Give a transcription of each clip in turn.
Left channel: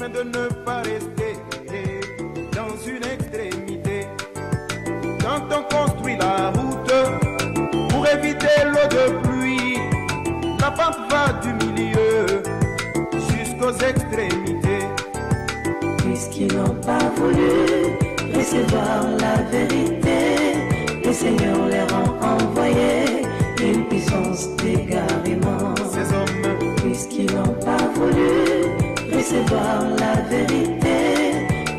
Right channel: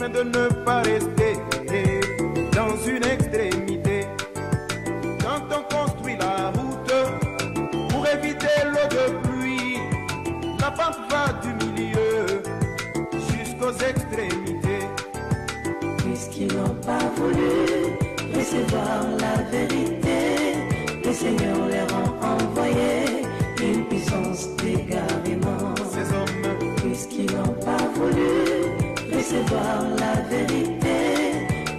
afin de ne pas rester dans une extrémité. Quand on construit la route pour éviter l'eau de pluie, la pente va du milieu jusqu'aux extrémités. Puisqu'ils n'ont pas voulu recevoir la vérité, le Seigneur leur a envoyé une puissance d'égarement. Ces hommes, puisqu'ils n'ont pas voulu recevoir la vérité,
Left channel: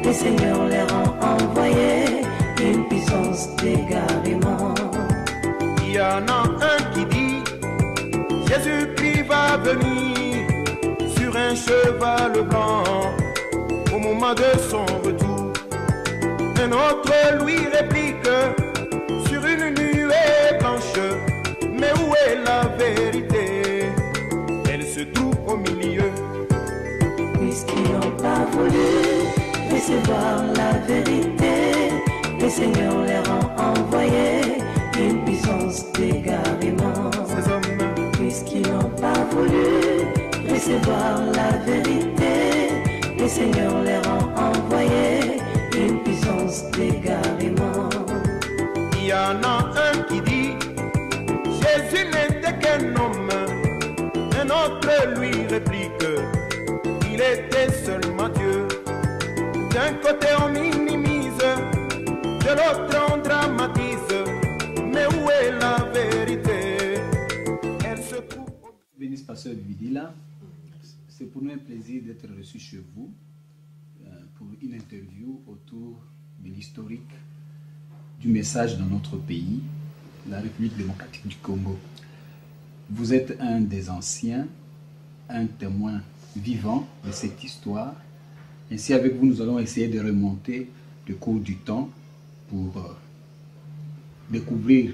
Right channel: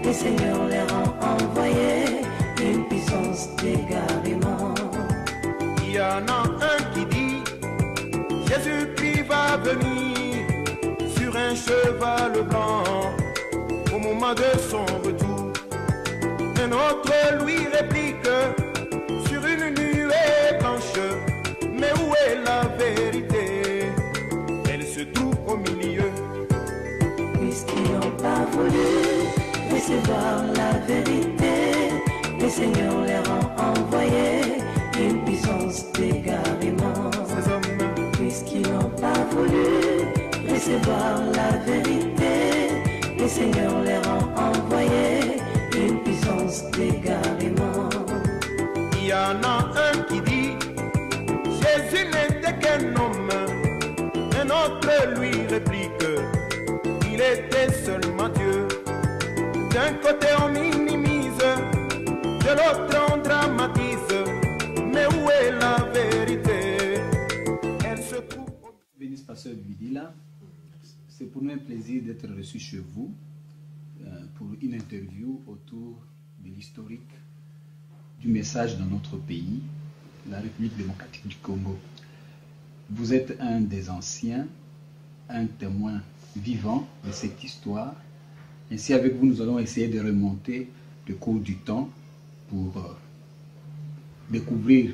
le Seigneur leur a envoyé une puissance d'égarement. il y en a un qui dit, Jésus-Christ va venir sur un cheval blanc au moment de son retour. Un autre lui réplique, sur une nuée blanche, mais où est la vérité? Elle se trouve au milieu. Puisqu'ils n'ont pas voulu recevoir la vérité, le Seigneur leur a envoyé une puissance d'égarement. Ces hommes, Puisqu'ils n'ont pas voulu recevoir la vérité, le Seigneur leur a envoyé une puissance d'égarement. il y en a un qui dit, Jésus n'était qu'un homme. Un autre lui réplique, il était seulement Dieu. D'un côté on minimise, de l'autre on dramatise. Mais où est la vérité? Elle se trouve au... Bénisse Pasteur Vidila, c'est pour nous un plaisir d'être reçu chez vous pour une interview autour de l'historique du message dans notre pays, la République démocratique du Congo. Vous êtes un des anciens, un témoin vivant de cette histoire. Ainsi, avec vous, nous allons essayer de remonter le cours du temps pour découvrir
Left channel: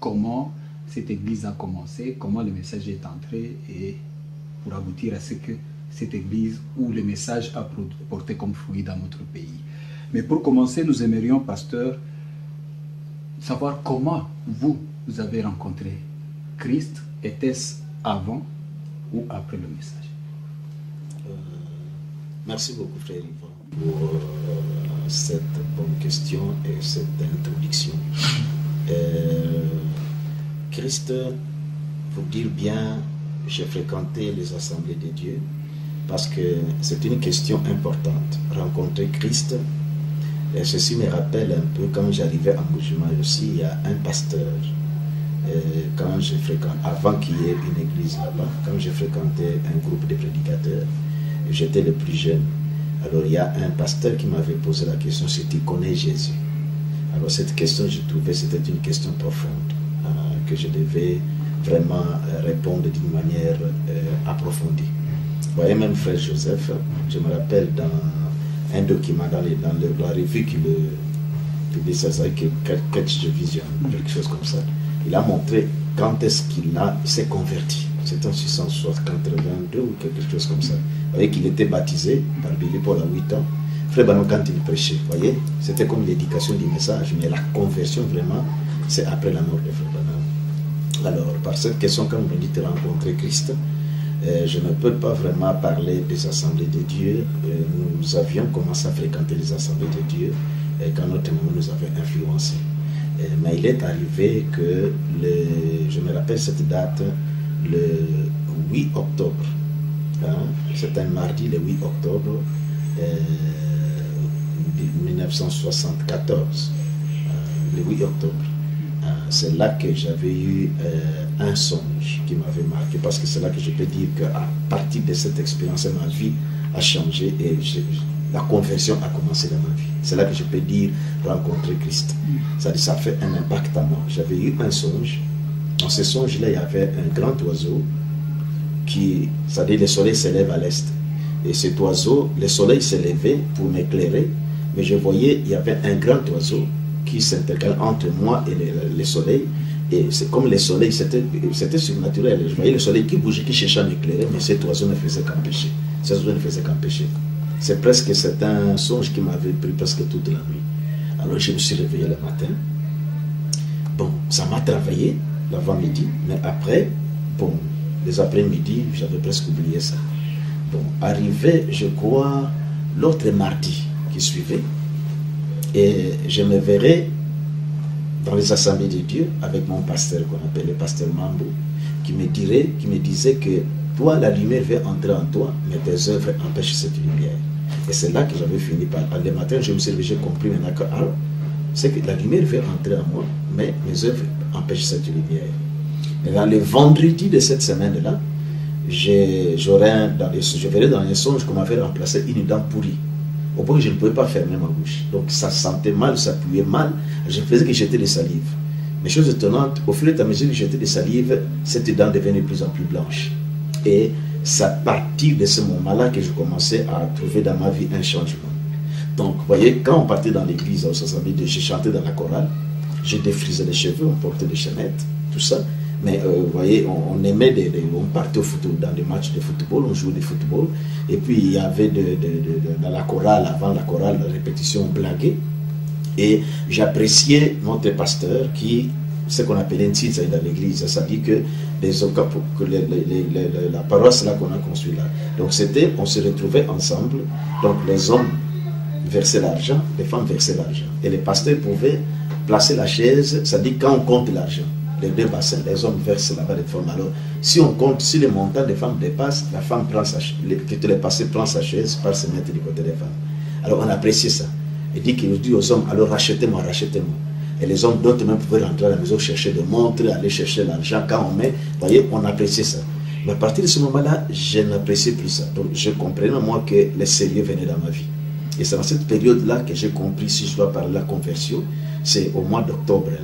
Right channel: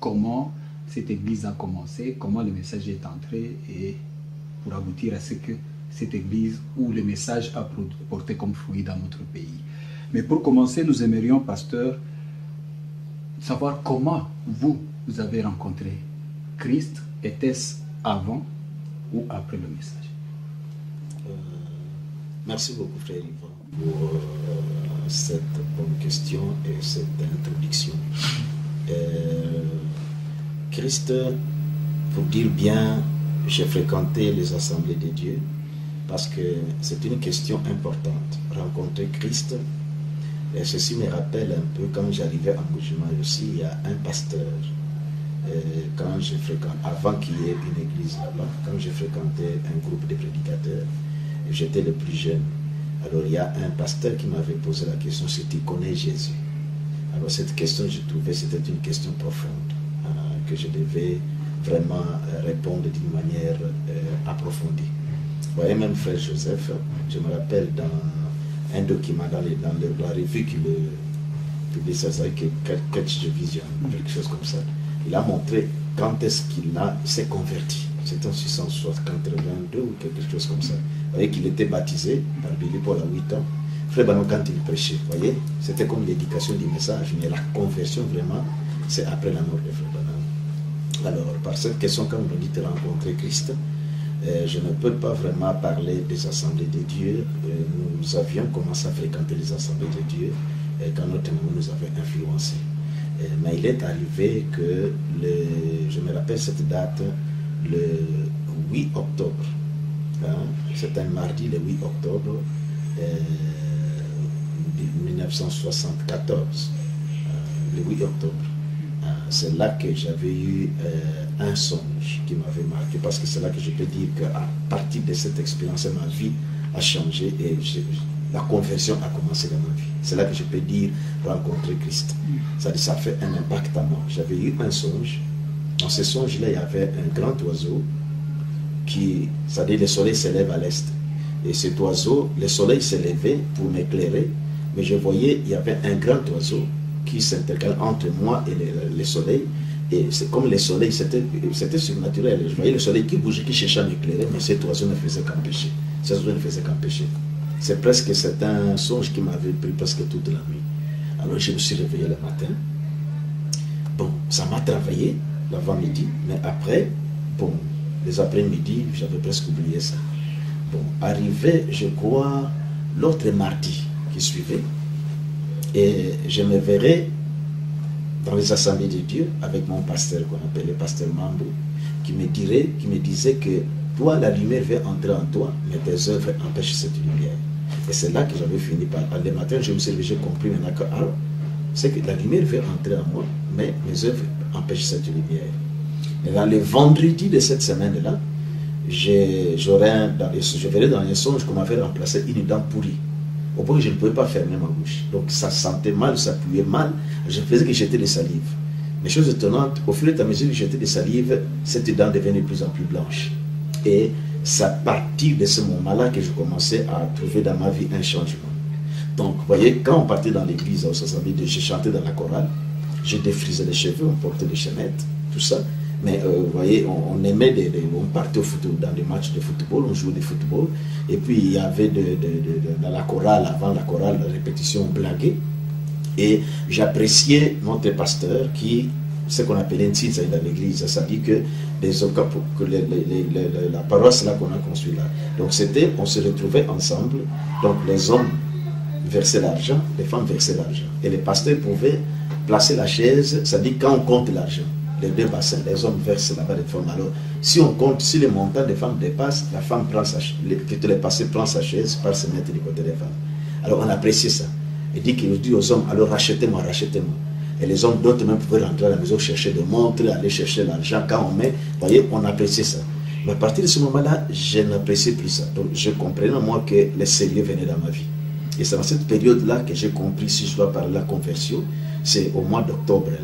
comment cette église a commencé, comment le message est entré et pour aboutir à ce que cette église ou le message a porté comme fruit dans notre pays. Mais pour commencer, nous aimerions, pasteur, savoir comment vous avez rencontré Christ. Était-ce avant ou après le message? Merci beaucoup, frère Yvan, pour cette bonne question et cette introduction. Christ, pour dire bien, j'ai fréquenté les assemblées de Dieu parce que c'est une question importante. Rencontrer Christ, et ceci me rappelle un peu quand j'arrivais en Bujumaï aussi, il y a un pasteur. Quand je fréquente, avant qu'il y ait une église là-bas, quand j'ai fréquenté un groupe de prédicateurs, j'étais le plus jeune. Alors il y a un pasteur qui m'avait posé la question si tu connais Jésus. Alors cette question, je trouvais c'était une question profonde, que je devais vraiment répondre d'une manière approfondie. Vous voyez, même frère Joseph, je me rappelle dans un document dans la revue qui le publie, ça s'appelle Catch the Vision, quelque chose comme ça. Il a montré quand est-ce qu'il s'est converti. C'était en 1682 ou quelque chose comme ça. Vous voyez qu'il était baptisé par Billy Paul à 8 ans. Frère Banon, quand il prêchait, vous voyez, c'était comme l'éducation du message, mais la conversion vraiment, c'est après la mort de Frère Banon. Alors, par cette question, quand on dit de rencontrer Christ, je ne peux pas vraiment parler des assemblées de Dieu. Nous avions commencé à fréquenter les assemblées de Dieu quand notre maman nous avait influencés. Mais il est arrivé que, je me rappelle cette date, le 8 octobre, c'est un mardi, le 8 octobre 1974, le 8 octobre, c'est là que j'avais eu un songe qui m'avait marqué, parce que c'est là que je peux dire qu'à partir de cette expérience, ma vie a changé et la conversion a commencé dans ma vie. C'est là que je peux dire rencontrer Christ. Ça fait un impact à moi. J'avais eu un songe. Dans ce songe-là, il y avait un grand oiseau qui, c'est-à-dire le soleil s'élève à l'est. Et cet oiseau, le soleil s'est levé pour m'éclairer, mais je voyais, il y avait un grand oiseau qui s'intercale entre moi et le soleil. Et c'est comme le soleil, c'était surnaturel. Je voyais le soleil qui bougeait, qui cherchait à m'éclairer, mais cet oiseau ne faisait qu'empêcher. Cet oiseau ne faisait qu'empêcher. C'est un songe qui m'avait pris presque toute la nuit. Alors je me suis réveillé le matin. Bon, ça m'a travaillé l'avant-midi, mais après, les après-midi, j'avais presque oublié ça. Bon, arrivé, je crois, l'autre mardi qui suivait, et je me verrai dans les assemblées de Dieu avec mon pasteur qu'on appelle le pasteur Mambo, qui me disait que toi, la lumière va entrer en toi, mais tes œuvres empêchent cette lumière. Et c'est là que j'avais fini par. Le matin, je me suis levé, j'ai compris maintenant que c'est que la lumière va entrer en moi, mais mes œuvres empêchent cette lumière. Et là, le vendredi de cette semaine-là, je verrai dans les songes qu'on m'avait remplacé une dent pourrie. Au point que je ne pouvais pas fermer ma bouche. Donc ça sentait mal, ça puait mal. Je faisais que jeter des salives. Mais chose étonnante, au fur et à mesure que je jetais des salives, cette dent devenait de plus en plus blanche. Et c'est à partir de ce moment-là que je commençais à trouver dans ma vie un changement. Donc, vous voyez, quand on partait dans l'église, je chantais dans la chorale, je défrisais les cheveux, on portait des chaînettes, tout ça. Mais vous voyez, on aimait, on partait au football, dans des matchs de football, on jouait du football. Et puis il y avait dans la chorale, avant la chorale, la répétition, on blaguait. Et j'appréciais notre pasteur qui, ce qu'on appelait une titze dans l'église, ça dit que la paroisse là qu'on a construite là. Donc on se retrouvait ensemble, donc les hommes versaient l'argent, les femmes versaient l'argent. Et les pasteurs pouvaient placer la chaise, ça dit quand on compte l'argent. Les deux bassins, les hommes versent là-bas les femmes. Alors, si on compte, si les montants des femmes dépassent, la femme prend sa chaise, le passé prend sa chaise, part se mettre du côté des femmes. Alors, on apprécie ça. Il dit aux hommes, alors rachetez-moi, rachetez-moi. Et les hommes, d'autres même pouvaient rentrer à la maison, chercher des montres, aller chercher l'argent. Quand on met, vous voyez, on appréciait ça. Mais à partir de ce moment-là, je n'appréciais plus ça. Donc, je comprenais, moi, que le sérieux venait dans ma vie. Et c'est dans cette période-là que j'ai compris, si je dois parler de la conversion, c'est au mois d'octobre, là,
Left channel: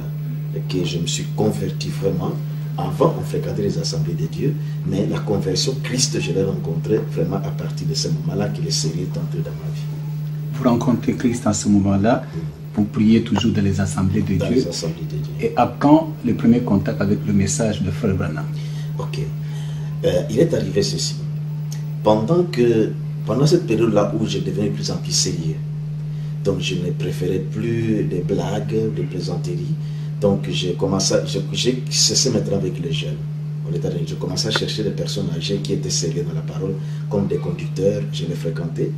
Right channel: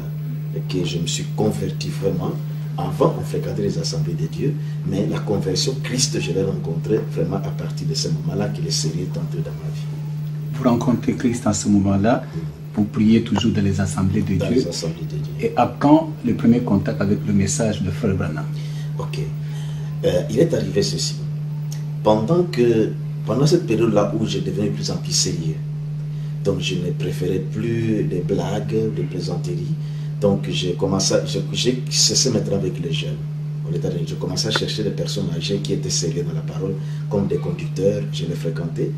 que je me suis converti vraiment. Avant, on fréquentait les assemblées de Dieu, mais la conversion, Christ, je l'ai rencontré vraiment à partir de ce moment-là que le sérieux est entré dans ma vie. Vous rencontrez Christ à ce moment-là, vous priez toujours dans les assemblées de Dieu. Les assemblées de Dieu. Et à quand le premier contact avec le message de Frère Branham? Ok. Il est arrivé ceci. Pendant cette période-là où j'ai devenu de plus en plus sérieux, donc je ne préférais plus des blagues, des plaisanteries. Donc j'ai cessé maintenant avec les jeunes. Je commençais à chercher des personnes âgées qui étaient sérieuses dans la parole, comme des conducteurs, je les fréquentais.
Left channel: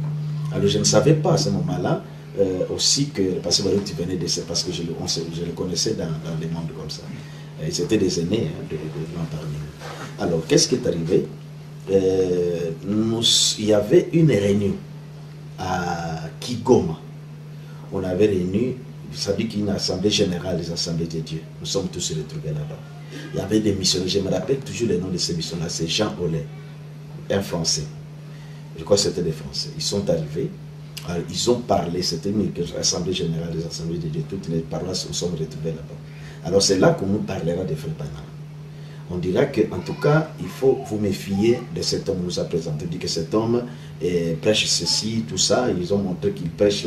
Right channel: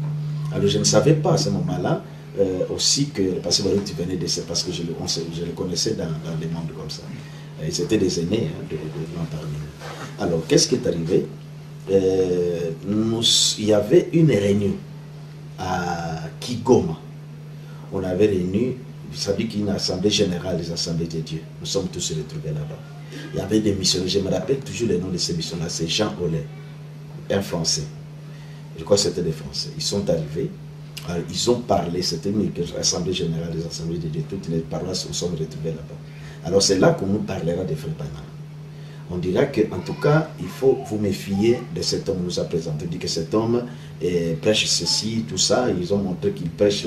Alors je ne savais pas à ce moment-là aussi que le pasteur Baruch tu venais de ça, parce que je le connaissais dans des mondes comme ça. Ils étaient des aînés de l'an parmi nous. Alors qu'est-ce qui est arrivé? Il y avait une réunion à Kigoma. On avait réuni. Ça dit qu'il y a une assemblée générale des assemblées de Dieu. Nous sommes tous retrouvés là-bas. Il y avait des missionnaires. Je me rappelle toujours le nom de ces missionnaires. C'est Jean Ollet, un Français. Je crois que c'était des Français. Ils sont arrivés. Alors, ils ont parlé. C'était une assemblée générale des assemblées de Dieu. Toutes les paroisses nous sommes retrouvées là-bas. Alors c'est là qu'on nous parlera de Frère Branham. On dira qu'en tout cas, il faut vous méfier de cet homme qui nous a présenté. On dit que cet homme prêche ceci, tout ça. Ils ont montré qu'il prêche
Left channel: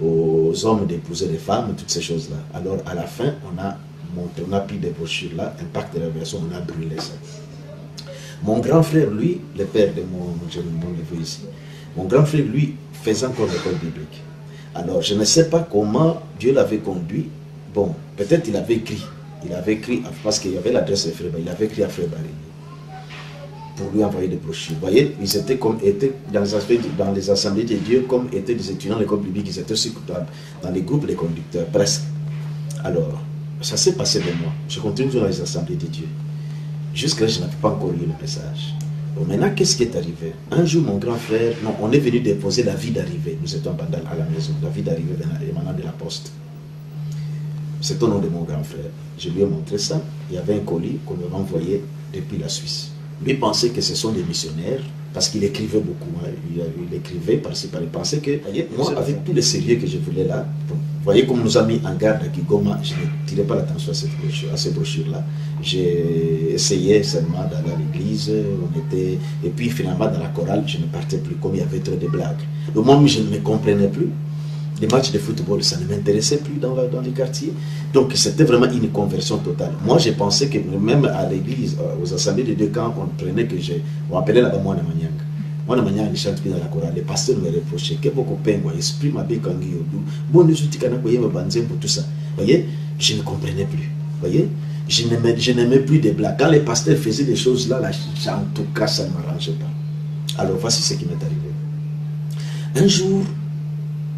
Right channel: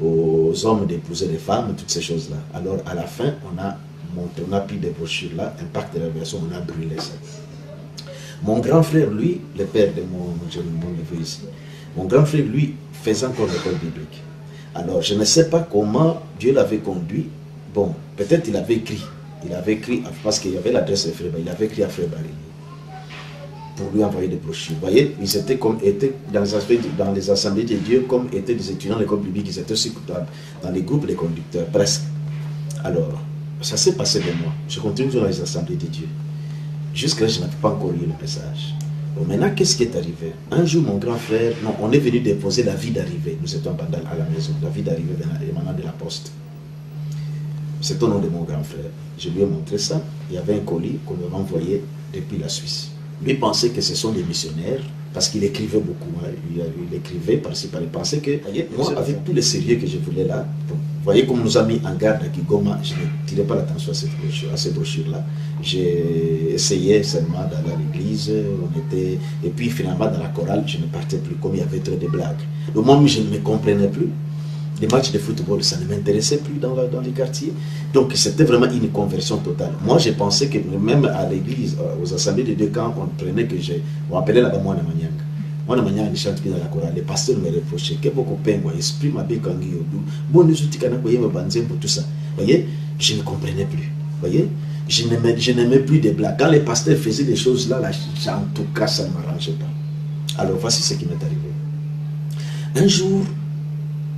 aux hommes d'épouser les femmes, toutes ces choses-là. Alors, à la fin, on a pris des brochures là, Impact de la Révélation, on a brûlé ça. Mon grand frère, lui, le père de mon neveu ici, mon grand frère, lui, faisait encore l'école biblique. Alors, je ne sais pas comment Dieu l'avait conduit. Bon, peut-être il avait écrit, parce qu'il y avait l'adresse de Frère Barili, il avait écrit à Frère Barili pour lui envoyer des brochures. Vous voyez, ils étaient dans les assemblées de Dieu, comme étaient des étudiants de l'école biblique, ils étaient aussi dans les groupes de conducteurs, presque. Alors, ça s'est passé de moi. Je continue dans les assemblées de Dieu. Jusqu'à là, je n'avais pas encore eu le message. Bon, maintenant, qu'est-ce qui est arrivé? Un jour, mon grand frère, on est venu déposer la vie d'arrivée. Nous étions à la maison, la vie d'arrivée émanant de la poste. C'est au nom de mon grand frère. Je lui ai montré ça. Il y avait un colis qu'on m'avait envoyé depuis la Suisse. Lui pensait que ce sont des missionnaires, parce qu'il écrivait beaucoup. Hein. Il écrivait par-ci, par-là. Il pensait que, moi, avec tout le sérieux que je voulais là, bon, vous voyez comme nous a mis en garde à Kigoma, je ne tirais pas l'attention à ces brochures-là. J'ai essayé seulement d'aller à l'église, et puis finalement dans la chorale, je ne partais plus, comme il y avait trop de blagues. Le moment où je ne me comprenais plus, les matchs de football, ça ne m'intéressait plus dans les quartiers. Donc c'était vraiment une conversion totale. Moi, j'ai pensé que même à l'église, aux assemblées de Dieu, quand on prenait on appelait là-bas Mwana Manyanga. Mwana Manyanga, il chante plus dans la chorale. Les pasteurs me reprochaient que beaucoup pengwa, esprit m'a bien kangi yodu. Bon, nous outils kana koye me banzem pour tout ça. Vous voyez, je ne comprenais plus. Vous voyez, je n'aimais plus des blagues. Quand les pasteurs faisaient des choses là, en tout cas, ça ne m'arrangeait pas. Alors voici ce qui m'est arrivé. Un jour,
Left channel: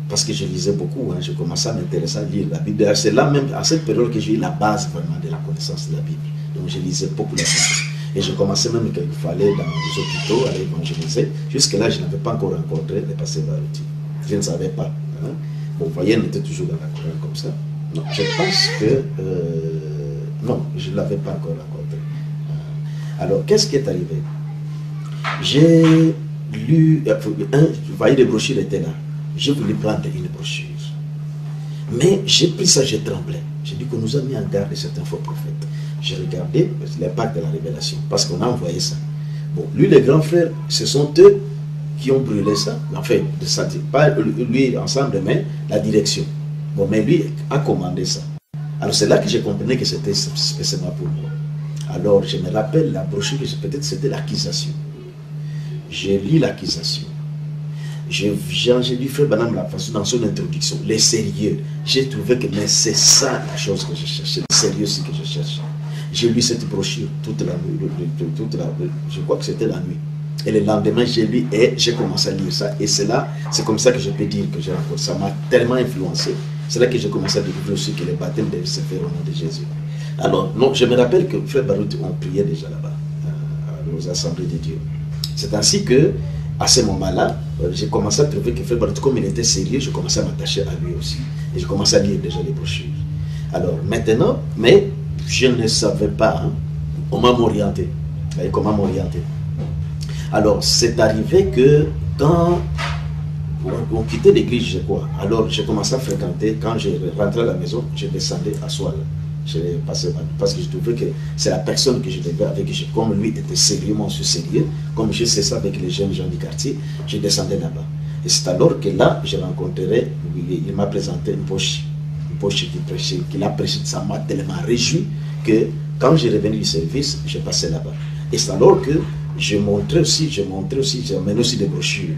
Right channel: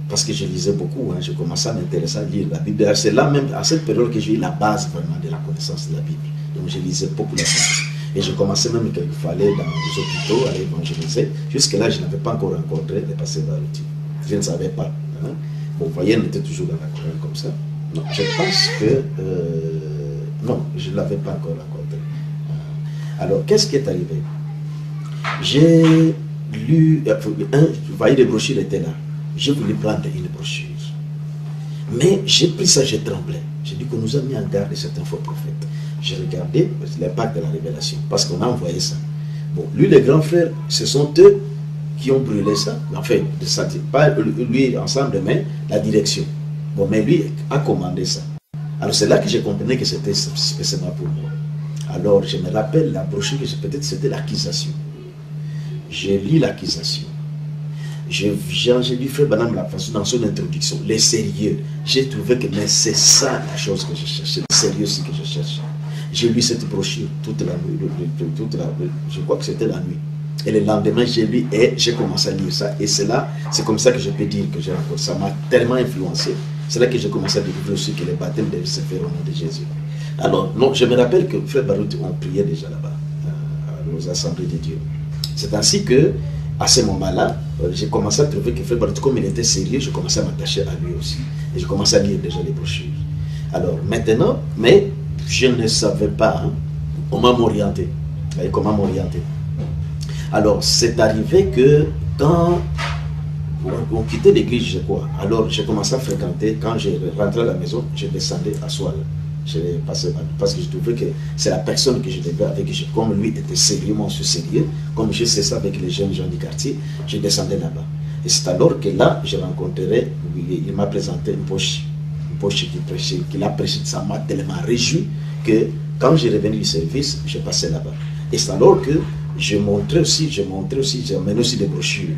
parce que je lisais beaucoup, je commençais à m'intéresser à lire la Bible. C'est là même, à cette période, que j'ai eu la base vraiment de la connaissance de la Bible. Donc je lisais beaucoup la Bible. Et je commençais même qu'il fallait dans les hôpitaux aller évangéliser. Jusque-là, je n'avais pas encore rencontré le pasteur Baruti. Je ne savais pas. Bon, vous voyez, on était toujours dans la Corée comme ça. Non, je pense que... non, je ne l'avais pas encore rencontré. Alors, qu'est-ce qui est arrivé? J'ai lu... vous voyez, les brochures étaient là. J'ai voulu prendre une brochure. Mais j'ai pris ça, j'ai tremblé. J'ai dit qu'on nous a mis en garde de certains faux prophètes. J'ai regardé l'impact de la révélation, parce qu'on a envoyé ça. Bon, lui, les grands frères, ce sont eux qui ont brûlé ça. Enfin, pas lui ensemble, mais la direction. Bon, mais lui a commandé ça. Alors c'est là que j'ai compris que c'était spécialement pour moi. Alors je me rappelle la brochure, peut-être c'était l'accusation. J'ai lu l'accusation. J'ai lu Frère Branham dans son introduction, les sérieux. J'ai trouvé que c'est ça la chose que je cherchais, le sérieux aussi que je cherchais. J'ai lu cette brochure toute la nuit, je crois que c'était la nuit. Et le lendemain, j'ai lu et j'ai commencé à lire ça. Et c'est comme ça que je peux dire que ça m'a tellement influencé. C'est là que j'ai commencé à découvrir aussi que les baptêmes devaient se faire au nom de Jésus. Alors, non, je me rappelle que Frère Baruti, on priait déjà là-bas, aux assemblées de Dieu. C'est ainsi que, à ce moment-là, j'ai commencé à trouver que Frère Baruti, comme il était sérieux, je commençais à m'attacher à lui aussi. Et je commençais à lire déjà les brochures. Alors, maintenant, mais je ne savais pas comment m'orienter. Vous voyez, comment m'orienter. Alors, c'est arrivé que quand on quittait l'église, je crois, alors j'ai commencé à fréquenter, quand je rentrais à la maison, je descendais à Soal. Je passais parce que je trouvais que c'est la personne que je devais avec, comme lui était sérieusement sur sérieux, comme je sais ça avec les jeunes gens du quartier, je descendais là-bas. Et c'est alors que là, je rencontrais, il m'a présenté une poche qui prêchait, qu'il a prêché, ça m'a tellement réjoui que quand j'ai revenu du service, je passais là-bas. Et c'est alors que j'ai amené aussi des brochures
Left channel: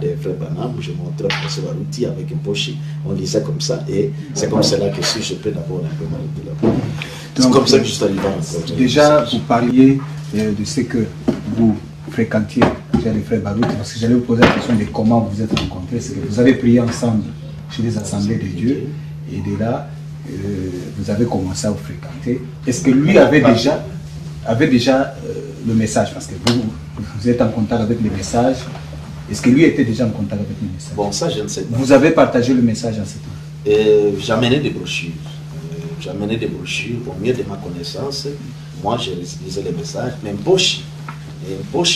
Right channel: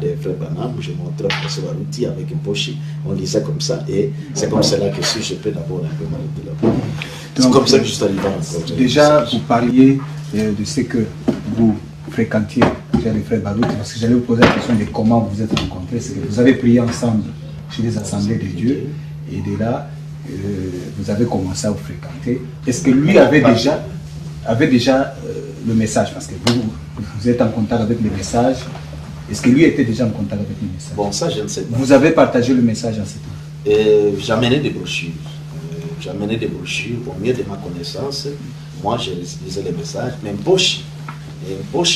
des frères Branham, je montrais au professeur Baruti avec une poche, on lisait comme ça, et c'est comme cela que si je peux d'abord un peu manipuler. C'est comme ça que je suis arrivé à rencontrer. Déjà, vous parliez de ce que vous fréquentiez chez les frères Baruti, parce que j'allais vous poser la question de comment vous vous êtes rencontrés, c'est que vous avez prié ensemble chez les assemblées de Dieu, et de là, vous avez commencé à vous fréquenter. Est-ce que lui avait déjà le message, parce que vous êtes en contact avec le message. Est-ce que lui était déjà en contact avec le message? Bon, ça je ne sais pas. Vous avez partagé le message en ce temps? J'amenais des brochures. J'amenais des brochures au mieux de ma connaissance. Moi, je lisais les messages. Mais Mposhi,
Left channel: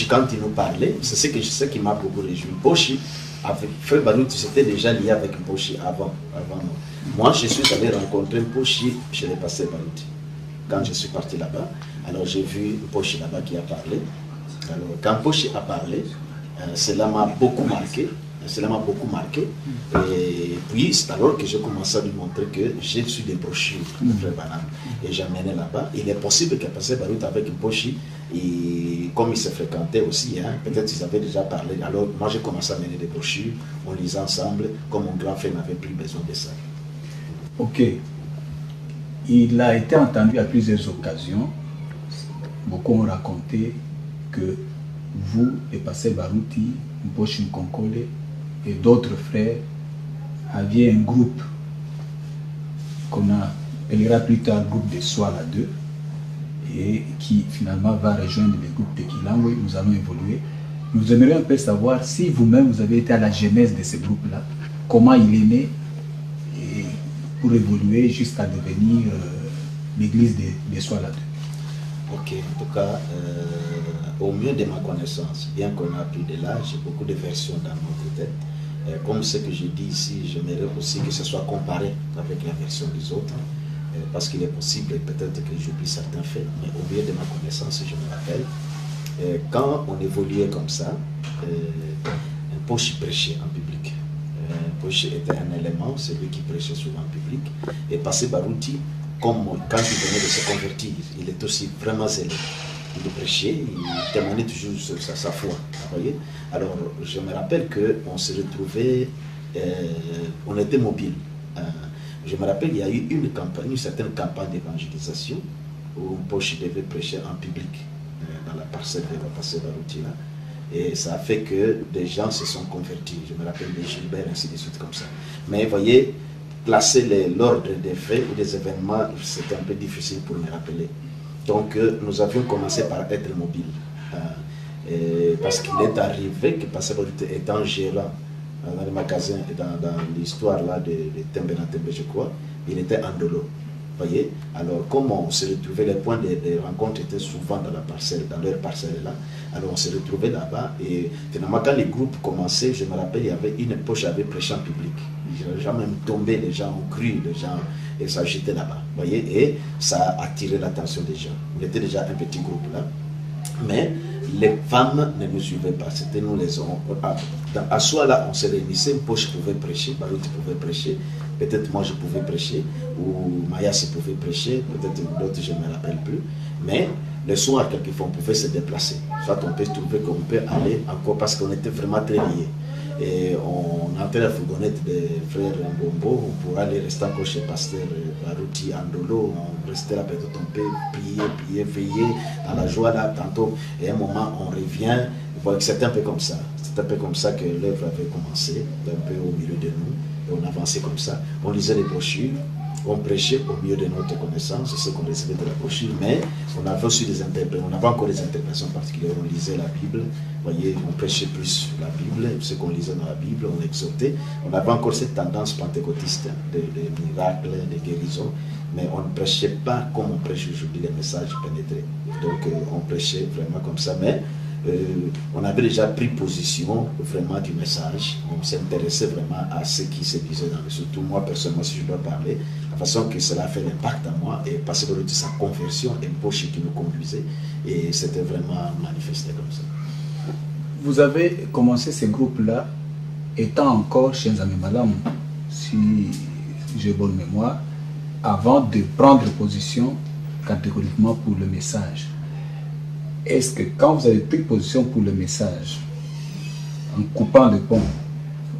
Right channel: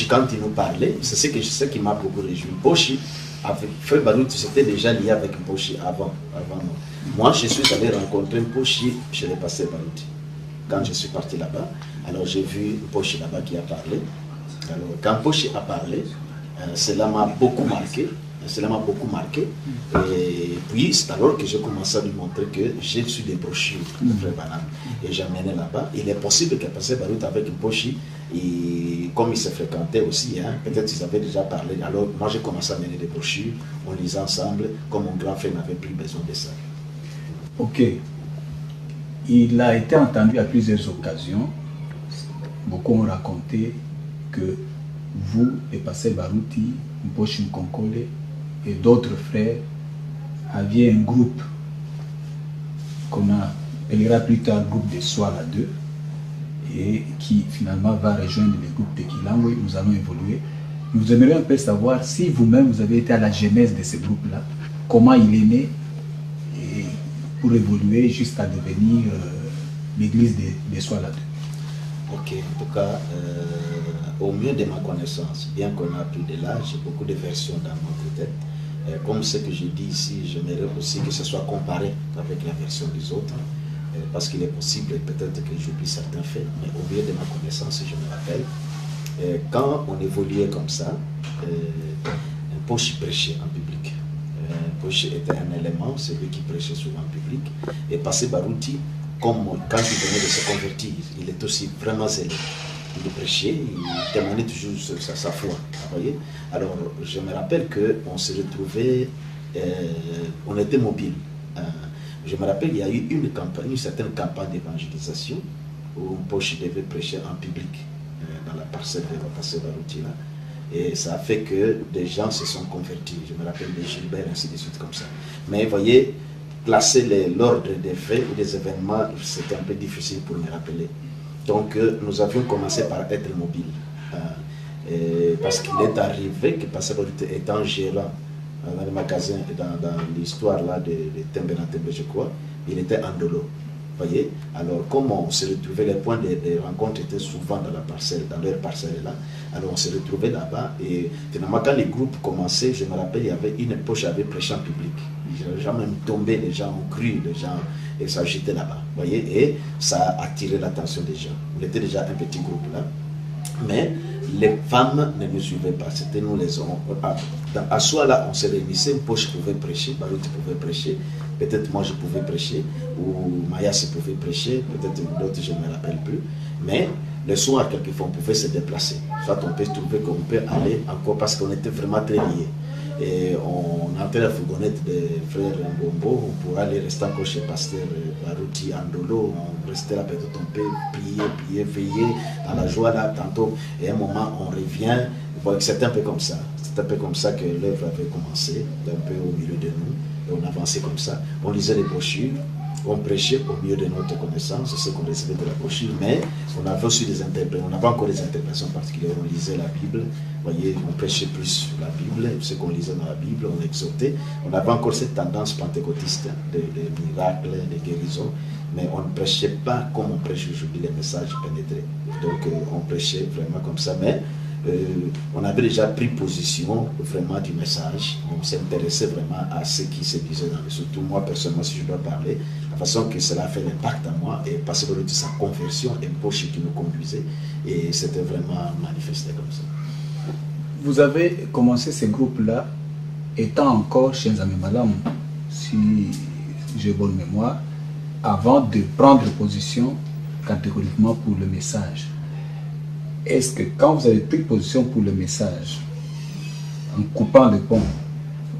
quand il nous parlait, c'est ce qui m'a beaucoup réjoui. Mposhi, avec Frère Baruti, c'était déjà lié avec Mposhi avant moi. Moi, je suis allé rencontrer Mposhi chez le pasteur Baruti. Quand je suis parti là-bas, alors j'ai vu Mposhi là-bas qui a parlé. Alors, quand Mposhi a parlé, cela m'a beaucoup marqué. Et puis, c'est alors que j'ai commencé à lui montrer que j'ai reçu des brochures de Frère Branham. Et j'amenais là-bas. Il est possible qu'à passer Baruti avec Mposhi, et comme ils se fréquentaient aussi, peut-être ils avaient déjà parlé. Alors, moi, j'ai commencé à amener des brochures, on lisait ensemble, comme mon grand frère n'avait plus besoin de ça. Ok. Il a été entendu à plusieurs occasions. Beaucoup ont raconté que vous et pasteur Baruti, Mposhi Mkonkole et d'autres frères aviez un groupe qu'on appellera plus tard groupe de Soal à 2 et qui finalement va rejoindre le groupe de Kilangwe. Nous allons évoluer. Nous aimerions un peu savoir si vous-même vous avez été à la genèse de ce groupe-là, comment il est né et pour évoluer jusqu'à devenir l'église de Soal à 2. Ok, en tout cas, au mieux de ma connaissance, bien qu'on a pris de l'âge, j'ai beaucoup de versions dans notre tête. Comme ce que je dis ici, j'aimerais aussi que ce soit comparé avec la version des autres, parce qu'il est possible peut-être que j'oublie certains faits, mais au mieux de ma connaissance, je me rappelle, quand on évoluait comme ça, Mposhi prêchait en public. Mposhi était un élément, c'est lui qui prêchait souvent en public, et pasteur Baruti, comme quand il venait de se convertir, il est aussi vraiment zélé. Il prêchait, il témoignait toujours sa foi. Vous voyez? Alors, je me rappelle qu'on se retrouvait, on était mobile. Je me rappelle, il y a eu une certaine campagne d'évangélisation où Mposhi devait prêcher en public dans la parcelle de la pasteur Baruti là. Et ça a fait que des gens se sont convertis. Je me rappelle des Gilbert, ainsi de suite, comme ça. Mais vous voyez, classer l'ordre des faits ou des événements, c'était un peu difficile pour me rappeler. Donc, nous avions commencé par être mobiles. Parce qu'il est arrivé que Pasteur Baruti étant gérant dans le magasin, dans l'histoire là de Tembe na Tembe, je crois, il était en dolo. Voyez, alors comme on se retrouvait, les points de rencontre étaient souvent dans la parcelle, dans leur parcelle là, alors on se retrouvait là-bas et finalement quand les groupes commençaient, je me rappelle, il y avait une poche avec prêchant public. Les gens même tombaient, les gens ont cru, les gens et s'agitaient là-bas, voyez, et ça a attiré l'attention des gens. On était déjà un petit groupe là, mais les femmes ne nous suivaient pas, c'était nous les hommes. À soi là, on se réunissait, une poche pouvait prêcher, Baruti pouvait prêcher, peut-être moi je pouvais prêcher, ou Mayas pouvait prêcher, peut-être d'autres je ne me rappelle plus, mais le soir, quelquefois, on pouvait se déplacer. Soit on peut trouver qu'on peut aller encore parce qu'on était vraiment très liés. Et on entrait la fourgonnette des frères Mbombo, on pourrait aller rester encore chez Pasteur Baruti Andolo, on restait là, peut-être on peut prier, veiller dans la joie là, tantôt, et à un moment on revient. C'était un peu comme ça. C'est un peu comme ça que l'œuvre avait commencé, un peu au milieu de nous, et on avançait comme ça. On lisait les brochures, on prêchait au milieu de notre connaissance, ce qu'on recevait de la brochure, mais on avait aussi des interprétations, on avait encore des interprétations particulières, on lisait la Bible, vous voyez, on prêchait plus la Bible, ce qu'on lisait dans la Bible, on exhortait, on avait encore cette tendance pentecôtiste de miracles, de guérisons, mais on ne prêchait pas comme on prêche aujourd'hui les messages pénétrés. Donc on prêchait vraiment comme ça, mais on avait déjà pris position vraiment du message, on s'intéressait vraiment à ce qui se disait dans le, surtout moi personnellement si je dois parler, la façon que cela a fait l'impact à moi et parce que sa conversion et poche qui nous conduisait et c'était vraiment manifesté comme ça. Vous avez commencé ces groupes-là étant encore chez Nzambe Malamu, si j'ai bonne mémoire, avant de prendre position catégoriquement pour le message. Est-ce que quand vous avez pris position pour le message, en coupant le pont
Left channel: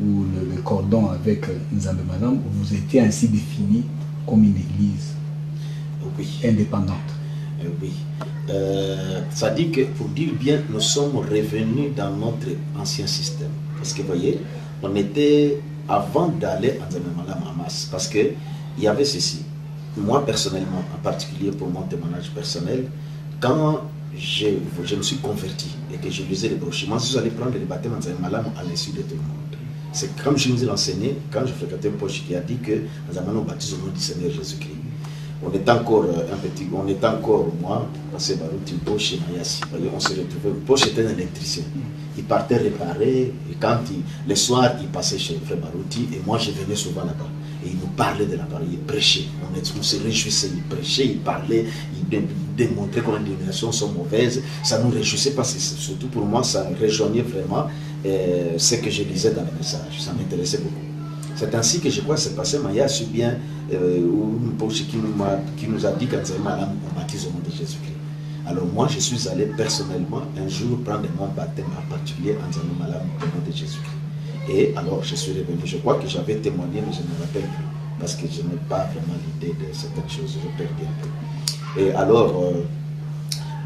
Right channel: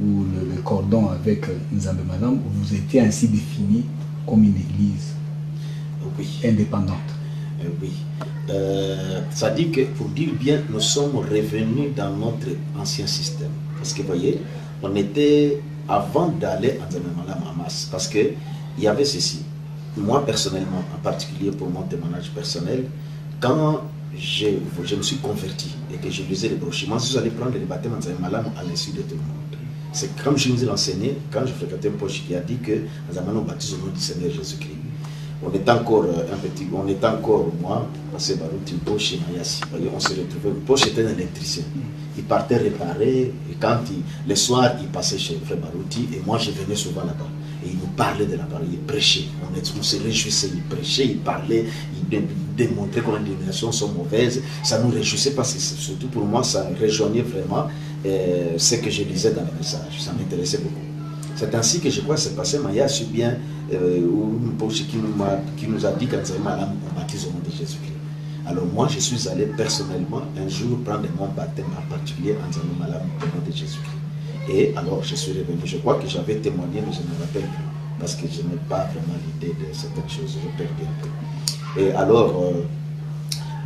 ou le cordon avec Nzambe Malamu, vous étiez ainsi défini comme une église indépendante? Oui. Ça dit que, pour dire bien, nous sommes revenus dans notre ancien système. Parce que, vous voyez, on était, avant d'aller à Nzambe Malamu en masse, parce qu'il y avait ceci. Moi, personnellement, en particulier pour mon témoignage personnel, quand je me suis converti et que je lisais les brochures, moi, je allais prendre le baptême Nzambe Malamu à l'insu de tout le monde. C'est comme je nous ai enseigné, quand je fréquentais un poche qui a dit que Nzambe Malamu baptise au nom du Seigneur Jésus-Christ. On était encore on était encore moi, parce que Baruti Poche et Mayasi, on se retrouvait. Poche était un électricien. Il partait réparer, et quand le soir, il passait chez le frère Baruti, et moi je venais souvent là-bas. Et il nous parlait de la parole, il prêchait. On se réjouissait, il prêchait, il parlait, il démontrait comment les dénominations sont mauvaises. Ça nous réjouissait parce que surtout pour moi, ça rejoignait vraiment ce que je lisais dans les messages. Ça m'intéressait beaucoup. C'est ainsi que je crois que c'est passé, mais il y a su bien qui nous a dit qu'en Malamu, on baptise au nom de Jésus-Christ. Alors moi, je suis allé personnellement un jour prendre mon baptême, en particulier en Malamu au nom de Jésus-Christ. Et alors, je suis revenu. Je crois que j'avais témoigné, mais je ne me rappelle plus, parce que je n'ai pas vraiment l'idée de certaines choses, je perds un peu. Et alors,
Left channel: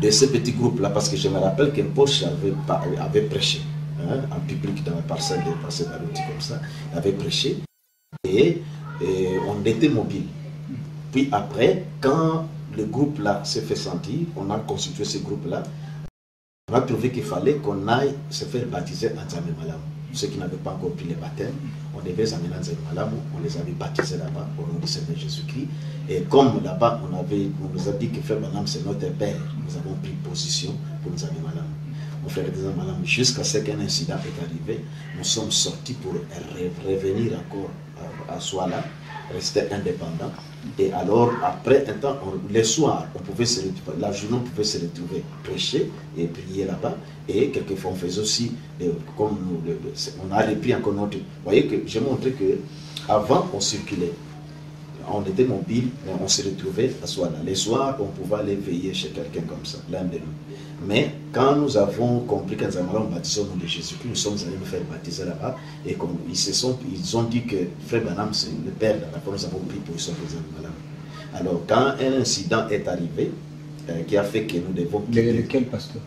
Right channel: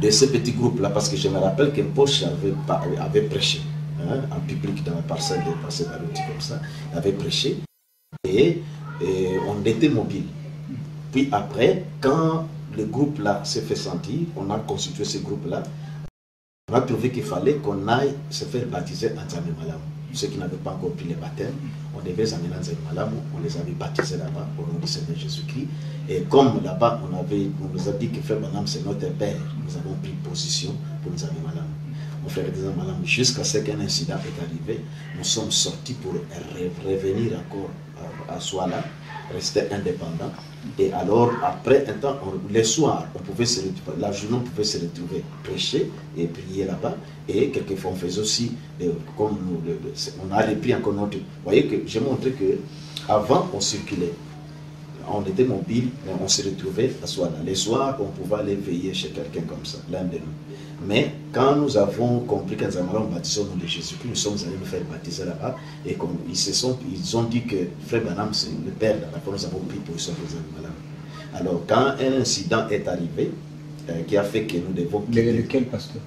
de ce petit groupe-là, parce que je me rappelle qu'un poche avait prêché, en public dans la parcelle de Pasteur Baruti comme ça, il avait prêché, et on était mobile. Puis après, quand le groupe-là s'est fait sentir, on a constitué ce groupe-là, on a trouvé qu'il fallait qu'on aille se faire baptiser en Nzambe Malamu. Ceux qui n'avaient pas encore pris les baptêmes, on devait les amener en Nzambe Malamu, on les avait baptisés là-bas au nom du Seigneur Jésus-Christ. Et comme là-bas, on nous a dit que Frère Malamu c'est notre père, nous avons pris position pour Nzambe Malamu. On fait Nzambe Malamu jusqu'à ce qu'un incident est arrivé. Nous sommes sortis pour revenir encore à Soala, rester indépendants. Et alors, après un temps, les soirs, la journée, on pouvait se retrouver, prêcher et prier là-bas. Et quelquefois, on faisait aussi, comme on a repris encore notre... Vous voyez que j'ai montré qu'avant, on circulait. On était mobile, mais on se retrouvait à Soala. Les soirs, on pouvait aller veiller chez quelqu'un comme ça, l'un de nous. Mais quand nous avons compris qu'en Zamaron baptisé au nom de Jésus-Christ, nous sommes allés nous faire baptiser là-bas. Et comme ils ont dit que Frère Branham, c'est le père de la foi, nous avons pris position pour Zamaron. Alors, quand un incident est arrivé, qui a fait que nous devons... Lequel pasteur?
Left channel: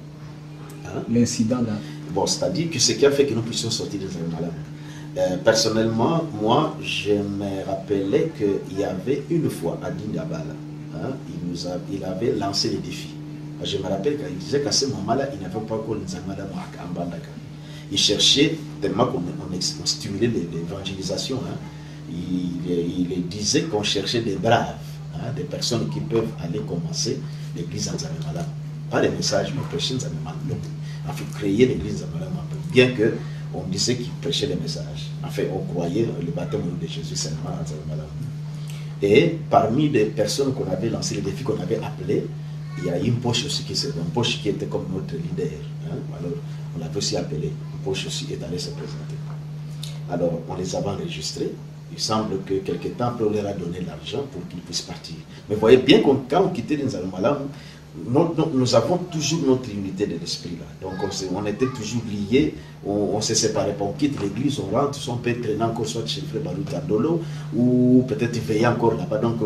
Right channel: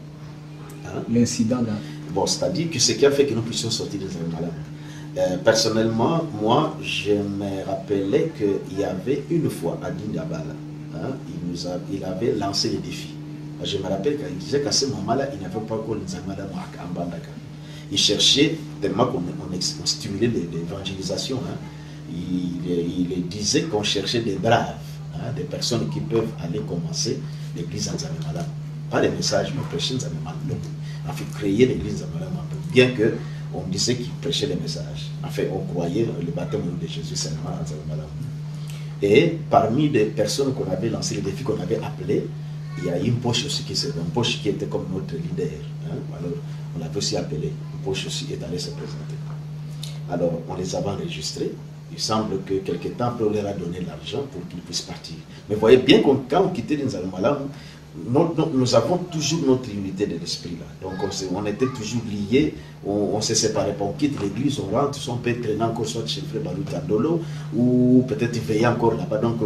L'incident là. Bon, c'est-à-dire que ce qui a fait que nous puissions sortir des Malams. Personnellement, moi, je me rappelais qu'il y avait une fois à Dindabala, hein, il avait lancé le défi. Je me rappelle qu'il disait qu'à ce moment-là, il n'avait pas encore les Malams en Bandaka. Il cherchait, tellement qu'on stimulait l'évangélisation, hein, il disait qu'on cherchait des braves, hein, des personnes qui peuvent aller commencer l'église en Zambala. Pas les messages, mais prêcher en Zambala. En fait, créer l'église en Zambala. Bien qu'on disait qu'il prêchait les messages. En fait, on croyait le baptême de Jésus seulement en Zambala. Et parmi les personnes qu'on avait lancé, les défis qu'on avait appelés, il y a une poche aussi une poche qui était comme notre leader. Hein. Alors, on l'avait aussi appelé. Une poche aussi est allée se présenter. Alors, on les avait enregistrés. Il semble que quelque temps après, on leur a donné l'argent pour qu'ils puissent partir. Mais vous voyez bien que quand on quittait les Zalmalam, nous avons toujours notre unité de l'esprit là. Donc on était toujours liés, on ne se séparait pas. On quitte l'église, on rentre, on peut traîner encore soit chez Frère Barou Tandolo ou peut-être veiller encore là-bas. Donc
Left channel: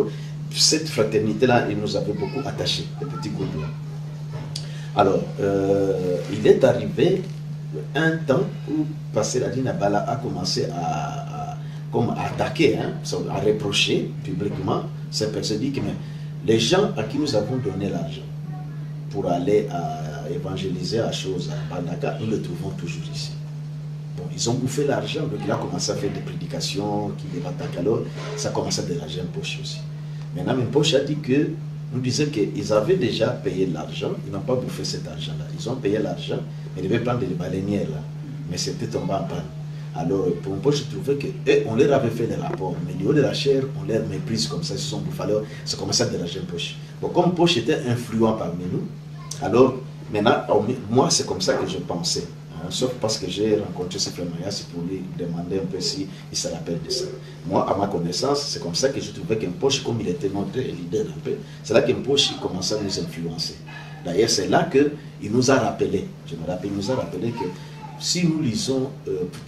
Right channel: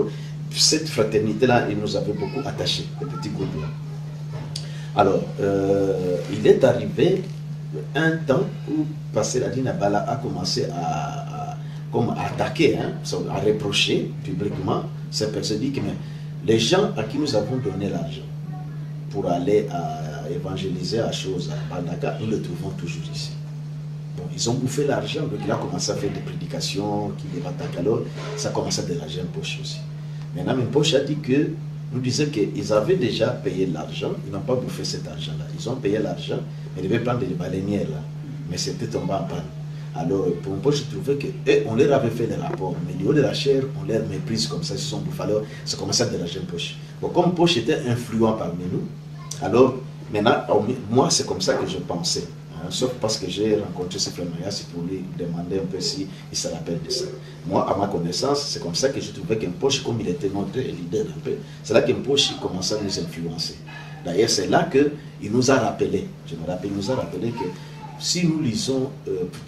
cette fraternité-là, il nous avait beaucoup attachés, le petit groupe là. Alors, il est arrivé un temps où Pasteur Adina Bala a commencé à attaquer, hein, à reprocher publiquement ces personnes. Dit que mais, les gens à qui nous avons donné l'argent pour aller à évangéliser la chose à Bandaka, nous le trouvons toujours ici. Bon, ils ont bouffé l'argent, donc il a commencé à faire des prédications, qui les attaquent, alors ça a commencé à déranger un poche aussi. Maintenant, un poche a dit que, nous disait qu'ils avaient déjà payé l'argent, ils n'ont pas bouffé cet argent-là. Ils ont payé l'argent, mais ils devaient prendre des baleinières là, mais c'était tombé en panne. Alors, pour un poche, je trouvais qu'on leur avait fait des rapports, mais au niveau de la chair, on leur méprise comme ça, ils se sont bouffés. Alors, ça commençait à déranger un poche. Bon, comme poche était influent parmi nous, alors, maintenant, moi, c'est comme ça que je pensais. Hein, sauf parce que j'ai rencontré ce frère Maya, c'est pour lui demander un peu s'il se rappelle de ça. Moi, à ma connaissance, c'est comme ça que je trouvais qu'un poche, comme il était notre leader un peu, c'est là qu'un poche commençait à nous influencer. D'ailleurs, c'est là qu'il nous a rappelé, je me rappelle, il nous a rappelé que si nous lisons,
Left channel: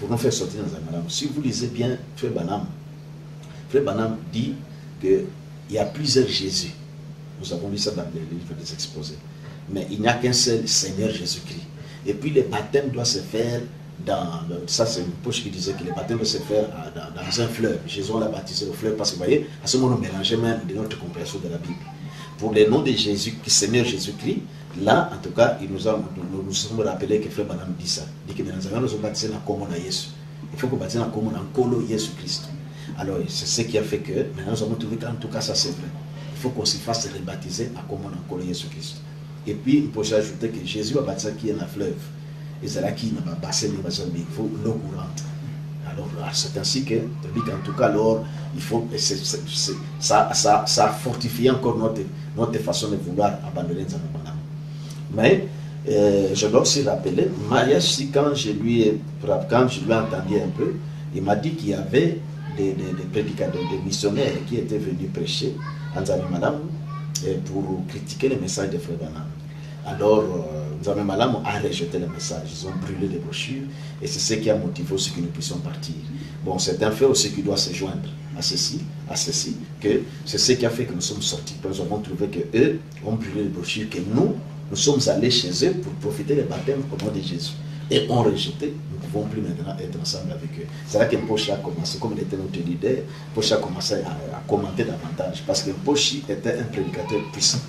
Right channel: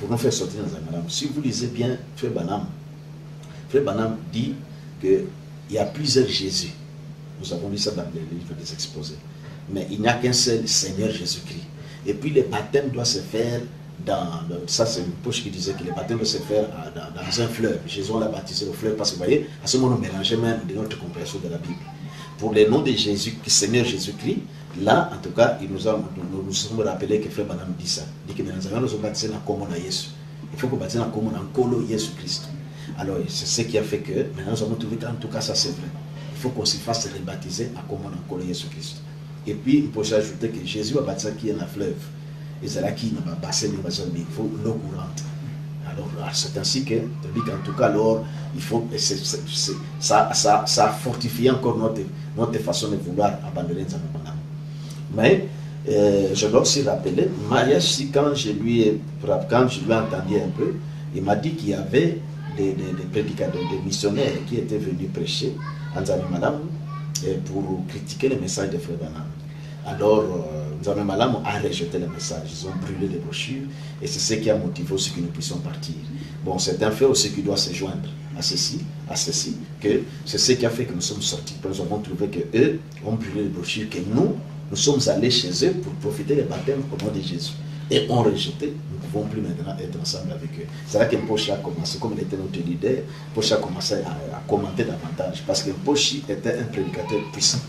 pour nous faire sortir dans un madame, si vous lisez bien Frère Banham dit qu'il y a plusieurs Jésus. Nous avons lu ça dans les livres des exposés. Mais il n'y a qu'un seul Seigneur Jésus-Christ. Et puis le baptême doit se faire dans... Ça, c'est une poche qui disait que le baptême doit se faire dans un fleuve. Jésus l'a baptisé au fleuve parce que, vous voyez, à ce moment, on mélangeait même de notre compréhension de la Bible. Pour le nom de Jésus, Seigneur Jésus-Christ, là, en tout cas, nous sommes rappelés que Frère Banham dit ça. Il dit que nous avons baptisé dans le nom de Jésus. Il faut qu'on baptise dans le nom de Jésus-Christ. Alors, c'est ce qui a fait que, maintenant, nous avons trouvé qu'en tout cas, ça c'est vrai. Il faut qu'on se fasse rebaptiser à comment on connaît Jésus-Christ. Et puis, il faut ajouter que Jésus a baptisé qui est dans le fleuve. Et c'est là qu'il n'a pas passé, il faut l'eau courante. Alors, c'est ainsi que, en tout cas, alors, il faut, ça a fortifié encore notre façon de vouloir abandonner Nzambe. Mais, je dois aussi rappeler, Maya, quand je lui ai entendu un peu, il m'a dit qu'il y avait des prédicateurs, des missionnaires qui étaient venus prêcher à Nzambe Malam pour critiquer le message de Frère Banham. Alors, Nzambe Malam a rejeté le message, ils ont brûlé les brochures et c'est ce qui a motivé aussi que nous puissions partir. Bon, c'est un fait aussi qui doit se joindre à ceci, que c'est ce qui a fait que nous sommes sortis. Nous avons trouvé qu'eux ont brûlé les brochures, que nous sommes allés chez eux pour profiter des baptêmes au nom de Jésus. Et ont rejeté, nous ne pouvons plus maintenant être ensemble avec eux. C'est là qu'un Poche a commencé, comme il était notre leader, Poche a commencé à commenter davantage, parce que Poche était un prédicateur puissant.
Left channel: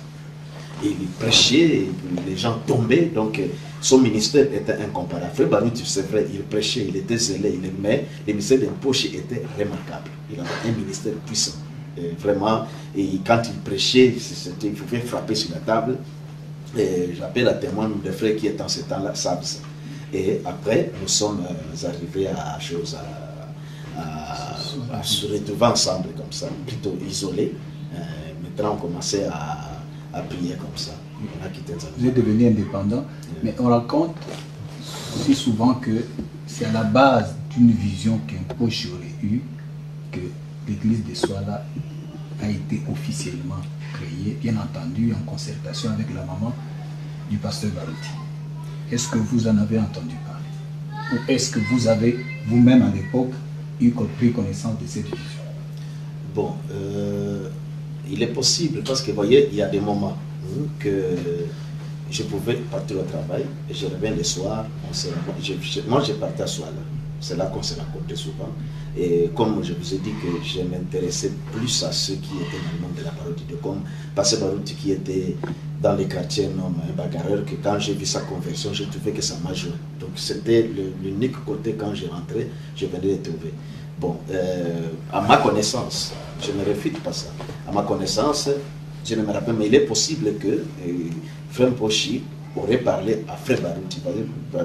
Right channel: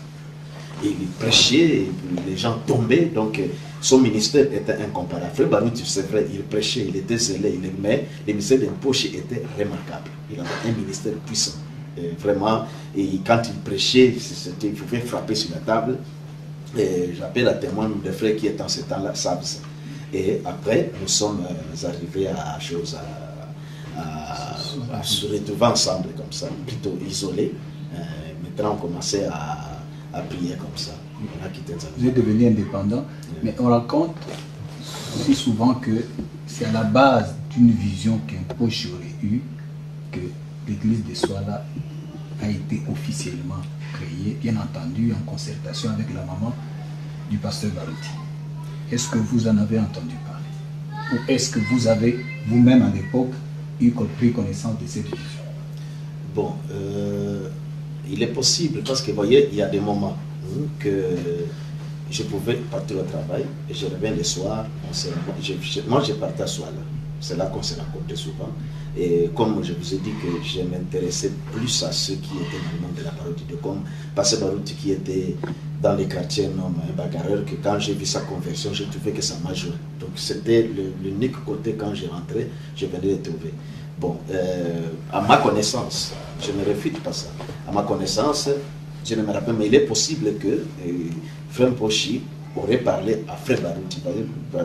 Et il prêchait, et les gens tombaient, donc son ministère était incomparable. Frère Baruch, c'est vrai, il prêchait, il était zélé, il aimait, le ministère de Poche était remarquable. Il avait un ministère puissant. Et vraiment, et quand il prêchait, il pouvait frapper sur la table. J'appelle à témoin des frères qui étaient en ce temps-là, savent ça. Et après, nous sommes arrivés à se retrouver ensemble comme ça, plutôt isolés. Maintenant, on commençait à prier comme ça. Vous êtes devenu indépendant, mais on raconte aussi souvent que c'est à la base d'une vision qu'un Poche aurait eue que l'église de Soala a été officiellement créée, bien entendu en concertation avec la maman du pasteur Barouti. Est-ce que vous en avez entendu parler? Ou est-ce que vous avez vous-même à l'époque pris connaissance de cette vision? Bon, il est possible parce que vous voyez, il y a des moments que je pouvais partir au travail, et je reviens le soir, moi je partais à Souala. C'est là qu'on s'est rencontrés souvent. Et comme je vous ai dit que je m'intéressais plus à ceux qui étaient dans le monde de la parole de Dieu, comme Pasteur Barouti qui était dans les quartiers, un bagarreur, que quand j'ai vu sa conversion, j'ai trouvé que ça m'a joué. Donc c'était l'unique côté quand j'ai rentré, je venais de trouver. Bon, à ma connaissance, je ne réfute pas ça. À ma connaissance, je ne me rappelle, mais il est possible que Frère Pochi aurait parlé à Frère Barouti.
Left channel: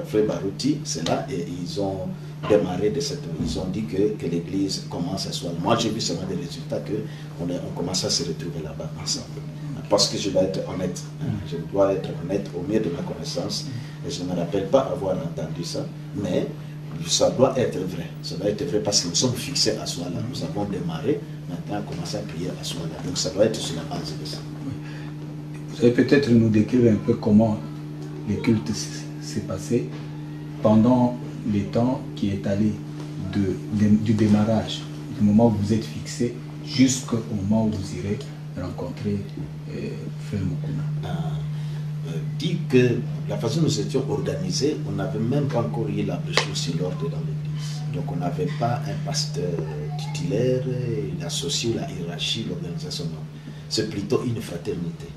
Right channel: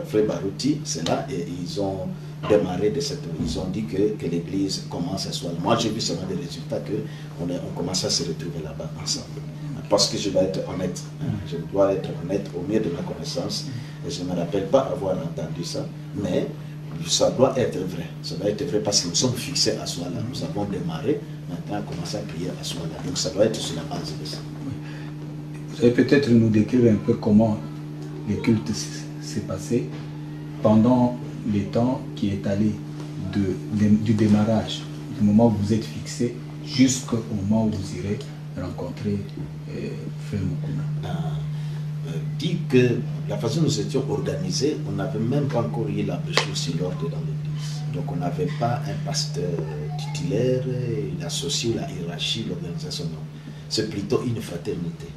Frère Barouti, c'est là, et ils ont démarré de cette... Ils ont dit que l'église commence à soi. Moi, j'ai vu seulement des résultats qu'on commence à se retrouver là-bas ensemble. Parce que je dois être honnête. Je dois être honnête au mieux de ma connaissance. Et je ne me rappelle pas avoir entendu ça. Mais ça doit être vrai. Ça doit être vrai parce que nous sommes fixés à Souala. Nous avons démarré. Maintenant, on commence à prier à Souala. Donc ça doit être sur la base de ça. Vous allez peut-être nous décrire un peu comment le culte s'est passé pendant les temps qui est allé du démarrage, du moment où vous êtes fixé, jusqu'au moment où vous irez rencontrer Frère Mukuna. Dit que la façon dont nous étions organisés, on n'avait même pas encore eu la brochure sur l'ordre dans l'église. Donc on n'avait pas un pasteur titulaire, une associé, la hiérarchie, l'organisation. Non. C'est plutôt une fraternité.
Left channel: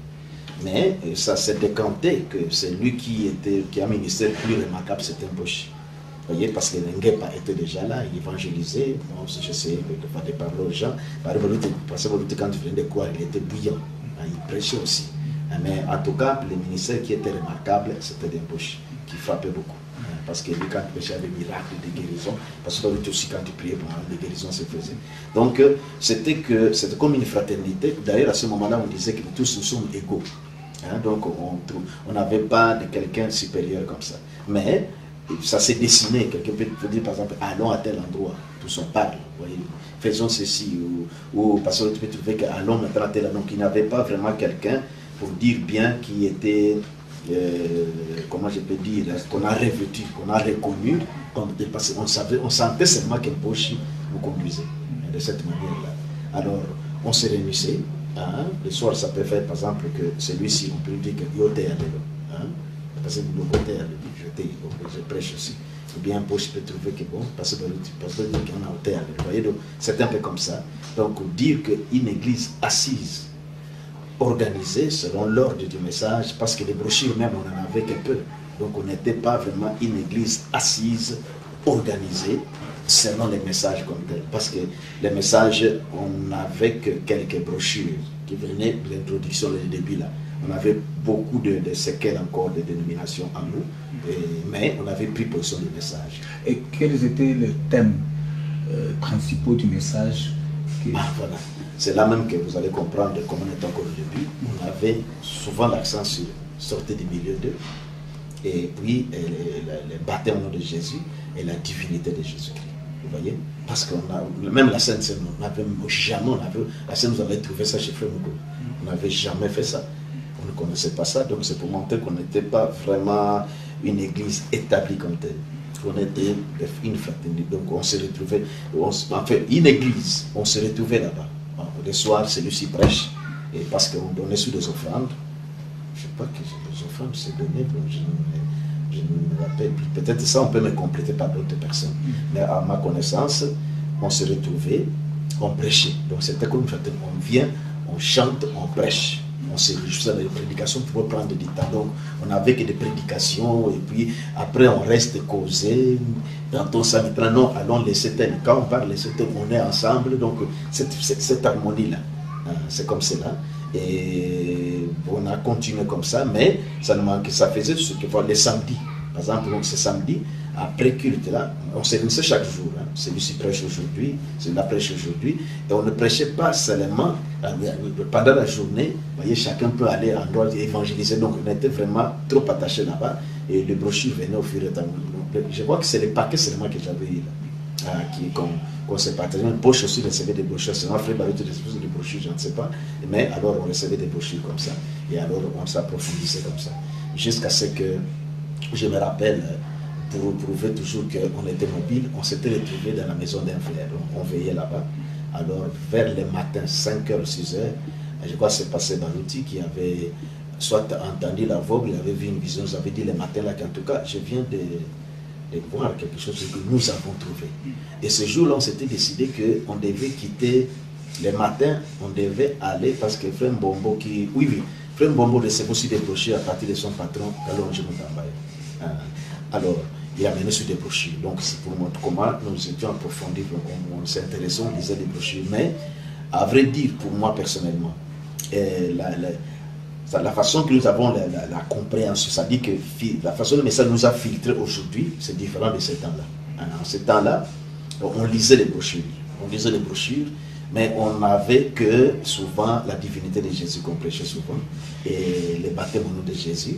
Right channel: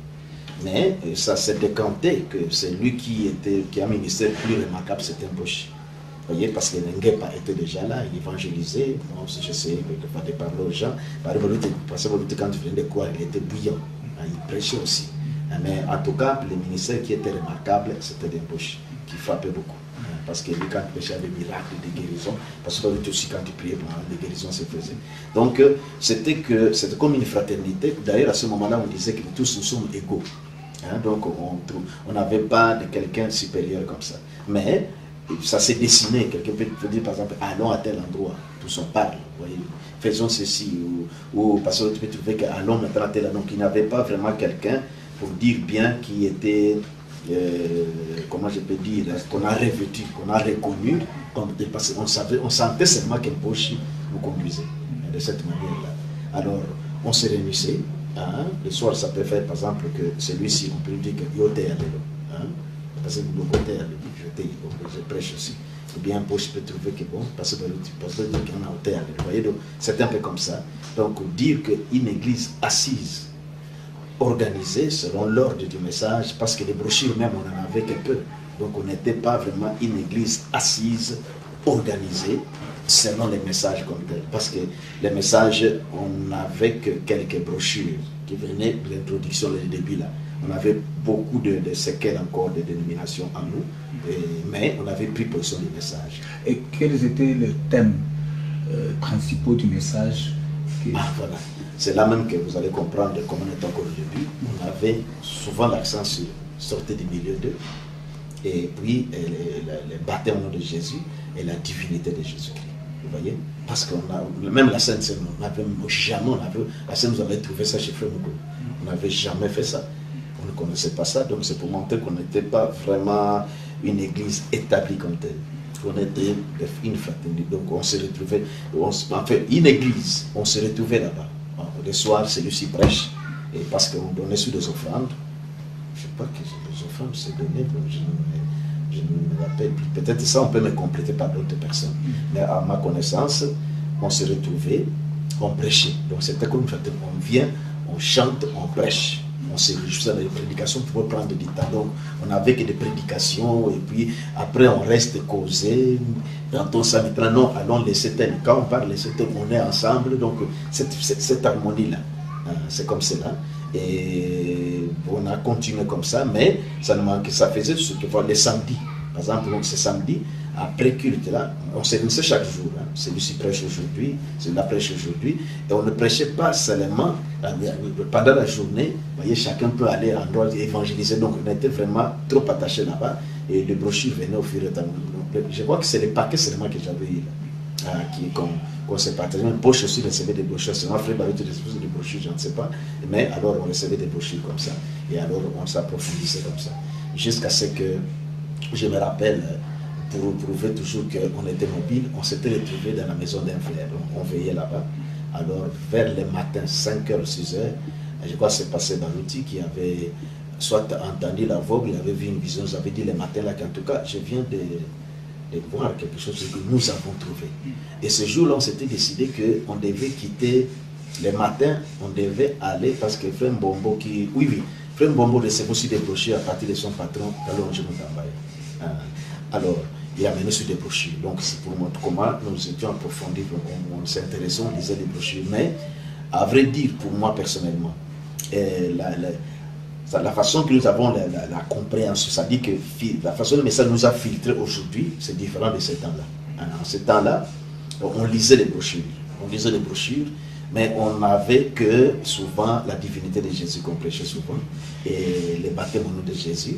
Mais ça s'est décanté que c'est lui qui a un ministère plus remarquable, c'était Mboshi. Vous voyez, parce que Nengepa était déjà là, il évangélisait. Moi aussi, j'essayais de parler aux gens. Par exemple, quand il venait de quoi, il était bouillant. Il prêchait aussi. Mais en tout cas, le ministère qui était remarquable, c'était Mboshi, qui frappait beaucoup. Parce que lui, quand il prêchait des miracles, des guérisons, parce que lui aussi, quand il priait, les guérisons se faisaient. Donc, c'était comme une fraternité. D'ailleurs, à ce moment-là, on disait que tous nous sommes égaux. Donc, on n'avait pas de quelqu'un supérieur comme ça. Mais, ça s'est dessiné. Quelqu'un peut dire, par exemple, allons à tel endroit. Tous on parle. Voyez, faisons ceci. Ou parce que tu peux trouver qu'allons maintenant à tel endroit. Donc, il n'y avait pas vraiment quelqu'un pour dire bien qui était, comment je peux dire, qu'on a revêtu, qu'on a reconnu. Parce qu'on sentait seulement qu'un poche nous conduisait. De cette manière-là. Alors, on se réunissait. Le soir, ça peut faire, par exemple, que celui-ci, on peut lui dire que yo t'es allé là. Parce que nous côté je prêche aussi. Ou bien poche peut trouver que bon, parce que dire qu'on a hôtel. Vous voyez, donc c'est un peu comme ça. Donc dire qu'une église assise, organisée selon l'ordre du message, parce que les brochures même on en avait que peu. Donc on n'était pas vraiment une église assise, organisée, selon les messages comme tel. Parce que les messages, on n'avait que quelques brochures qui venaient de l'introduction, le début là. On avait beaucoup de séquelles encore de dénominations en nous, mais on avait pris position du message. Et quels étaient les thèmes principaux du message voilà. C'est là même que vous allez comprendre comment on est encore au début. On avait souvent l'accent sur sortir du milieu d'eux, et puis le baptême au nom de Jésus et la divinité de Jésus-Christ. Vous voyez? Parce qu'on a, même la Sainte Seine, on n'avait jamais, la Sainte, vous avez trouvé ça chez Frère Mukuna. On n'avait jamais fait ça. On ne connaissait pas ça, donc c'est pour montrer qu'on n'était pas vraiment une église établie comme telle. On était une fraternité, donc on se retrouvait, enfin une église, on se retrouvait là-bas. Le soir, celui-ci prêche, et parce qu'on donnait sur des offrandes, je ne sais pas que les offrandes se donnaient, je ne me rappelle plus. Peut-être ça, on peut me compléter par d'autres personnes. Mais à ma connaissance, on se retrouvait, on prêchait. Donc c'était comme une fraternité, on vient, on chante, on prêche. On s'est réjouit dans les prédications pour prendre du temps. Donc, on n'avait que des prédications, et puis après, on reste causé. Dans ça, maintenant, non, allons laisser tel. Quand on parle laisser tel, on est ensemble. Donc, cette harmonie-là, c'est comme cela. Et on a continué comme ça, mais ça nous manquait. Ça faisait ce que les samedis. Par exemple, donc, ce samedi, après culte là, on se réunissait chaque jour. Celui-ci prêche aujourd'hui, celui-là prêche aujourd'hui. Et on ne prêchait pas seulement pendant la journée. Vous voyez, chacun peut aller à endroit évangéliser. Donc on était vraiment trop attachés là-bas. Et les brochures venaient au fur et à mesure. Je vois que c'est les paquets seulement que j'avais eu là. Qu'on s'est partagé. Une poche aussi recevait des brochures. C'est un frère Barouti des brochures, je ne sais pas. Mais alors on recevait des brochures comme ça. Et alors on s'approfondissait comme ça. Jusqu'à ce que je me rappelle, pour prouver toujours qu'on était mobile, on s'était retrouvé dans la maison d'un frère. On veillait là-bas. Alors, vers le matin, 5h, 6h, je crois que c'est passé Barouti qui avait soit entendu la voix, il avait vu une vision, nous avait dit le matin là qu'en tout cas, je viens de voir quelque chose que nous avons trouvé. Et ce jour-là, on s'était décidé qu'on devait quitter le matin, on devait aller parce que Frère Mbombo qui... Oui, Frère Mbombo recevait aussi des brochures à partir de son patron, alors, il a mené sur des brochures. Donc, c'est pour montrer comment nous étions approfondis, on s'intéressait, on lisait les brochures. Mais, à vrai dire, pour moi personnellement, la façon que nous avons la compréhension, ça dit que la façon dont le message nous a filtré aujourd'hui, c'est différent de ce temps-là. En ce temps-là, on lisait les brochures. Mais on n'avait que souvent la divinité de Jésus qu'on prêchait souvent, et le baptême au nom de Jésus.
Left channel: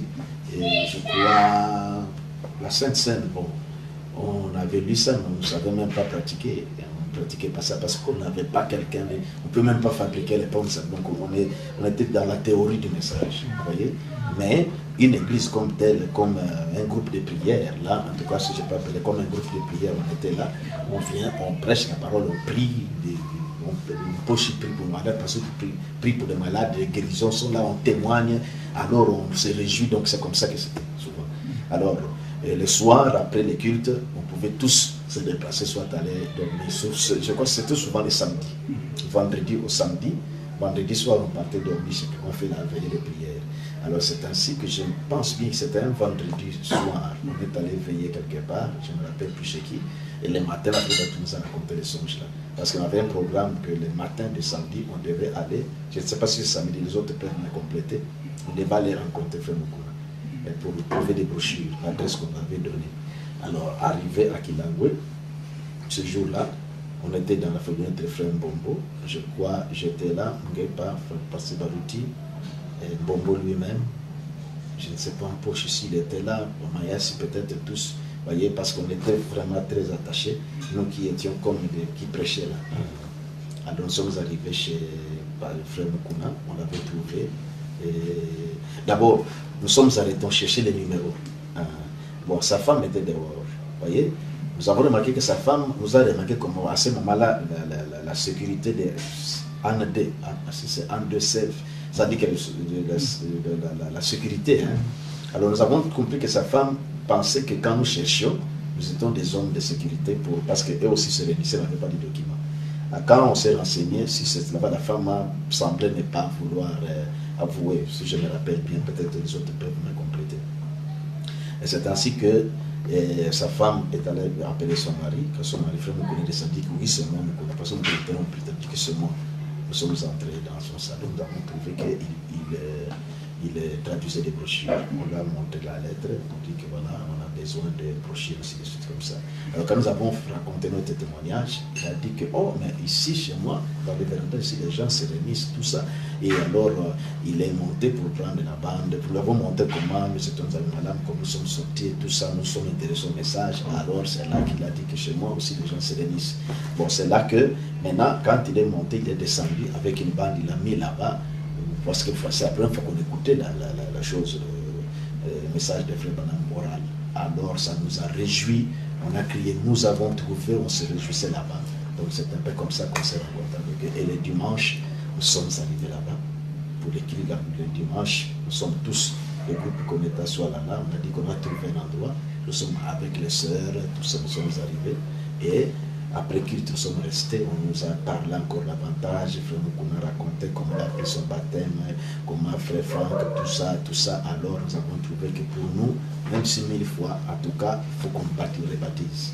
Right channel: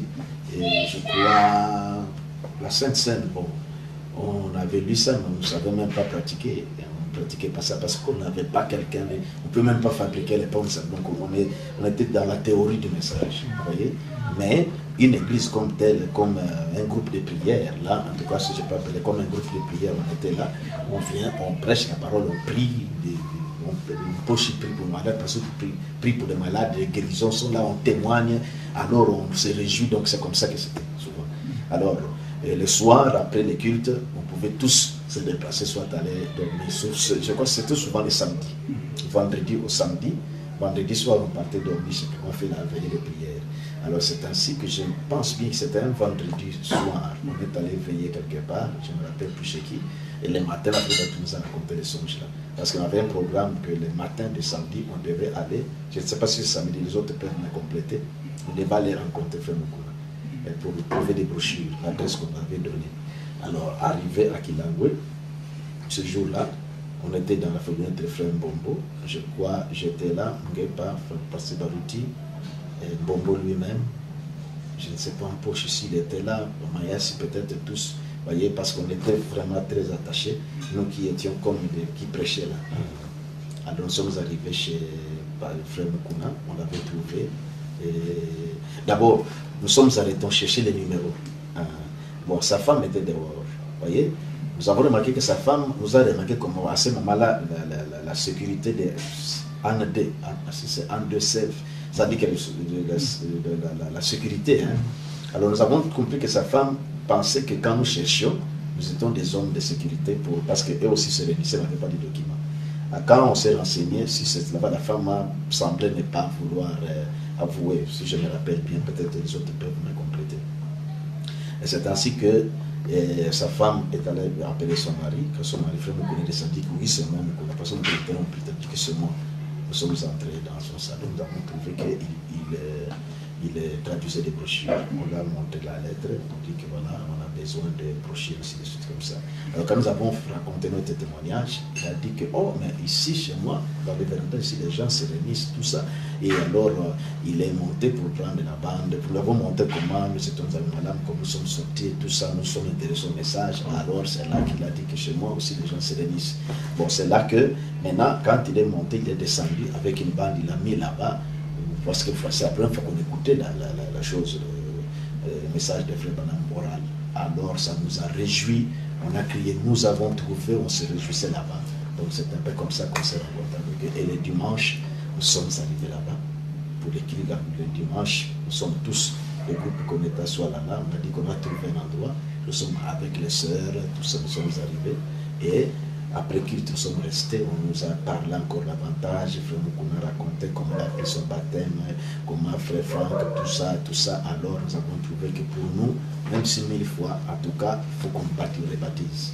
Et je crois, la Sainte Seine, bon, on avait lu ça, mais on ne savait même pas pratiquer. On ne pratiquait pas ça parce qu'on n'avait pas quelqu'un, on ne peut même pas fabriquer les pommes. Donc on était dans la théorie du message, vous voyez. Mais une église comme telle, comme un groupe de prière, là, en tout cas, si je peux appeler comme un groupe de prière, on était là, on vient, on prêche la parole, on prie, on prie pour les malades, parce qu'on prie pour les malades, les guérisons sont là, on témoigne, alors on se réjouit, donc c'est comme ça que c'était souvent. Alors, le soir, après les cultes, on pouvait tous se déplacer, soit aller dormir, je crois que c'était souvent les samedis, vendredi au samedi, vendredi soir on partait dormir, on fait la veille de prière. Alors c'est ainsi que je pense bien que c'était un vendredi soir, on est allé veiller quelque part, je ne me rappelle plus chez qui, et le matin, après on nous a raconté les songes là. Parce qu'on avait un programme que le matin de samedi, on devait aller, je ne sais pas si c'est samedi, les autres peuvent me compléter, on devait aller rencontrer Frère Mukuna pour nous trouver des brochures, l'adresse qu'on avait donnée. Alors, arrivé à Kilangwe, ce jour-là, on était dans la famille de Frère Mbombo, je crois, j'étais là, Mgepa, Pasteur Baruti, Mbombo lui-même, je ne sais pas en poche ici, il était là, Mayas peut-être tous, voyez, parce qu'on était vraiment très attachés, nous qui étions comme qui prêchaient là. Alors nous sommes arrivés chez Frère Mukuna, on l'avait trouvé. D'abord, nous sommes arrêtés, on cherchait les numéros. Bon, sa femme était dehors, voyez. Nous avons remarqué que sa femme nous a remarqué comme à ce moment-là, la sécurité de Anne 2, c'est Anne 2 Sèvres, ça dit que la sécurité. Hein. Alors nous avons compris que sa femme pensait que quand nous cherchions, nous étions des hommes de sécurité parce qu'eux aussi se réunissaient, n'avaient pas de documents. Quand on s'est renseigné, si c'est là-bas, la femme semblait ne pas vouloir avouer, si je me rappelle bien, peut-être les autres peuvent me compléter. Et c'est ainsi que sa femme est allée appeler son mari, quand son mari Frère Mukuna descendit, oui, c'est moi, parce qu'on peut interrompre, que c'est moi. Nous sommes entrés dans son salon, nous avons trouvé qu'il traduisait des brochures. On lui a montré la lettre, on dit que voilà, on a besoin de brochures, ainsi de suite, comme ça. Alors quand nous avons raconté notre témoignage, il a dit que, oh, mais ici, chez moi, dans les vérandas, ici, les gens se réunissent, tout ça. Et alors, il est monté pour prendre la bande, pour lui avoir montré comment nous étions avec madame, comme nous sommes sortis, tout ça, nous sommes intéressés au message. Alors, c'est là qu'il a dit que chez moi aussi, les gens se réunissent. Bon, c'est là que, maintenant, quand il est monté, il est descendu avec une bande, il a mis là-bas, parce que c'est la première fois qu'on écoutait la chose, le message de Frère Branham oral. Alors, ça nous a réjouis, on a crié, nous avons trouvé, on se réjouissait là-bas. Donc, c'est un peu comme ça qu'on s'est rencontrés avec eux. Et le dimanche, nous sommes arrivés là-bas. Pour l'écrit, le dimanche, nous sommes tous, le groupe qu'on était soit là, on a dit qu'on a trouvé un endroit. Nous sommes avec les sœurs, tout ça, nous sommes arrivés. Et après qu'ils nous sommes restés, on nous a parlé encore davantage. Frère Mukuna a raconté comment il a pris son baptême, comment Frère Franck, tout ça. Alors nous avons trouvé que pour nous, même si 1000 fois, en tout cas, il faut qu'on rebaptise.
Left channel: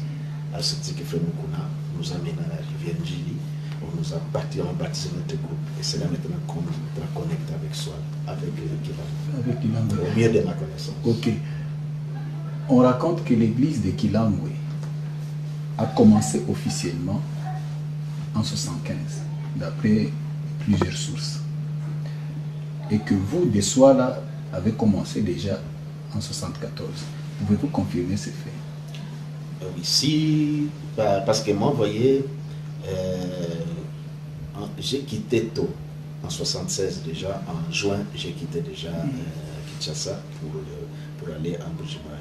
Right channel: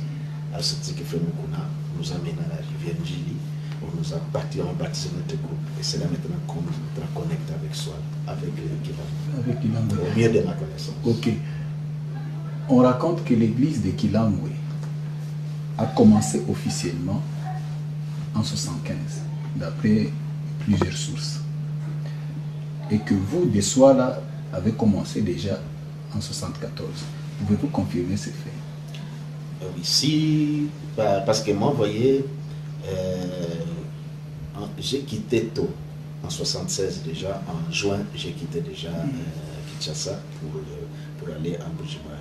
Alors c'est que Frère Mukuna nous a mené à la rivière Njili. On nous a baptisé notre groupe. Et c'est là maintenant qu'on nous connecte avec soi, avec Kilangwe. Avec Kilangwe. Au mieux de ma connaissance. Ok. On raconte que l'église de Kilangwe a commencé officiellement en 1975, d'après plusieurs sources. Et que vous, de Swala, avez commencé déjà en 1974. Pouvez-vous confirmer ces faits? Oui, si, parce que moi, vous voyez, j'ai quitté tôt, en 1976 déjà, en juin, j'ai quitté déjà Kinshasa pour aller en Bujumbura.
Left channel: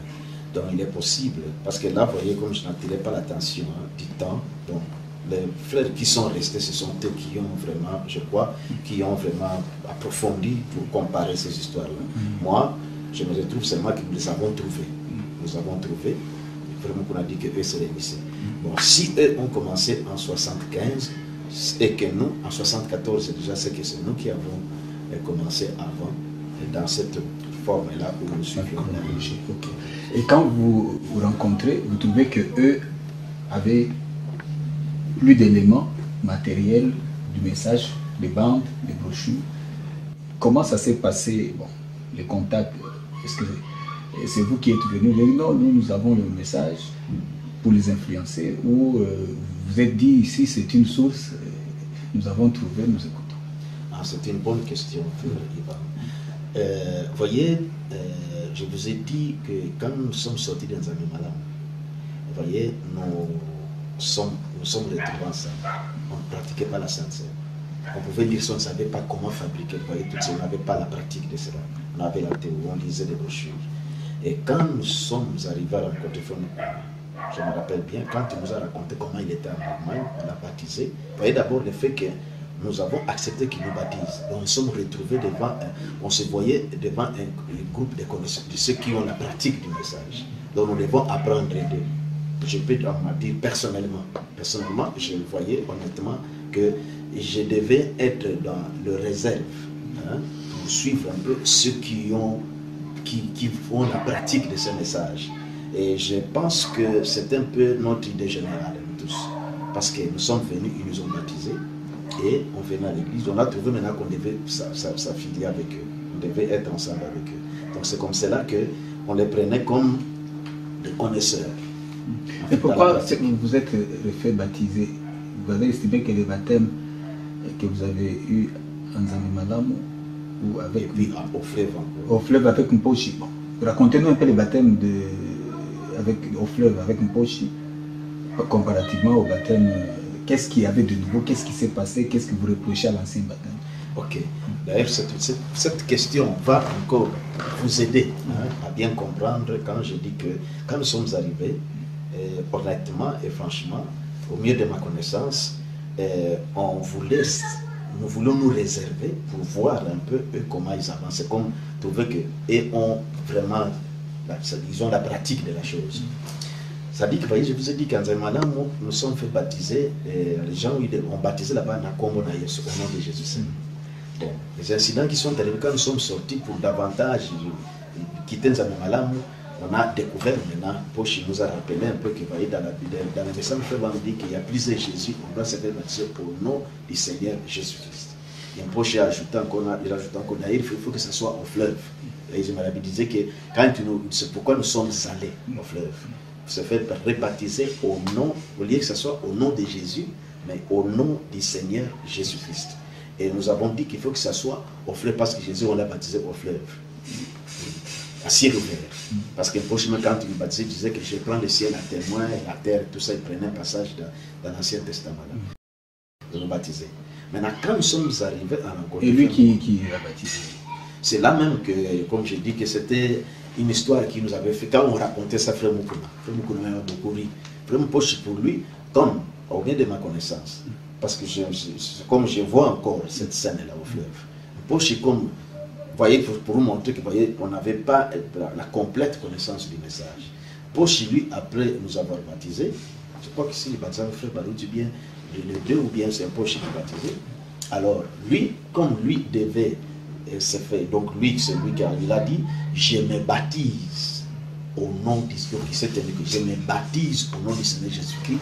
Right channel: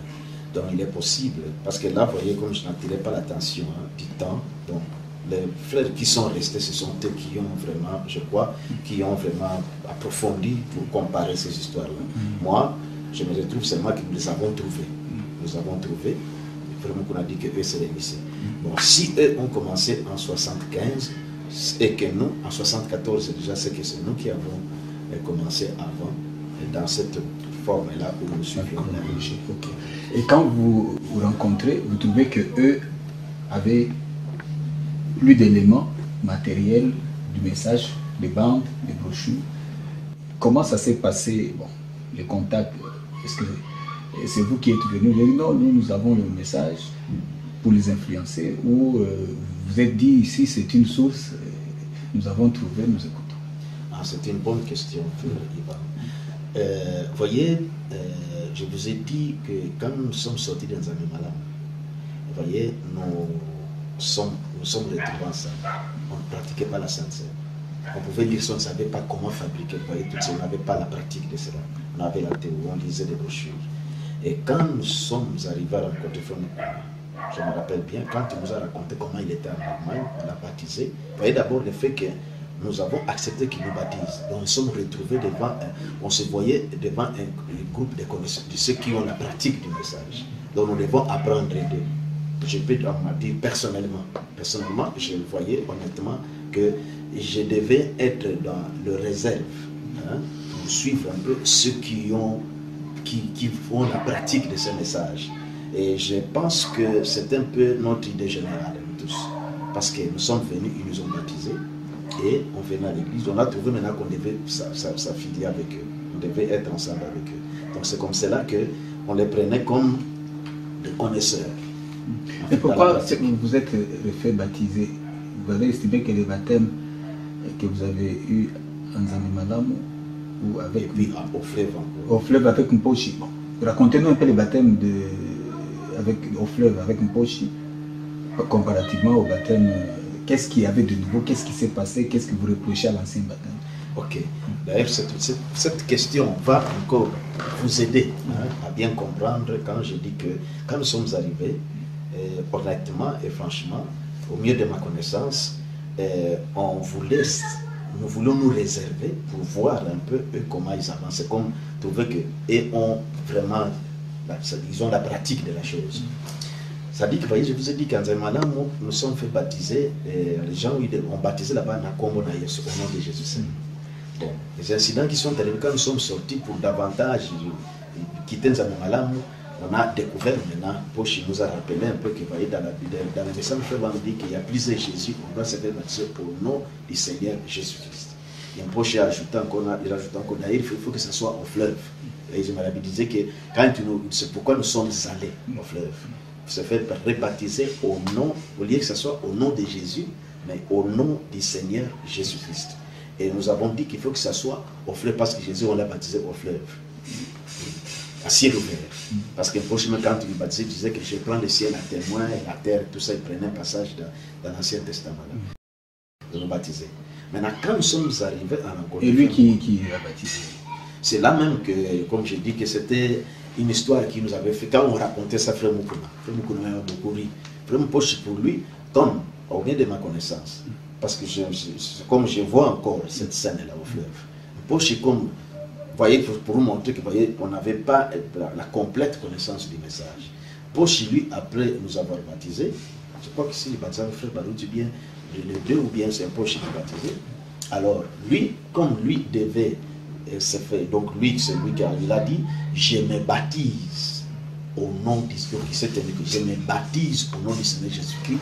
Donc il est possible, parce que là, vous voyez, comme je n'attirais pas l'attention du temps, donc les frères qui sont restés, ce sont eux qui ont vraiment, je crois, qui ont vraiment approfondi pour comparer ces histoires-là. Moi, je me retrouve seulement que nous les avons trouvés. Nous avons trouvé, vraiment qu'on a dit qu'eux se réunissaient. Bon, si eux ont commencé en 75 et que nous, en 74, déjà c'est que c'est nous qui avons commencé avant, dans cette forme-là où nous suivions la religion. Okay. Et quand vous vous rencontrez, vous trouvez que eux avaient plus d'éléments matériels du message, des bandes, des brochures. Comment ça s'est passé, bon, les contacts? Est-ce que c'est vous qui êtes venu dire non, nous avons le message pour les influencer, ou vous êtes dit ici c'est une source, nous avons trouvé, nous écoutons? C'est une bonne question, Ivan. Voyez, je vous ai dit que quand nous sommes sortis dans un malade, voyez, nous sommes retrouvés ensemble. On ne pratiquait pas la Sainte-Seine. On pouvait dire si on ne savait pas comment fabriquer, vous voyez, tout ça, on n'avait pas la pratique de cela. On avait la théorie, on lisait des brochures. Et quand nous sommes arrivés à rencontrer je me rappelle bien, quand il nous a raconté comment il était en Allemagne, on l'a baptisé. Vous voyez d'abord le fait que nous avons accepté qu'il nous baptise. Donc nous sommes retrouvés devant, on se voyait devant un groupe de connaisseurs, de ceux qui ont la pratique du message. Donc nous devons apprendre d'eux. Je peux dire personnellement, je voyais honnêtement que je devais être dans le réserve, pour suivre un peu ceux qui font la pratique de ce message. Et je pense que c'est un peu notre idée générale, nous tous. Parce que nous sommes venus, ils nous ont baptisés, et on venait à l'église. On a trouvé maintenant qu'on devait s'affilier avec eux. On devait être ensemble avec eux. Donc c'est comme cela qu'on les prenait comme des connaisseurs. Et pourquoi vous êtes fait baptiser? Vous avez estimé que les baptêmes que vous avez eu en Zamimadam ou avec... Et puis au fleuve encore. Au fleuve avec Mposhi. Racontez-nous un peu les baptêmes au fleuve avec Mposhi, comparativement au baptême. Qu'est-ce qu'il y avait de nouveau? Qu'est-ce qui s'est passé? Qu'est-ce que vous reprochez à l'ancien baptême? Ok. D'ailleurs, cette question va encore vous aider à bien comprendre quand je dis que quand nous sommes arrivés, honnêtement et franchement, au mieux de ma connaissance, nous voulons nous réserver pour voir un peu eux, comment ils avancent. C'est comme trouver qu'ils ont vraiment, ils ont la pratique de la chose. Ça dit que, voyez, je vous ai dit qu'en Zemalan, nous sommes fait baptiser, les gens ont baptisé là-bas au nom de Jésus. Bon, les incidents qui sont arrivés quand nous sommes sortis pour davantage quitter Zemalan, on a découvert maintenant, Pochi nous a rappelé un peu que, voyez, dans le message, on dit qu'il y a plusieurs Jésus, on doit se faire baptiser au nom du Seigneur Jésus-Christ. Et Pochi a ajouté encore, il faut que ce soit au fleuve. Et il disait que c'est pourquoi nous sommes allés au fleuve. Se faire rebaptiser au nom, au lieu que ce soit au nom de Jésus, mais au nom du Seigneur Jésus-Christ. Et nous avons dit qu'il faut que ce soit au fleuve, parce que Jésus, on l'a baptisé au fleuve. À ciel ouvert. Parce que prochainement, quand il nous baptisait, il disait que je prends le ciel à témoin et la terre, tout ça, il prenait un passage dans l'Ancien Testament. De nous baptiser. Maintenant, quand nous sommes arrivés à rencontrer... Et lui qui l'a baptisé? C'est là même que, comme je dis, que c'était une histoire qui nous avait fait. Quand on racontait ça, Frère Moukouna a beaucoup ri. Frère Moukouna, pour lui, tombe au bien de ma connaissance. Parce que comme je vois encore cette scène-là au fleuve. Moukouna, comme... Voyez, pour vous montrer que, voyez, on n'avait pas la complète connaissance du message. Pochi, lui, après nous avoir baptisé, je crois que si le baptisé frère Barouti, bien, les deux ou bien c'est Pochi qui baptisé. Alors, lui, comme lui devait se faire, donc lui, c'est lui qui a dit, je me baptise au nom du Seigneur, qui s'est dit que je me baptise au nom du Seigneur Jésus-Christ,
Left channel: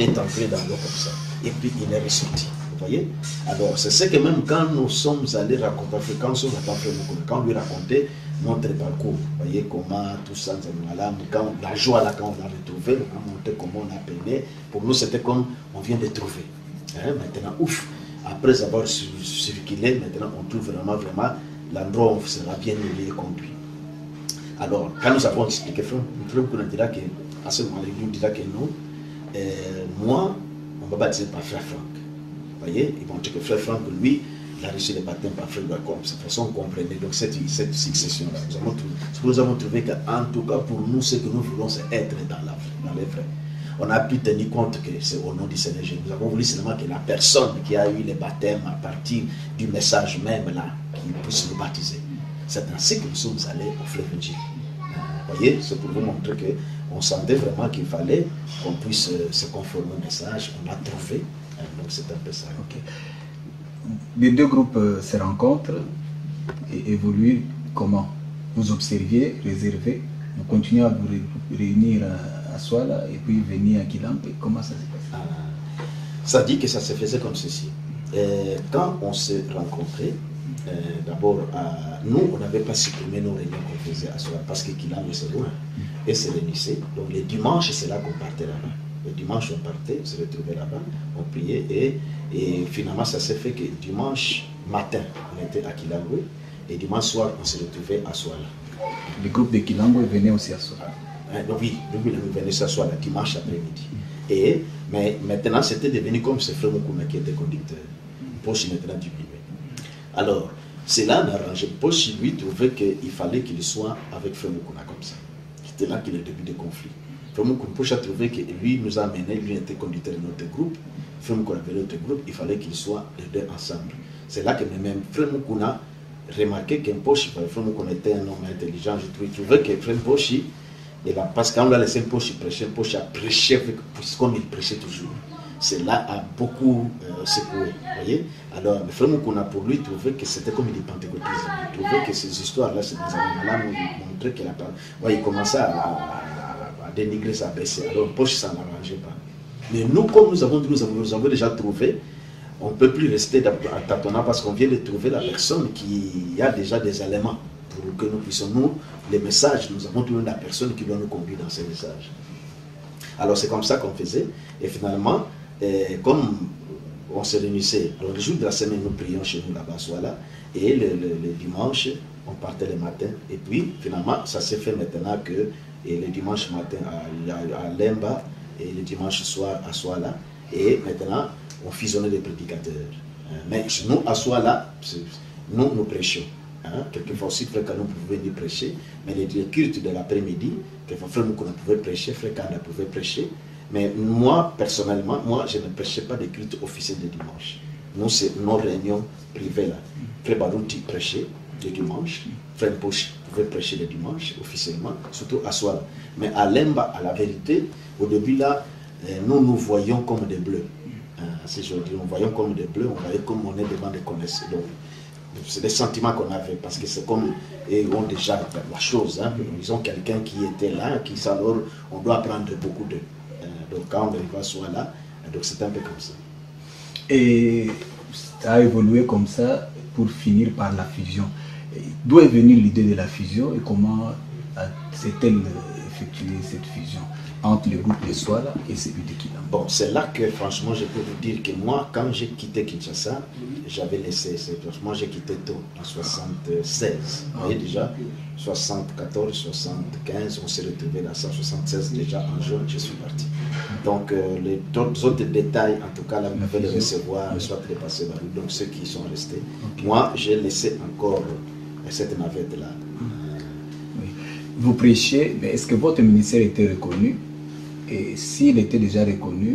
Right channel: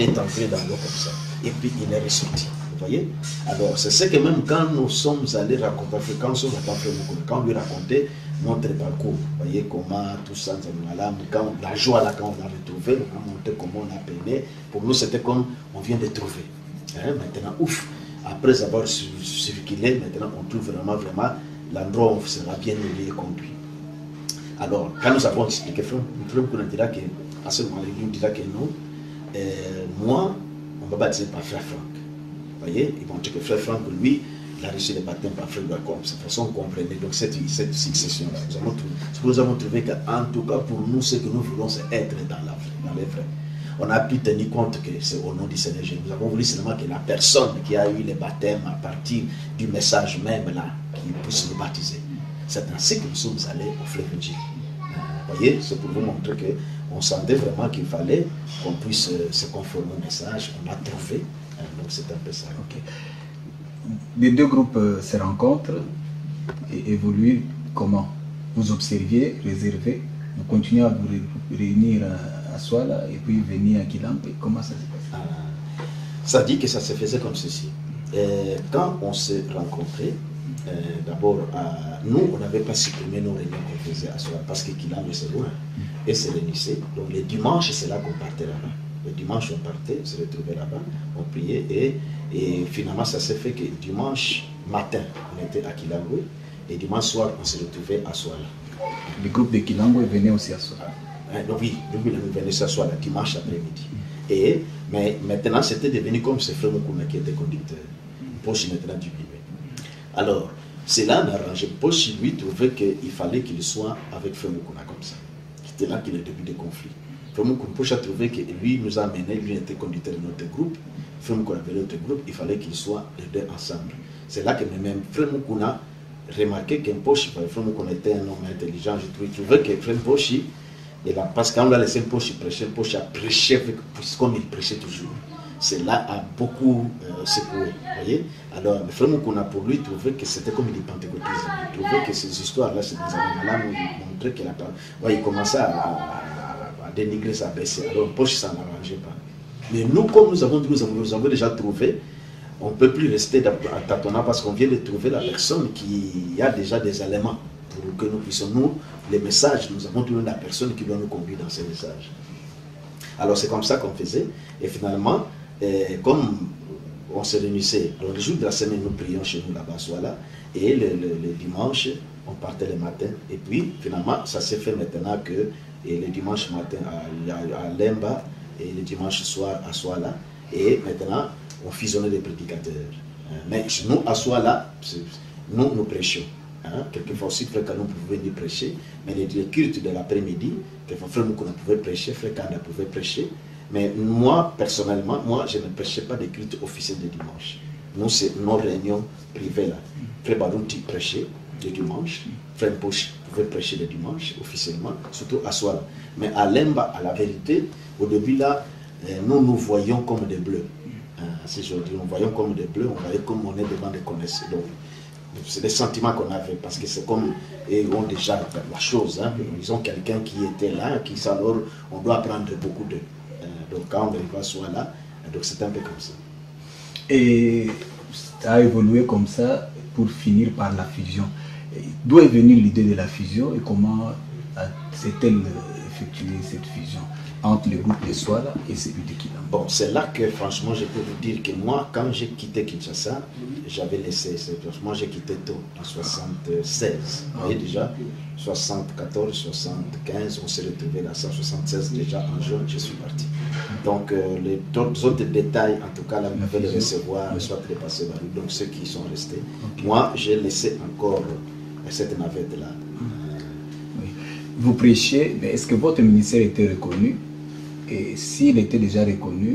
il est entré dans l'eau comme ça. Et puis, il est ressorti. Vous voyez? Alors, c'est ce que même quand nous sommes allés raconter, quand on lui racontait notre parcours, vous voyez comment tout ça, quand la joie là, quand on l'a retrouvé, on a montré comment on a peiné, pour nous c'était comme on vient de trouver. Maintenant, ouf, après avoir circulé, maintenant on trouve vraiment l'endroit où on sera bien aidé et conduit. Alors, quand nous avons expliqué, on dira que, à ce moment-là, il nous dira que non, moi, on va baptiser par Frère Franck. Vous voyez, ils vont dire que Frère Franck, lui, il a reçu le baptême par Frère Bois. De cette façon, on comprenait donc cette succession-là. Nous avons trouvé qu'en tout cas, pour nous, ce que nous voulons, c'est être dans l'œuvre. on a pu tenir compte que c'est au nom du Seigneur Jésus. Nous avons voulu seulement que la personne qui a eu le baptême à partir du message même là, qu'il puisse le baptiser. C'est ainsi que nous sommes allés au Fleuve-Nil. Vous voyez, c'est pour vous montrer qu'on sentait vraiment qu'il fallait qu'on puisse se conformer au message. On a trouvé. Donc c'est un peu ça. Okay. Les deux groupes se rencontrent et évoluent comment? Vous observiez, réservez, vous continuez à vous réunir à Souala et puis venir à Kilambe. Comment ça se passe? Ça dit que ça se faisait comme ceci. Quand on s'est rencontrés, d'abord, nous, on n'avait pas supprimé nos réunions qu'on faisait à Souala parce que Kilambe c'est loin et c'est le lycée. Donc les dimanches, c'est là qu'on partait là-bas. Le dimanche, on partait, on se retrouvait là-bas, on priait et finalement, ça s'est fait que dimanche matin, on était à Kilambe et dimanche soir, on se retrouvait à Souala. Le groupe de Kilambe venait aussi à Souala. Oui, nous venions s'asseoir le dimanche après-midi. Mais maintenant, c'était devenu comme ce frère Moukouna qui était conducteur. Poche maintenant du Bible. Alors, cela m'arrangeait. Poche, lui, trouvait qu'il fallait qu'il soit avec frère Moukouna comme ça. C'était là qu'il y a le début des conflits. Frère Moukouna, Poche a trouvé que lui nous a amené, lui était conducteur de notre groupe. Frère Moukouna avait l'autre groupe, il fallait qu'ils soient les deux ensemble. C'est là que même frère Moukouna remarquait qu'un Poche, frère Moukouna était un homme intelligent, je trouvais que frère Poche, parce qu'on l'a laissé Poche prêcher, Poche a prêché comme il prêchait toujours. Cela a beaucoup secoué. Voyez. Alors, le frère Moukouna, pour lui, trouvait que c'était comme du pentecôtisme. Il trouvait que ces histoires-là, ces événements-là nous montraient qu'il a pas. Il commençait à dénigrer sa baisse. Alors, Poche, ça n'arrangeait pas. Mais nous, comme nous avons déjà trouvé, on ne peut plus rester à tâtonnant parce qu'on vient de trouver la personne qui a déjà des éléments pour que nous puissions, nous, les messages, nous avons trouvé la personne qui doit nous conduire dans ces messages. Alors c'est comme ça qu'on faisait. Et finalement, comme on se réunissait, alors le jour de la semaine, nous prions chez nous là-bas, soit là, et le dimanche, on partait le matin. Et puis, finalement, ça s'est fait maintenant que le dimanche matin à Lemba et le dimanche soir à Souala. Et maintenant, on fusionnait les prédicateurs. Mais nous, à Souala, nous prêchions. Quelquefois aussi, frère Kanou pouvait venir prêcher, mais les cultes de l'après-midi, quelquefois frère Moukouna pouvait prêcher, frère Kanda pouvait prêcher, mais moi, personnellement, je ne prêchais pas des cultes officiels de dimanche. Nous, c'est nos réunions privées là. Frère Barouti prêchait le dimanche, frère Poche pouvait prêcher le dimanche officiellement, surtout à Souala. Mais à Lemba, à la vérité, au début là, nous voyons comme des bleus. Si je dis, nous voyons comme des bleus, on voyait comme on est devant des connaisseurs. C'est des sentiments qu'on avait, parce que c'est comme ils ont déjà la chose. Ils ont quelqu'un qui était là, qui alors on doit apprendre beaucoup d'eux. Donc quand on arrive à soi là, donc c'est un peu comme ça. Et ça a évolué comme ça pour finir par la fusion. D'où est venue l'idée de la fusion et comment s'est-elle effectuée cette fusion entre le groupe de Souala et celui de Kilambe? Bon, c'est là que franchement je peux vous dire que moi, quand j'ai quitté Kinshasa, j'avais laissé, moi j'ai quitté tôt, en 76. Vous voyez déjà, 74, 75, on s'est retrouvé là, 176 déjà en juin, je suis parti. Donc les autres détails, en tout cas, là, vous pouvez les recevoir, soit les passer par donc ceux qui sont restés. Okay. Moi, j'ai laissé encore cette navette-là. Oui. Vous prêchiez, mais est-ce que votre ministère était reconnu? Et s'il était déjà reconnu,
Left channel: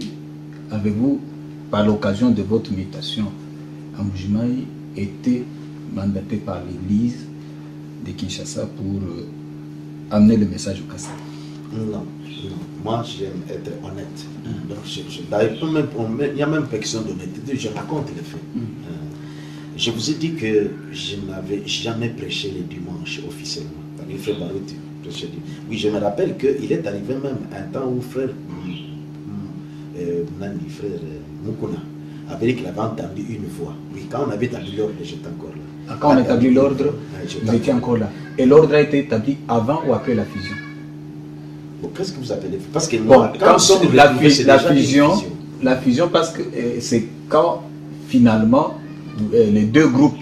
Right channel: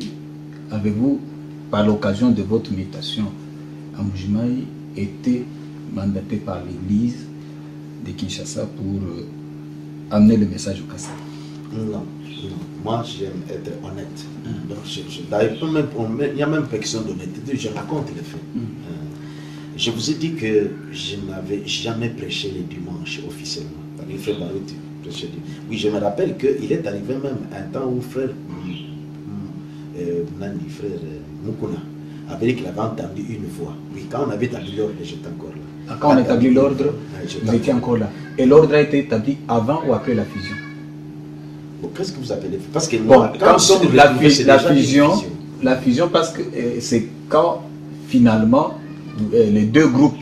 avez-vous, par l'occasion de votre mutation à Mbujimayi, été mandaté par l'église de Kinshasa pour amener le message au Kassai? Non. Moi, j'aime être honnête. Donc, il n'y a même pas question d'honnêteté, je raconte les faits. Je vous ai dit que je n'avais jamais prêché le dimanche officiellement. Il fait Barouti. Oui, je me rappelle qu'il est arrivé même un temps où frère Moukouna avait dit qu'il avait entendu une voix. Oui, quand on avait établi l'ordre, j'étais encore là. Quand on a établi l'ordre, vous étiez encore là. Et l'ordre a été établi avant ou après la fusion? Bon, qu'est-ce que vous appelez? Parce que moi, quand la fusion, parce que c'est quand finalement les deux groupes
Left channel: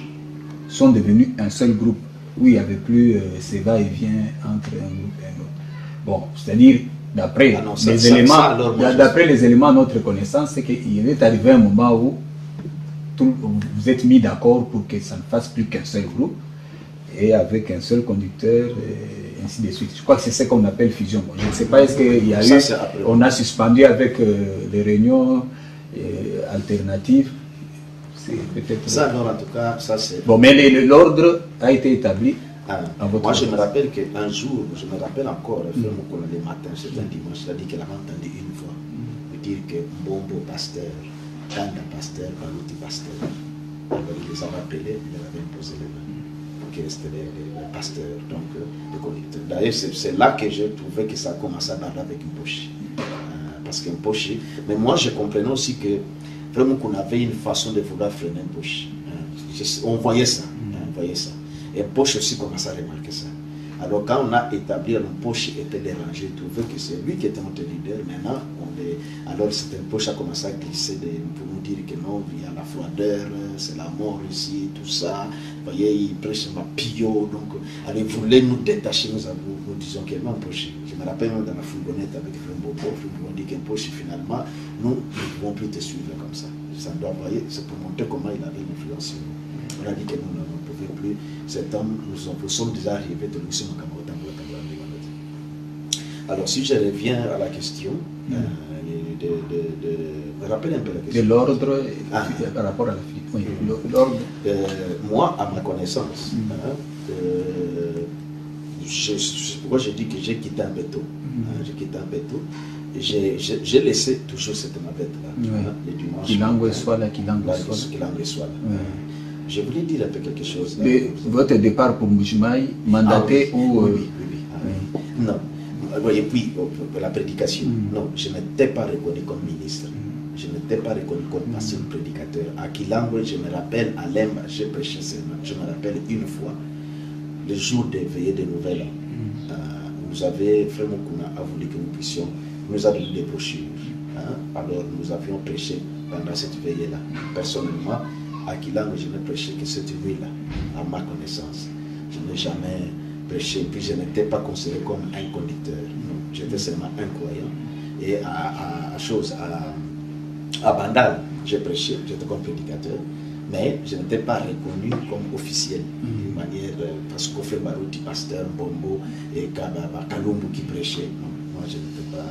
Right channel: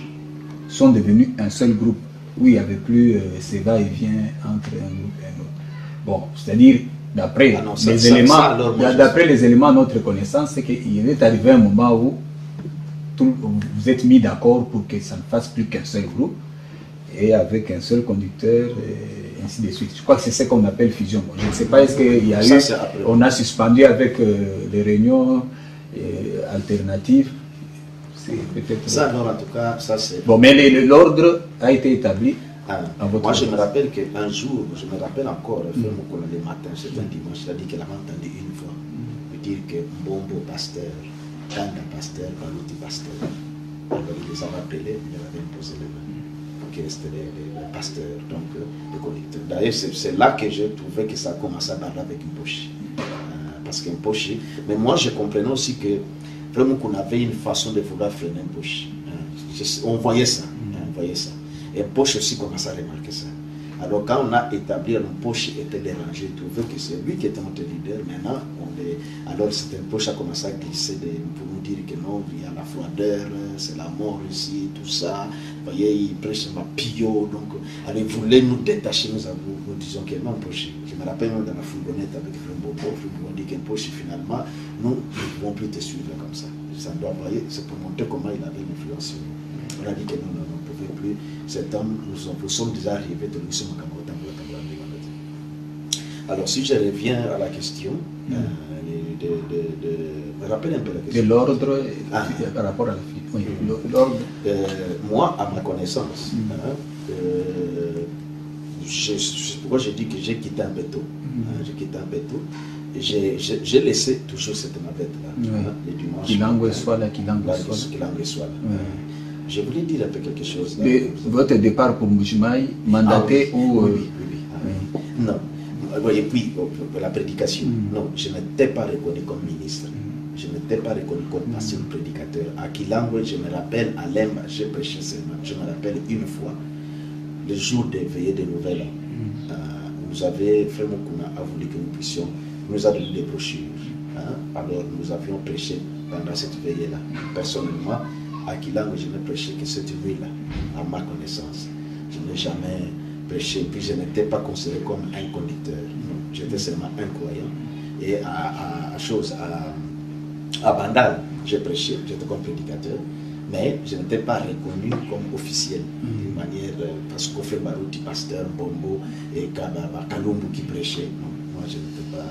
sont devenus un seul groupe. Oui, il n'y avait plus ces va-et-vient entre un groupe et un autre. Bon, c'est-à-dire, d'après les éléments à notre connaissance, c'est qu'il est arrivé un moment où vous êtes mis d'accord pour que ça ne fasse plus qu'un seul groupe, et avec un seul conducteur, ainsi de suite. Je crois que c'est ce qu'on appelle fusion. Bon, je ne sais pas, est-ce qu'il y a Ça, eu, on a suspendu avec les réunions alternatives. C'est peut-être... Ça, non, en tout cas, ça c'est... Bon, mais l'ordre a été établi. Moi, je me rappelle qu'un jour, je me rappelle encore, le matin, c'était un dimanche, il a dit qu'elle avait entendu une fois dire que Mbombo pasteur, Tanda pasteur, Balouti pasteur. Alors, il les avait appelés, il leur avait imposé les mains, qui restaient les pasteurs, donc les conducteurs. D'ailleurs, c'est là que j'ai trouvé que ça a commencé à parler avec une poche. Parce qu'un poche, mais moi, je comprenais aussi que vraiment qu'on avait une façon de vouloir freiner un poche. On voyait ça, on voyait ça. Et Poche aussi commence à remarquer ça. Alors quand on a établi, Poche était dérangé, il trouvait que c'est lui qui était notre leader. Maintenant, alors c'était Poche a commencé à glisser pour nous dire que non, il y a la froideur, c'est la mort ici, tout ça. Vous voyez, il prêche ma pio, donc il voulait nous détacher, nous disons que non, Poche. Je me rappelle dans la fourgonnette avec Frimbobo, on dit qu'un Poche finalement, nous ne pouvons plus te suivre comme ça. Ça doit, vous voyez, c'est pour montrer comment il avait une influence sur nous. On a dit que non, on ne pouvait plus. Cet homme, nous sommes déjà arrivés de nous sommes au Cameroun. Alors, si je reviens à la question, me rappelle un peu la question. De l'ordre par rapport à l'Afrique. Oui, l'ordre. Moi, à ma connaissance, pourquoi je dis que j'ai quitté un bateau. J'ai quitté un bateau. J'ai laissé toujours cette navette-là. Les dimanches. Kilangue Swala. Je voulais dire un peu quelque chose. Votre départ pour Mbujimaï, mandaté ou... Oui. Non. Et puis, la prédication. Non, je n'étais pas reconnu comme ministre. Je n'étais pas reconnu comme pasteur prédicateur. À Kilangue, je me rappelle, à Lemba, j'ai prêché seulement. Je me rappelle une fois, le jour des veillées de nouvelles, vous avez vraiment qu'on a voulu que nous puissions, nous a donné des brochures. Alors, nous avions prêché pendant cette veillée-là. Personnellement, à Kilangue, je n'ai prêché que cette nuit-là, à ma connaissance. Je n'ai jamais prêché, puis je n'étais pas considéré comme un conducteur. Non, j'étais seulement un croyant. Et à Bandal, j'ai prêché, j'étais comme prédicateur, mais je n'étais pas reconnu comme officiel. D'une manière, parce qu'au fait Barouti, pasteur, Bombo et Kalumbu qui prêchait. Non, moi, je n'étais pas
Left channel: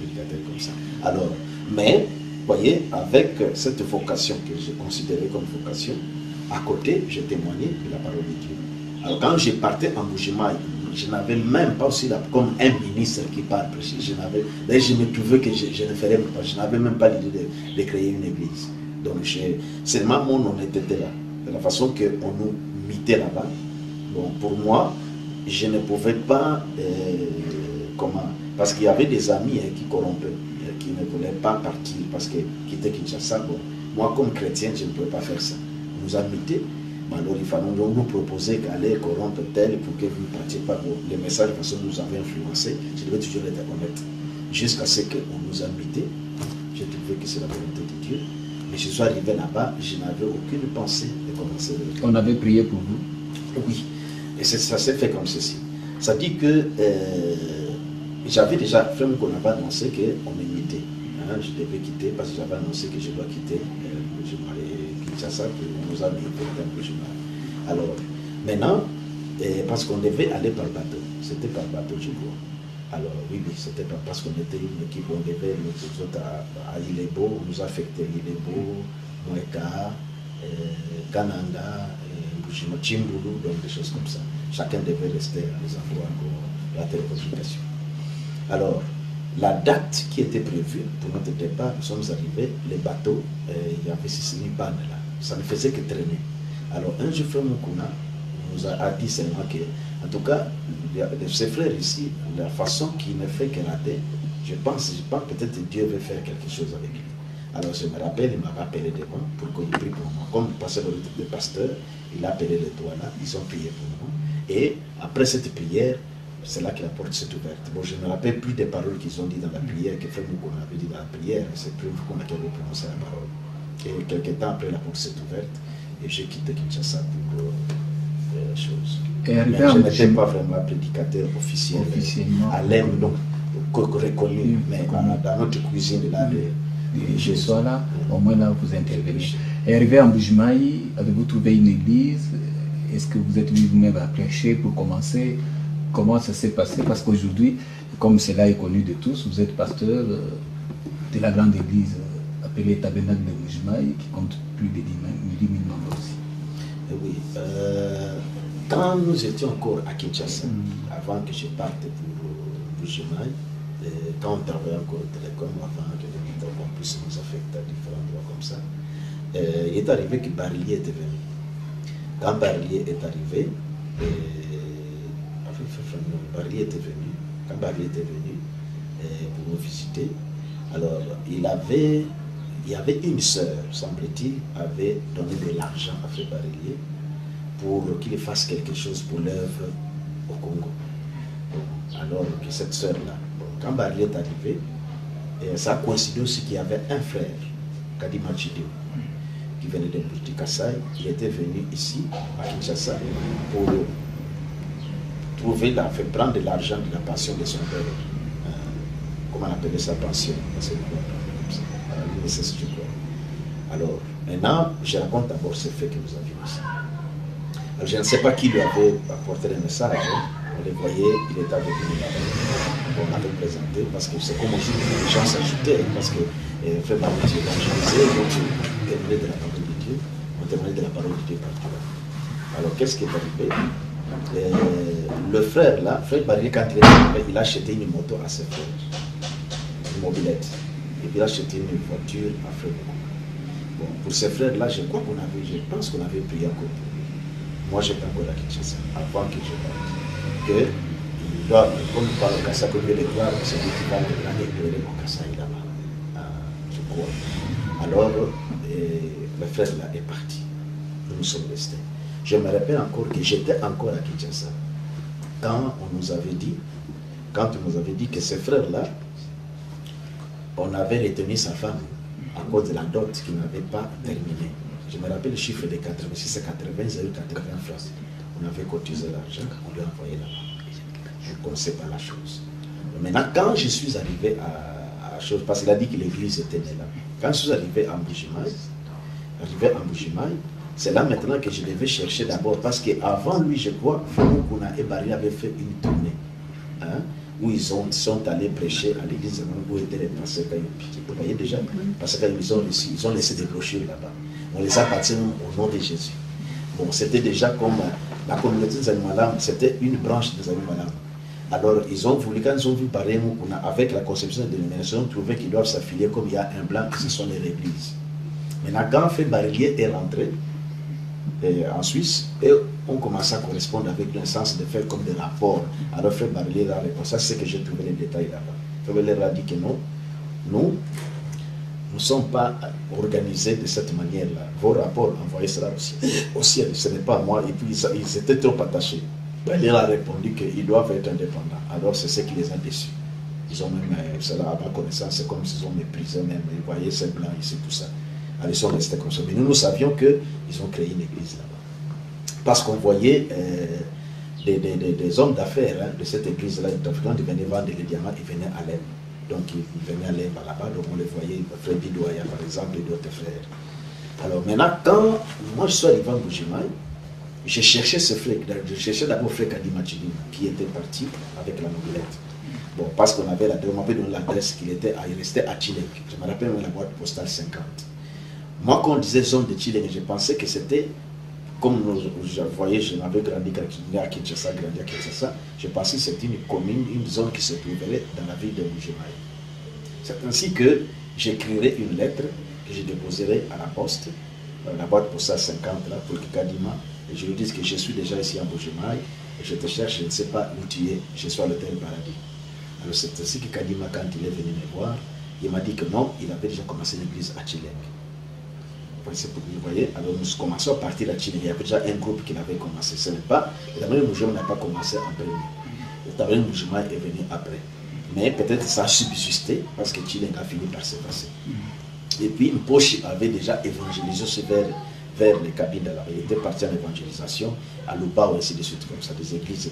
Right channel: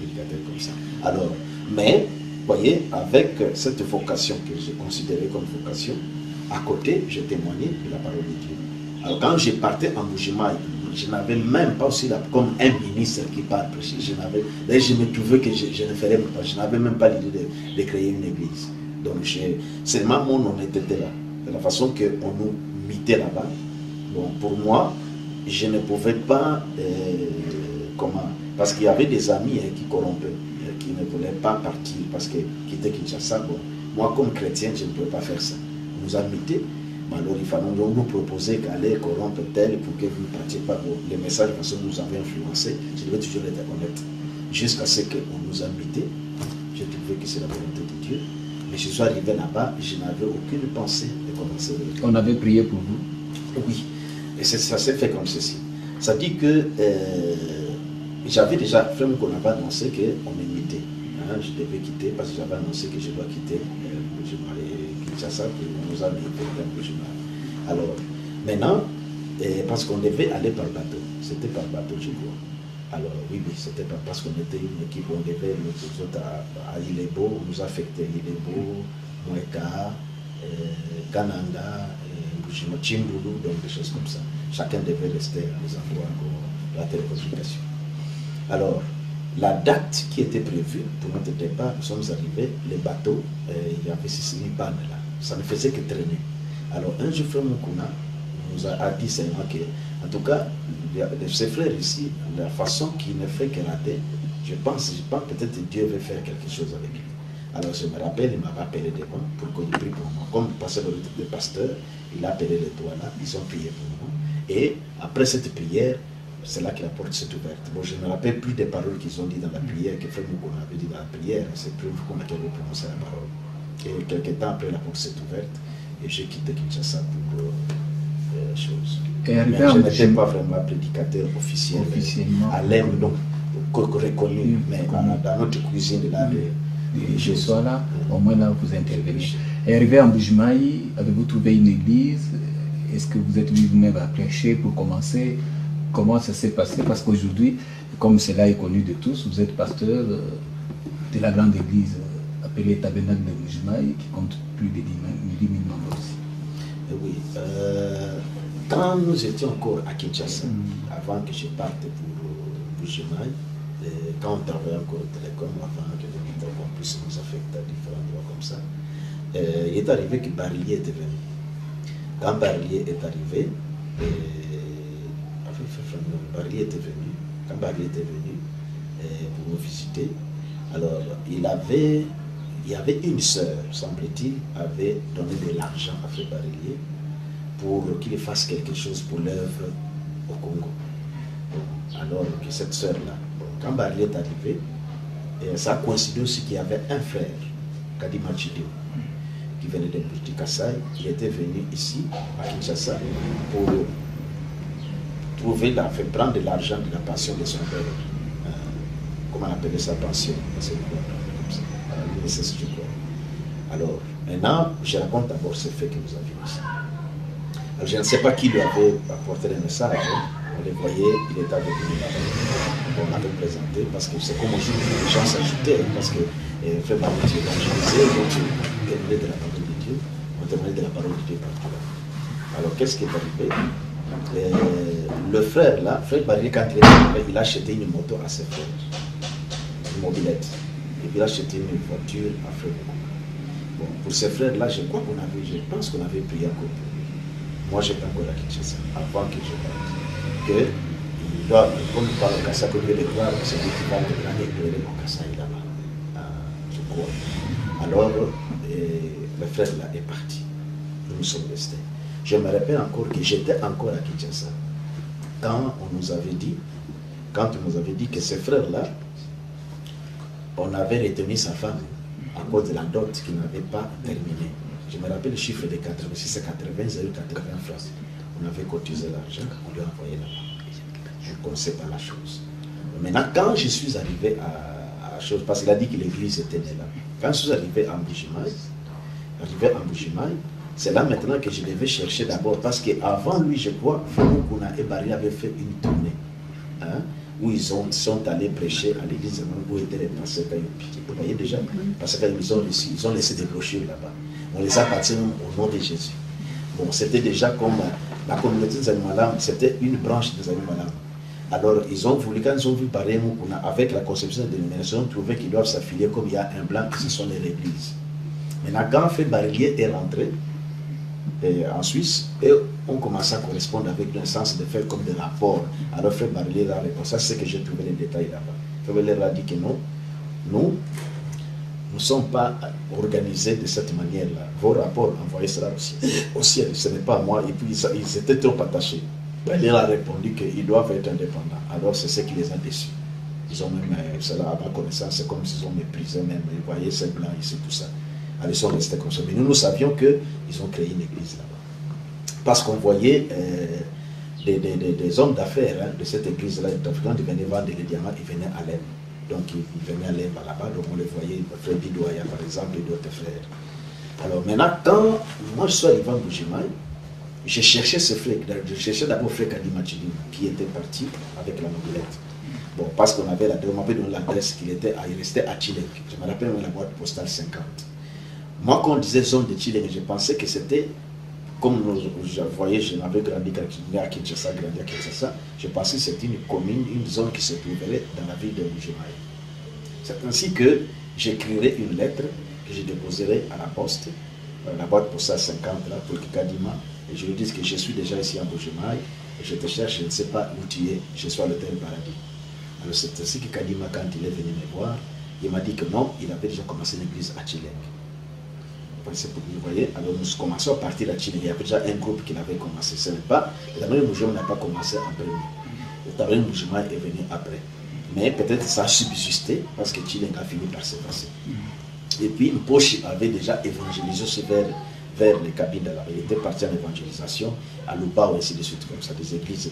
prédicateur comme ça. Alors, mais, vous voyez, avec cette vocation que je considérais comme vocation, à côté, je témoignais de la parole de Dieu. Alors quand je partais en Mbujimaï, je n'avais même pas aussi comme un ministre qui part prêcher. D'ailleurs, je me trouvais que je ne ferais même pas. Je n'avais même pas l'idée de créer une église. Donc seulement mon honnêteté là, de la façon qu'on nous mettait là-bas. Bon, pour moi, je ne pouvais pas parce qu'il y avait des amis qui corrompaient, qui ne voulaient pas partir parce qu'ils quittaient Kinshasa. Bon, moi, comme chrétien, je ne pouvais pas faire ça. On nous a mutés. Alors, il fallait nous proposer qu'aller corrompre tel pour que vous ne partiez pas. Bon, les messages parce que nous avaient influencé, je devais toujours être honnête. Jusqu'à ce qu'on nous a mutés, j'ai trouvé que c'est la volonté de Dieu. Mais je suis arrivé là-bas, je n'avais aucune pensée de commencer. On avait prié pour vous? Oui. Et ça s'est fait comme ceci. Ça dit que j'avais déjà, vraiment qu'on avait annoncé qu'on m'imitait. Je devais quitter parce que j'avais annoncé que je dois quitter Kinshasa, qu'on nous a mis au journal. Alors, maintenant, parce qu'on devait aller par bateau. C'était par bateau, je crois. Alors, oui, c'était parce qu'on était une équipe, on devait, nous autres, à Ilebo, on nous a affecté Ilebo, Mweka, Kananga, Chimbulu, donc des choses comme ça. Chacun devait rester à des endroits pour la télécommunication. Alors, la date qui était prévue pour notre départ, nous sommes arrivés, les bateaux, il y avait 6000 pannes là. Ça ne faisait que traîner. Alors, un jour, frère Moukouna nous a dit seulement que, en tout cas, ses frères ici, la façon qu'il ne fait que rater, je pense peut-être que Dieu veut faire quelque chose avec lui. Alors, je me rappelle, il m'a appelé devant pour qu'on prie pour moi. Comme il passait le pasteur, il a appelé les toits là, ils ont prié pour moi. Et après cette prière, c'est là que la porte s'est ouverte. Bon, je ne me rappelle plus des paroles qu'ils ont dit dans la prière, que Frère Moukouna avait dit dans la prière, c'est plus Moukouna qui avait prononcé la parole. Et quelques temps après, la porte s'est ouverte, et j'ai quitté Kinshasa pour choses. Mais je n'étais pas vraiment prédicateur officiel, à l'aime, donc, reconnu, mais dans notre cuisine, là, je sois là, au moins là, vous intervenez. Et arrivé en Mbujimaï, avez-vous trouvé une église? Est-ce que vous êtes venu vous-même à prêcher pour commencer? comment ça s'est passé, parce qu'aujourd'hui, comme cela est connu de tous, vous êtes pasteur de la grande église appelée Tabernacle de Bujimaï, qui compte plus de 10 000 membres aussi. Oui, quand nous étions encore à Kinshasa, avant que je parte pour Bujimaï, quand on travaillait encore au télécom, avant que on puisse nous affecter à différents endroits comme ça, il est arrivé que Barillier était venu. Quand Barillier est arrivé, Barillier était venu. Quand Barillier était venu pour nous visiter, alors il y avait une sœur, semble-t-il, avait donné de l'argent à Frère Barillier pour qu'il fasse quelque chose pour l'œuvre au Congo. Alors que cette sœur-là, quand Barillier est arrivé, ça a coïncidé aussi qu'il y avait un frère, Kadima Chideo, qui venait de Burti Kasai, qui était venu ici, à Kinshasa, pour trouver, prendre de l'argent de la pension de son père. Comment on appelait sa pension? Alors, maintenant, je raconte d'abord ce fait que nous avions ici. Alors, je ne sais pas qui lui avait apporté le message. On les voyait, il était avec nous là-bas. On avait présenté, parce que c'est comme aujourd'hui, les gens s'ajoutaient, parce que Frère Barillier évangélisait, donc on témoignait de la parole de Dieu, on témoignait de la parole de Dieu partout là. Alors, qu'est-ce qui est arrivé? Le frère là, Frère Barillier, quand il est arrivé, il a acheté une moto à ses frères, une mobilette. Et puis il a acheté une voiture à Frère Boko. Bon, pour ces frères là, je pense qu'on avait prié encore pour lui. Moi, j'étais encore à Kinshasa, avant que je parte. Que il doit, comme il parle au Kassa, comme il le croire, c'est lui qui va éclairer mon Kassa là-bas, je crois. Alors, le frère là est parti. Nous sommes restés. Je me rappelle encore que j'étais encore à Kinshasa quand on nous avait dit que ce frère-là, on avait retenu sa femme à cause de la dot qui n'avait pas terminé. Je me rappelle le chiffre de 86 à 80, 0,80 francs. On avait cotisé l'argent, on lui a envoyé là-bas. Je ne connaissais pas la chose. Maintenant, quand je suis arrivé à la chose, parce qu'il a dit que l'église était née là. Quand je suis arrivé à Bujimaï, c'est là maintenant que je devais chercher d'abord, parce qu'avant lui, je crois, Foumoukuna et Barillier avaient fait une tournée, où ils sont allés prêcher à l'église où étaient les pasteurs Kayoupi. Vous voyez déjà, parce qu'ils ont laissé des brochures là-bas. On les a partis au nom de Jésus. Bon, c'était déjà comme la communauté des Animalam, c'était une branche des Animalam. Alors, ils ont voulu, quand ils ont vu Barillier Moukuna, avec la conception de l'élimination, ils ont trouvé qu'ils doivent s'affilier comme il y a un blanc, que ce sont les églises. Maintenant, quand Frère Barillier est rentré en Suisse, et on commençait à correspondre avec l'instance de faire comme des rapports. Alors Frère Barillier a répondu, ça c'est que j'ai trouvé les détails là-bas. Frère Barillier a dit que non, nous ne sommes pas organisés de cette manière-là. Vos rapports, envoyez cela au ciel. Ce n'est pas moi. Et puis ils étaient trop attachés. Barillier a répondu qu'ils doivent être indépendants. Alors c'est ce qui les a déçus. Ils ont même, cela à ma connaissance, c'est comme s'ils ont méprisé même. Vous voyez, c'est blanc ici, tout ça. Alors, ils sont restés comme ça. Mais nous savions qu'ils ont créé une église là-bas. Parce qu'on voyait des hommes d'affaires de cette église-là, quand ils venaient vendre les diamants, ils venaient à Lem. Donc, ils venaient à Lem là-bas, donc on les voyait, Frère Bidoya par exemple, et d'autres frères. Alors maintenant, quand moi je suis arrivé à Bujimaï, j'ai cherché ce frère, je cherchais d'abord Frère Kadima Chidima, qui était parti avec la mobilette. Bon, parce qu'on avait l'adresse qu'il restait à Chilek. Je me rappelle même la boîte postale 50. Moi, quand on disait zone de Chilek, je pensais que c'était, comme je voyais, je m'avais grandi à Kinshasa, je pensais que c'était une commune, une zone qui se trouverait dans la ville de Bujimaï. C'est ainsi que j'écrirai une lettre que je déposerai à la poste, la boîte postale 50 là, pour que Kadima, et je lui dise que je suis déjà ici à Bujimaï, et je te cherche, je ne sais pas où tu es, je suis à l'hôtel Paradis. Alors c'est ainsi que Kadima, quand il est venu me voir, il m'a dit que non, il avait déjà commencé l'église à Chilek. Vous voyez, alors nous commençons à partir à Chilek. Il y avait déjà un groupe qui l'avait commencé. Ce n'est pas, le Tabernacle Moujima n'a pas commencé en premier. Le Tabernacle Moujima est venu après. Mais peut-être ça a subsisté parce que Chilek a fini par se passer. Et puis Mposhi avait déjà évangélisé vers les cabines là. Il était parti en évangélisation à Lubao et ainsi de suite, comme ça. Des églises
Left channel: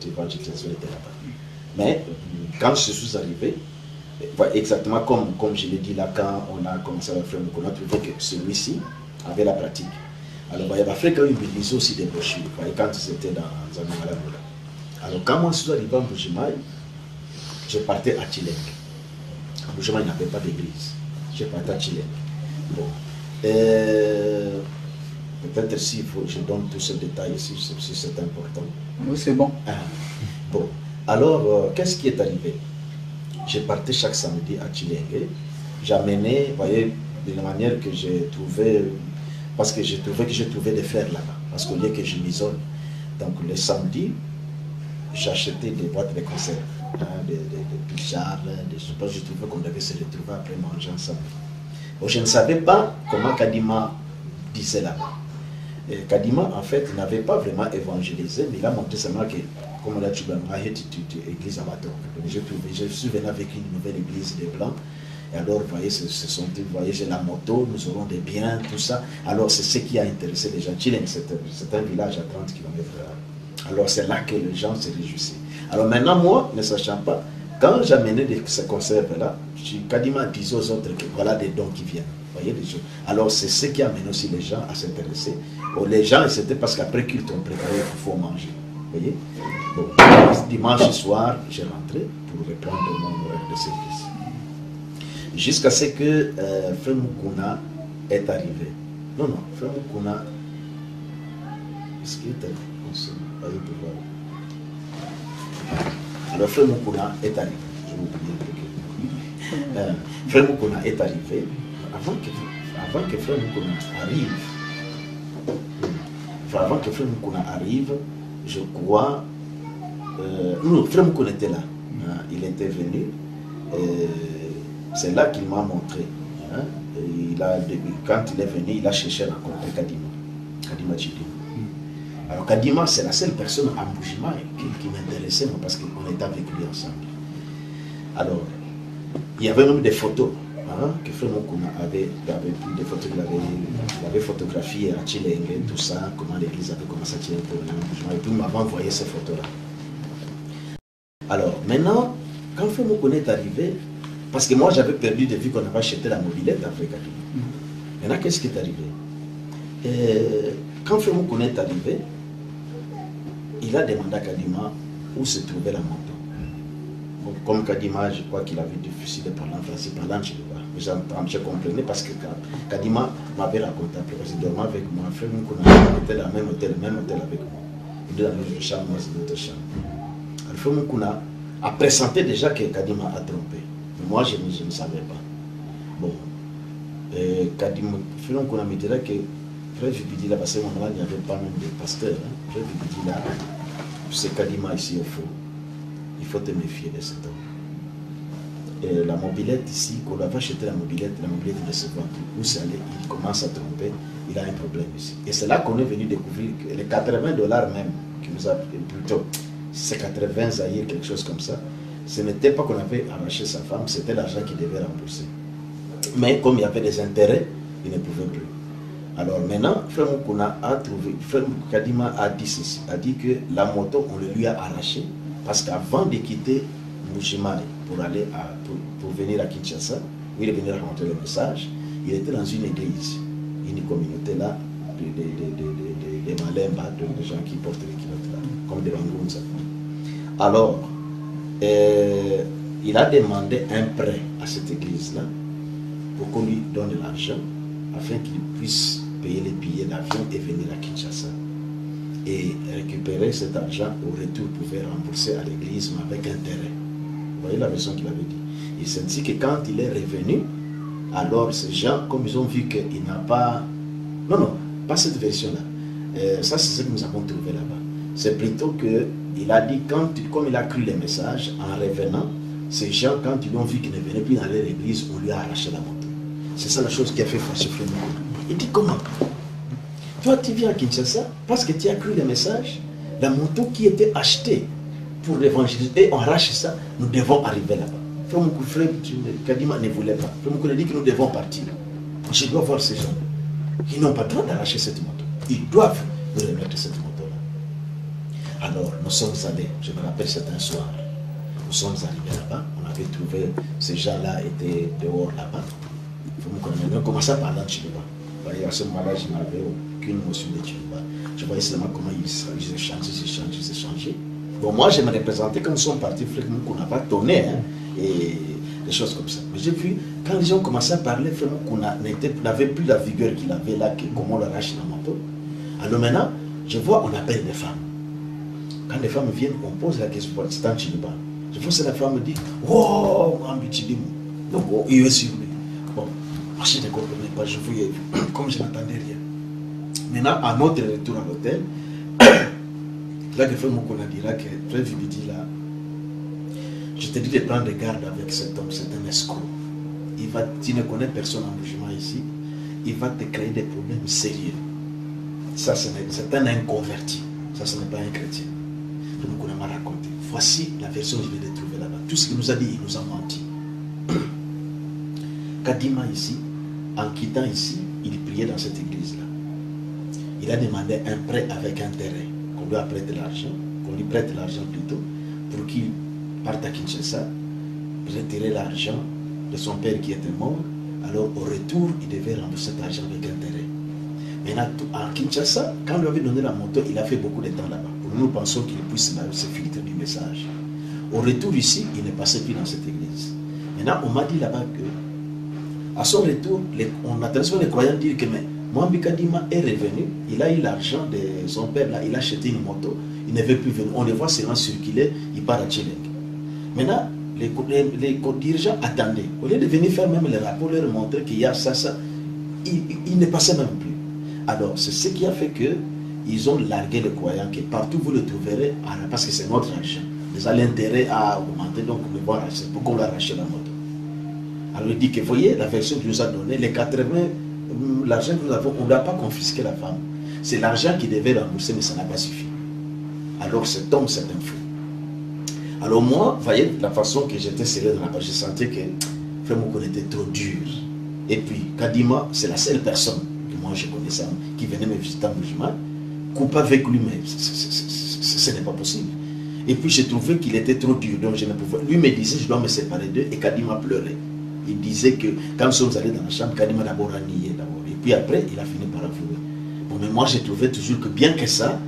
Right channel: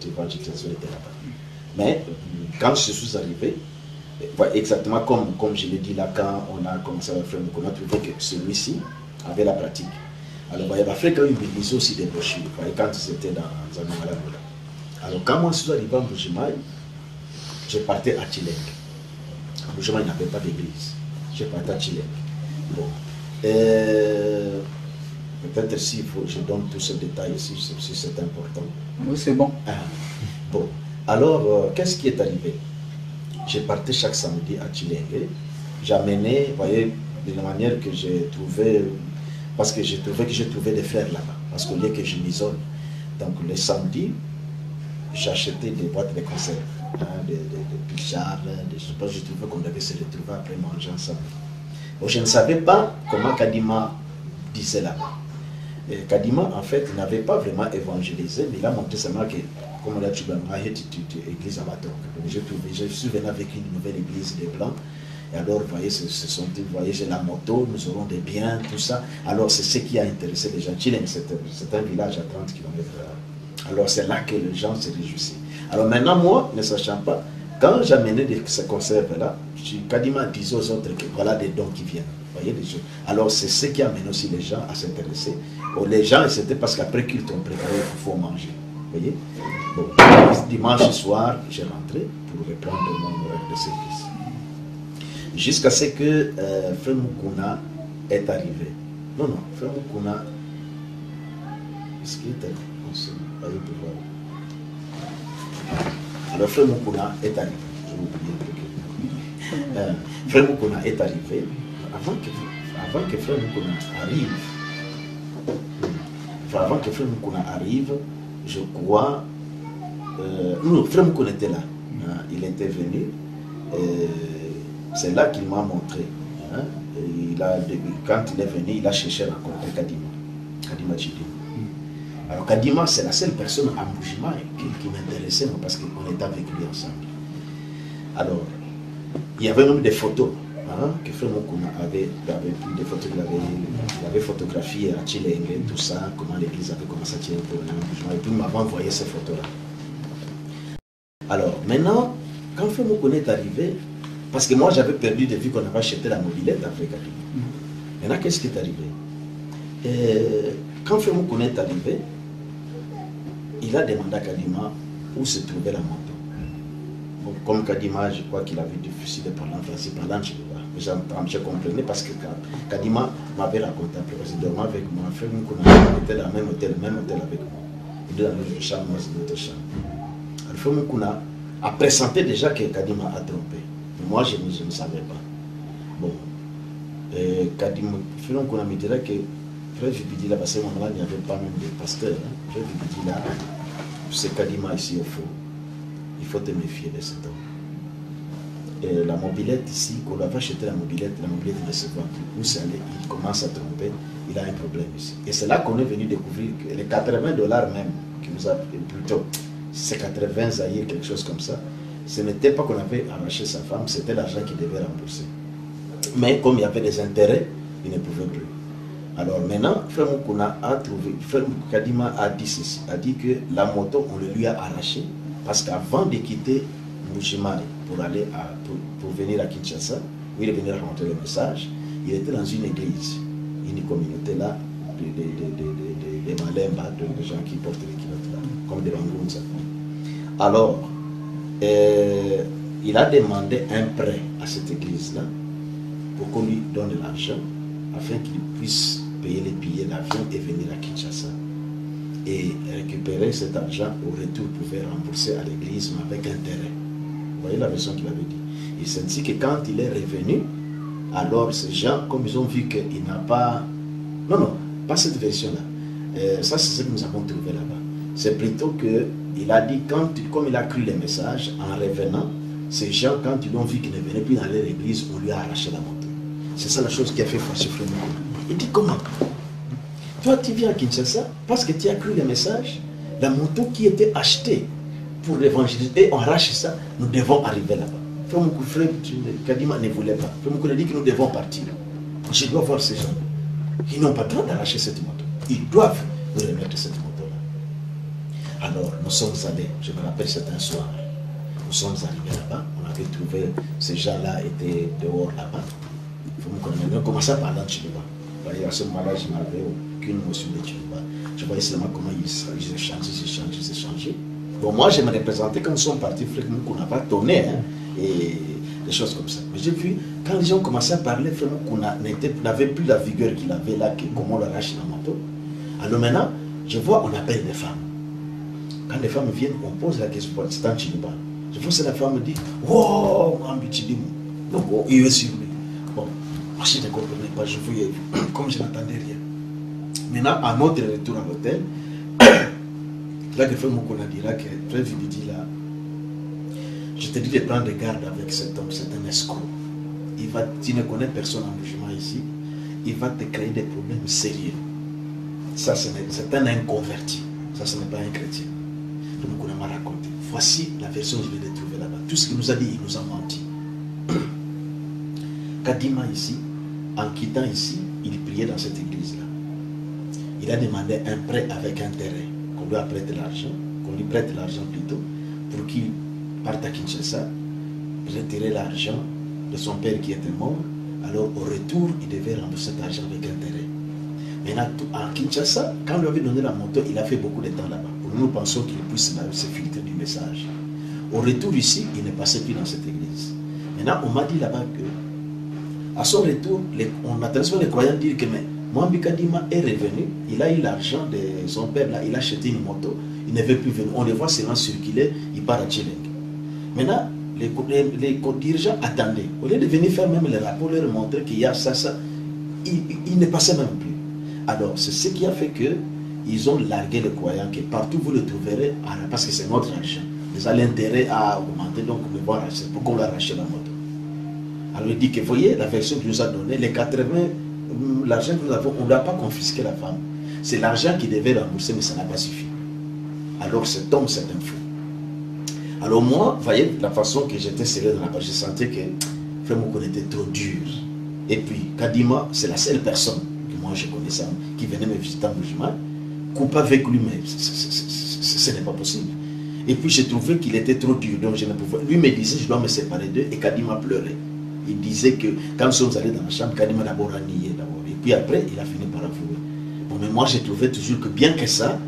d'évangélisation étaient là-bas. Mais quand je suis arrivé, exactement comme je l'ai dit là, quand on a commencé à faire, on a trouvé que celui-ci avait la pratique. Alors, il y a fait quand ils utilisaient aussi des brochures, quand ils étaient dans un malade. Alors, quand moi je suis arrivé à Mbujimaï, je partais à Chilek. À Mbujimaï, il n'y avait pas d'église. Je partais à Chilek. Bon. Peut-être si je donne tous ces détails ici, si c'est important. Oui, c'est bon. Bon. Alors, qu'est-ce qui est arrivé? Je partais chaque samedi à Chilenge. J'amenais, vous voyez, de la manière que j'ai trouvé, parce que j'ai trouvé que je trouvais des frères là-bas. Parce qu'au lieu que je m'isole, donc les samedis, j'achetais des boîtes de conserve, des pichards, des choses. Je trouvais qu'on devait se retrouver après manger ensemble. Bon, je ne savais pas comment Kadima disait là-bas. Kadima, en fait, n'avait pas vraiment évangélisé, mais il a montré seulement que, comme on l'a dit, église à Baton. Je suis venu avec une nouvelle église des Blancs. Et alors, vous voyez, vous voyez, j'ai la moto, nous aurons des biens, tout ça. Alors, c'est ce qui a intéressé les gens. Chileng, c'est un village à 30 km. Alors, c'est là que les gens se réjouissaient. Alors, maintenant, moi, ne sachant pas, quand j'amenais ces conserves-là, Kadima disait aux autres que voilà des dons qui viennent. Vous voyez, les gens. Alors, c'est ce qui amène aussi les gens à s'intéresser. Les gens, c'était parce qu'après qu'ils t'ont préparé, il faut manger. Vous voyez? Bon, dimanche soir, j'ai rentré pour reprendre mon horaire de service. Jusqu'à ce que Frère Mukuna est arrivé. Non, Frère Mukuna. Est-ce qu'il est arrivé? Alors, Frère Mukuna est arrivé. Je vais oublier un peu. Frère Mukuna est arrivé. Avant que Frère Mukuna arrive, je crois. Non, Frère Mukuna était là. Il était venu. C'est là qu'il m'a montré. Quand il est venu, il a cherché à rencontrer Kadima Chidima. Alors Kadima, c'est la seule personne à Mbujimaï qui m'intéressait, parce qu'on était avec lui ensemble. Alors, il y avait même des photos que Frère Mukuna avait pris, des photos qu'il avait photographiées à Chileng, tout ça, comment l'église avait commencé à tirer pour Mbujimaï. Et puis il m'avait envoyé ces photos-là. Alors, maintenant, quand Frère Mukuna est arrivé, parce que moi j'avais perdu de vue qu'on avait acheté la mobilette après Kadima. Maintenant, qu'est-ce qui est arrivé? Quand Frère Mukuna est arrivé, il a demandé à Kadima où se trouvait la moto. Bon, comme Kadima, je crois qu'il avait difficile de parler en français, parlant de je comprenais parce que Kadima m'avait raconté, parce qu'il dormait avec moi. Frère Mukuna était dans le même hôtel avec moi. Il était dans notre chambre, moi c'est notre chambre. Alors Frère Mukuna a pressenti déjà que Kadima a trompé. Mais moi je ne savais pas. Bon, Kadima, Frère Mukuna me dirait que Frère Jubidi là, parce qu'à ce moment-là, il n'y avait pas même de pasteur. Frère Jubidi là, c'est Kadima ici au fond. Il faut te méfier de cet homme. Et la mobilette ici, quand on va acheter la mobilette ne se voit plus. Où c'est allé, il commence à tromper, il a un problème ici. Et c'est là qu'on est venu découvrir que les $80 même, qui nous a plutôt, c'est 80 zaïrs, quelque chose comme ça, ce n'était pas qu'on avait arraché sa femme, c'était l'argent qu'il devait rembourser. Mais comme il y avait des intérêts, il ne pouvait plus. Alors maintenant, Frère Mukuna a trouvé, Frère Kadima a dit ceci, a dit que la moto, on le lui a arraché parce qu'avant de quitter Mbujimaï pour aller pour venir à Kinshasa, où il est venu raconter le message, il était dans une église, une communauté là, des Malemba, de gens qui portent les kilotes là, comme des Bangunza. Alors, il a demandé un prêt à cette église là pour qu'on lui donne de l'argent afin qu'il puisse payer les billets d'avion et venir à Kinshasa. Et récupérer cet argent au retour, pouvait rembourser à l'église, mais avec intérêt. Vous voyez la version qu'il avait dit. Il s'est dit que quand il est revenu, alors ces gens, comme ils ont vu qu'il n'a pas... Non, pas cette version-là. Ça, c'est ce que nous avons trouvé là-bas. C'est plutôt qu'il a dit, comme il a cru les messages, en revenant, ces gens, quand ils ont vu qu'il ne venait plus dans leur église, on lui a arraché la moto. C'est ça la chose qui a fait fâcher Frère Mukuna. Il dit comment? Toi, tu viens à Kinshasa parce que tu as cru les messages, la moto qui était achetée pour l'évangéliser, et on arrache ça, nous devons arriver là-bas. Frère Kadima ne voulait pas. Frère Mukuna dit que nous devons partir. Je dois voir ces gens. Ils n'ont pas le droit d'arracher cette moto. Ils doivent nous remettre cette moto-là. Alors, nous sommes allés, je me rappelle, c'était un soir. Nous sommes arrivés là-bas, on avait trouvé, ces gens-là étaient dehors là-bas. On a commencé à parler en Chiluba. À ce moment-là, je n'avais aucune notion de Chiluba. Je voyais seulement comment ils échangeaient. Bon, moi, je me représentais quand nous sommes partis, frère Moukouna n'a pas tourné, hein, et des choses comme ça. Mais j'ai vu, quand les gens commençaient à parler, frère Moukouna n'avait plus la vigueur qu'il avait là, comment on l'arrache la moto. Alors maintenant, je vois, on appelle les femmes. Quand les femmes viennent, on pose la question, c'est un Chiliba. Je vois, c'est la femme dit, wow, Mambi Chilim. Donc, il est sur lui. Bon, moi, je ne comprenais pas, je voyais, comme je n'entendais rien. Maintenant, à notre retour à l'hôtel, là que Frère Moukouna dira que Frère Vibidi là, je te dis de prendre garde avec cet homme, c'est un escroc. Tu ne connais personne en jugement ici, il va te créer des problèmes sérieux. Ça, c'est un inconverti. Ça, ce n'est pas un chrétien. Frère Moukouna m'a raconté. Voici la version que je viens de trouver là-bas. Tout ce qu'il nous a dit, il nous a menti. Kadima ici, en quittant ici, il priait dans cette église-là. Il a demandé un prêt avec intérêt, qu'on lui prête l'argent, qu'on lui prête l'argent plutôt, pour qu'il parte à Kinshasa, retirer l'argent de son père qui était mort. Alors au retour, il devait rembourser cet argent avec intérêt. Maintenant, à Kinshasa, quand on lui avait donné la moto, il a fait beaucoup de temps là-bas. Nous pensons qu'il puisse se filtrer du message. Au retour ici, il ne passait plus dans cette église. Maintenant, on m'a dit là-bas que, à son retour, on a transformé les croyants dire que Mwambi Kadima est revenu, il a eu l'argent de son père, là, il a acheté une moto, il ne veut plus venir. On le voit seulement circuler, il part à Tchileng. Maintenant, les dirigeants attendaient. Au lieu de venir faire même les rapports, leur montrer qu'il y a ça, il ne passait même plus. Alors, c'est ce qui a fait que ils ont largué les croyants, que partout vous le trouverez, parce que c'est notre argent. Ils ont l'intérêt à augmenter, donc on va racheter, pour qu'on l'arrache la moto. Alors il dit que, vous voyez, la version qu'il nous a donnée, les 80, l'argent que nous avons, on ne doit pas confisquer la femme. C'est l'argent qui devait rembourser, mais ça n'a pas suffi. Alors cet homme, c'est un fou. Alors moi, vous voyez, la façon que j'étais serré dans la page, je sentais que Frère Moukouna était trop dur. Et puis, Kadima, c'est la seule personne que moi je connaissais, qui venait me visiter en Boujima, couper avec lui, mais ce n'est pas possible. Et puis j'ai trouvé qu'il était trop dur, donc je ne pouvais. Lui me disait, je dois me séparer d'eux, et Kadima pleurait. Il disait que quand nous sommes allés dans la chambre, Kadima d'abord a nié d'abord. Et puis après, il a fini par avouer. Bon, mais moi j'ai trouvé toujours que bien que ça,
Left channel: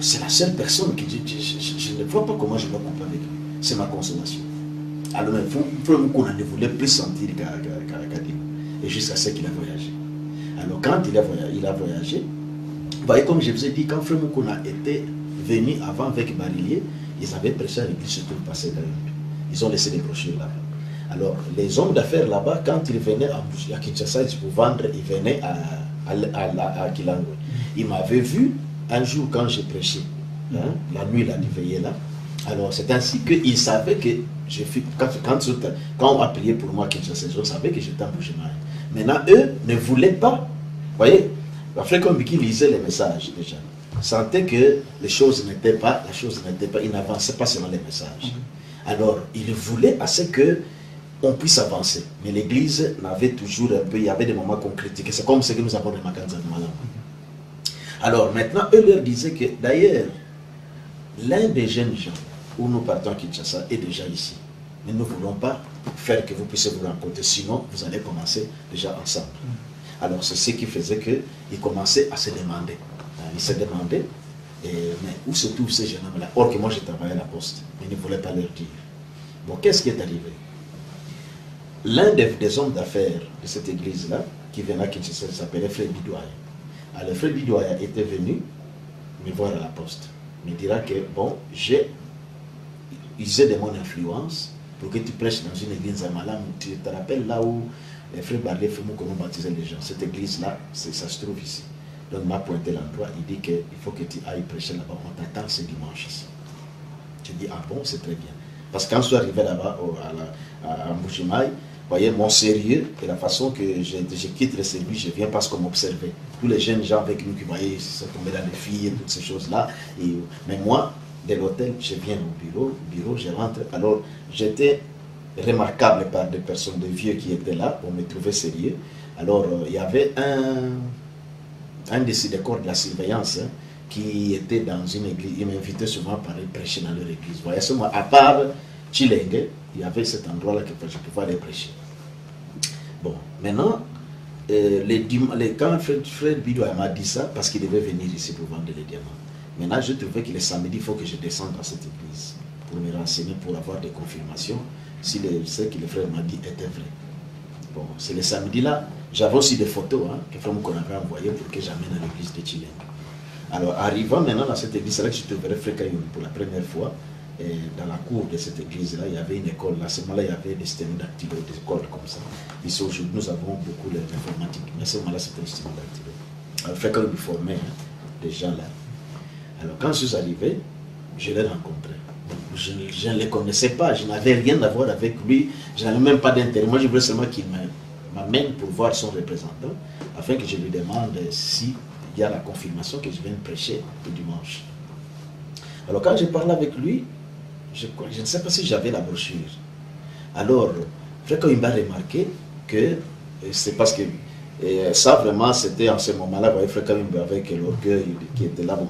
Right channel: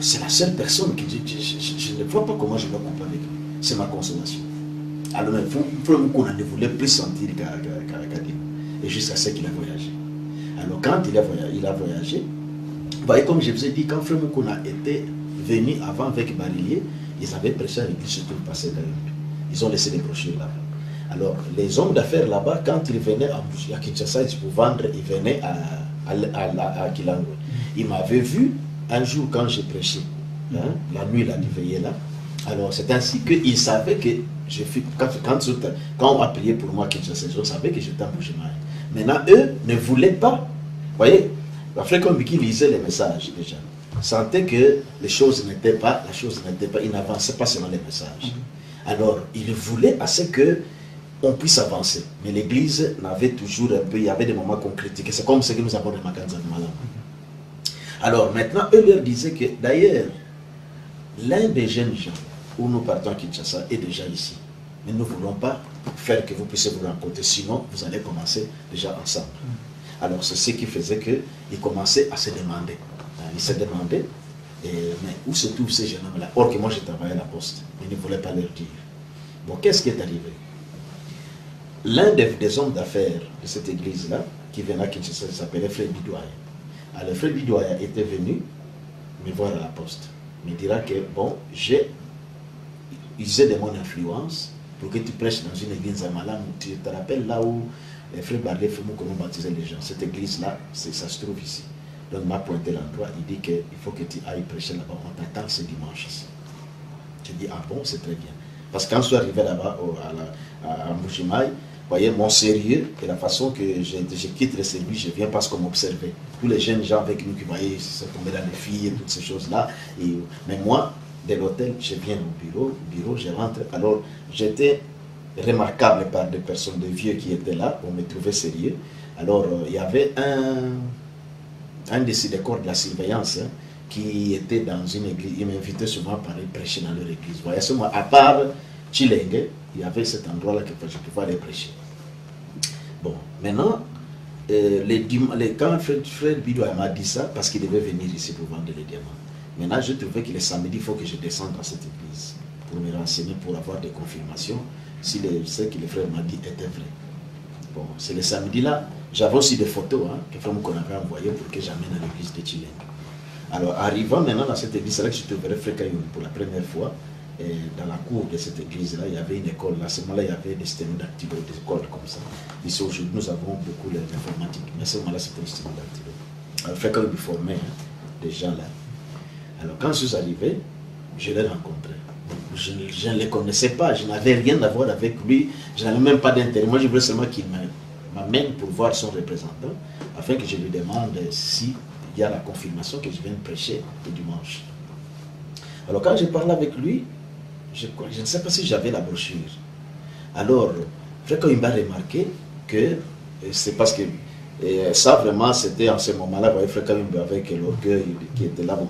c'est la seule personne qui dit, je ne vois pas comment je dois couper avec lui. C'est ma consolation. Alors, Frère Moukouna ne voulait plus sentir Kadima. Et jusqu'à ce qu'il a voyagé. Alors quand il a voyagé, vous voyez, comme je vous ai dit, quand Frère Moukouna était venu avant avec Barillier, ils avaient prêché à l'église sur tout le passé d'Ayumbi. Ils ont laissé des brochures là-bas. Alors, les hommes d'affaires là-bas, quand ils venaient à Kinshasa pour vendre, ils venaient à Kilangwe. Ils m'avaient vu un jour quand j'ai prêché, hein, la nuit, là, ils veillaient là. Alors, c'est ainsi qu'ils savaient que je fais, quand on m'a prié pour moi à Kinshasa, ils savaient que j'étais en Boujima. Maintenant, eux ne voulaient pas. Vous voyez, Frère Kombiki lisait les messages déjà. Sentait que les choses n'étaient pas, il n'avançait pas selon les messages. Alors, il voulait à ce que on puisse avancer. Mais l'église n'avait toujours un peu, il y avait des moments qu'on critiquait. C'est comme ce que nous avons remarqué dans Malam. Alors, maintenant, eux leur disaient que, d'ailleurs, l'un des jeunes gens où nous partons à Kinshasa est déjà ici. Mais nous ne voulons pas faire que vous puissiez vous rencontrer, sinon vous allez commencer déjà ensemble. Alors, c'est ce qui faisait qu'ils commençaient à se demander. Ils se demandaient, mais où se trouvent ces jeunes hommes-là? Or que moi, je travaillais à la poste, mais ils ne voulaient pas leur dire. Bon, qu'est-ce qui est arrivé? L'un des hommes d'affaires de cette église-là, qui venait à Kinshasa, s'appelait Frère Bidouaya. Alors, Frère Bidouaya était venu me voir à la poste. Il me dira que, bon, j'ai usé de mon influence pour que tu prêches dans une église à Malam. Tu te rappelles là où les frères Barlé Fumou baptisaient les gens. Cette église-là, ça se trouve ici. Donc, il m'a pointé l'endroit. Il dit qu'il faut que tu ailles prêcher là-bas. On t'attend ce dimanche ici. Je dis, ah bon, c'est très bien. Parce que quand je suis arrivé là-bas à Mbujimaï, vous voyez, mon sérieux et la façon que je quitte le service, je viens parce qu'on m'observait. Tous les jeunes gens avec nous qui voyaient, ça tombait dans les filles et toutes ces choses-là. Mais moi, de l'hôtel, je viens au bureau, je rentre. Alors, j'étais remarquable par des personnes, des vieux qui étaient là, on me trouvait sérieux. Alors, il y avait un des corps de la surveillance, hein, qui était dans une église. Il m'invitait souvent à aller prêcher dans leur église. Vous voyez, moi, à part Tchilenge, il y avait cet endroit-là que je pouvais aller prêcher. Bon, maintenant, quand Frère Bidouaya m'a dit ça, parce qu'il devait venir ici pour vendre les diamants, Maintenant, je trouvais que le samedi, il faut que je descende dans cette église pour me renseigner, pour avoir des confirmations si ce que le frère m'a dit était vrai. Bon, c'est le samedi là, j'avais aussi des photos que frère qu'on avait envoyées pour que j'amène à l'église de Chileng. Alors, arrivant maintenant dans cette église, c'est là que je trouverai frère Kayum pour la première fois. Et dans la cour de cette église-là, il y avait une école. Là, à ce moment-là, il y avait des sténodactylos, des écoles comme ça. Ici, aujourd'hui, nous avons beaucoup l'informatique. Mais à ce moment-là, c'était un sténodactylo. Alors, frère Kayum formait des gens là. Alors, quand je suis arrivé, je l'ai rencontré. Je ne les connaissais pas, je n'avais rien à voir avec lui, je n'avais même pas d'intérêt. Moi, je voulais seulement qu'il m'amène pour voir son représentant, afin que je lui demande s'il y a la confirmation que je viens de prêcher le dimanche. Alors, quand je parlais avec lui, je ne sais pas si j'avais la brochure. Alors, Frère Kayumba a remarqué que c'est parce que ça, vraiment, c'était en ce moment-là, vous voyez, Frère Kayumba avec l'orgueil qui était là. Bon,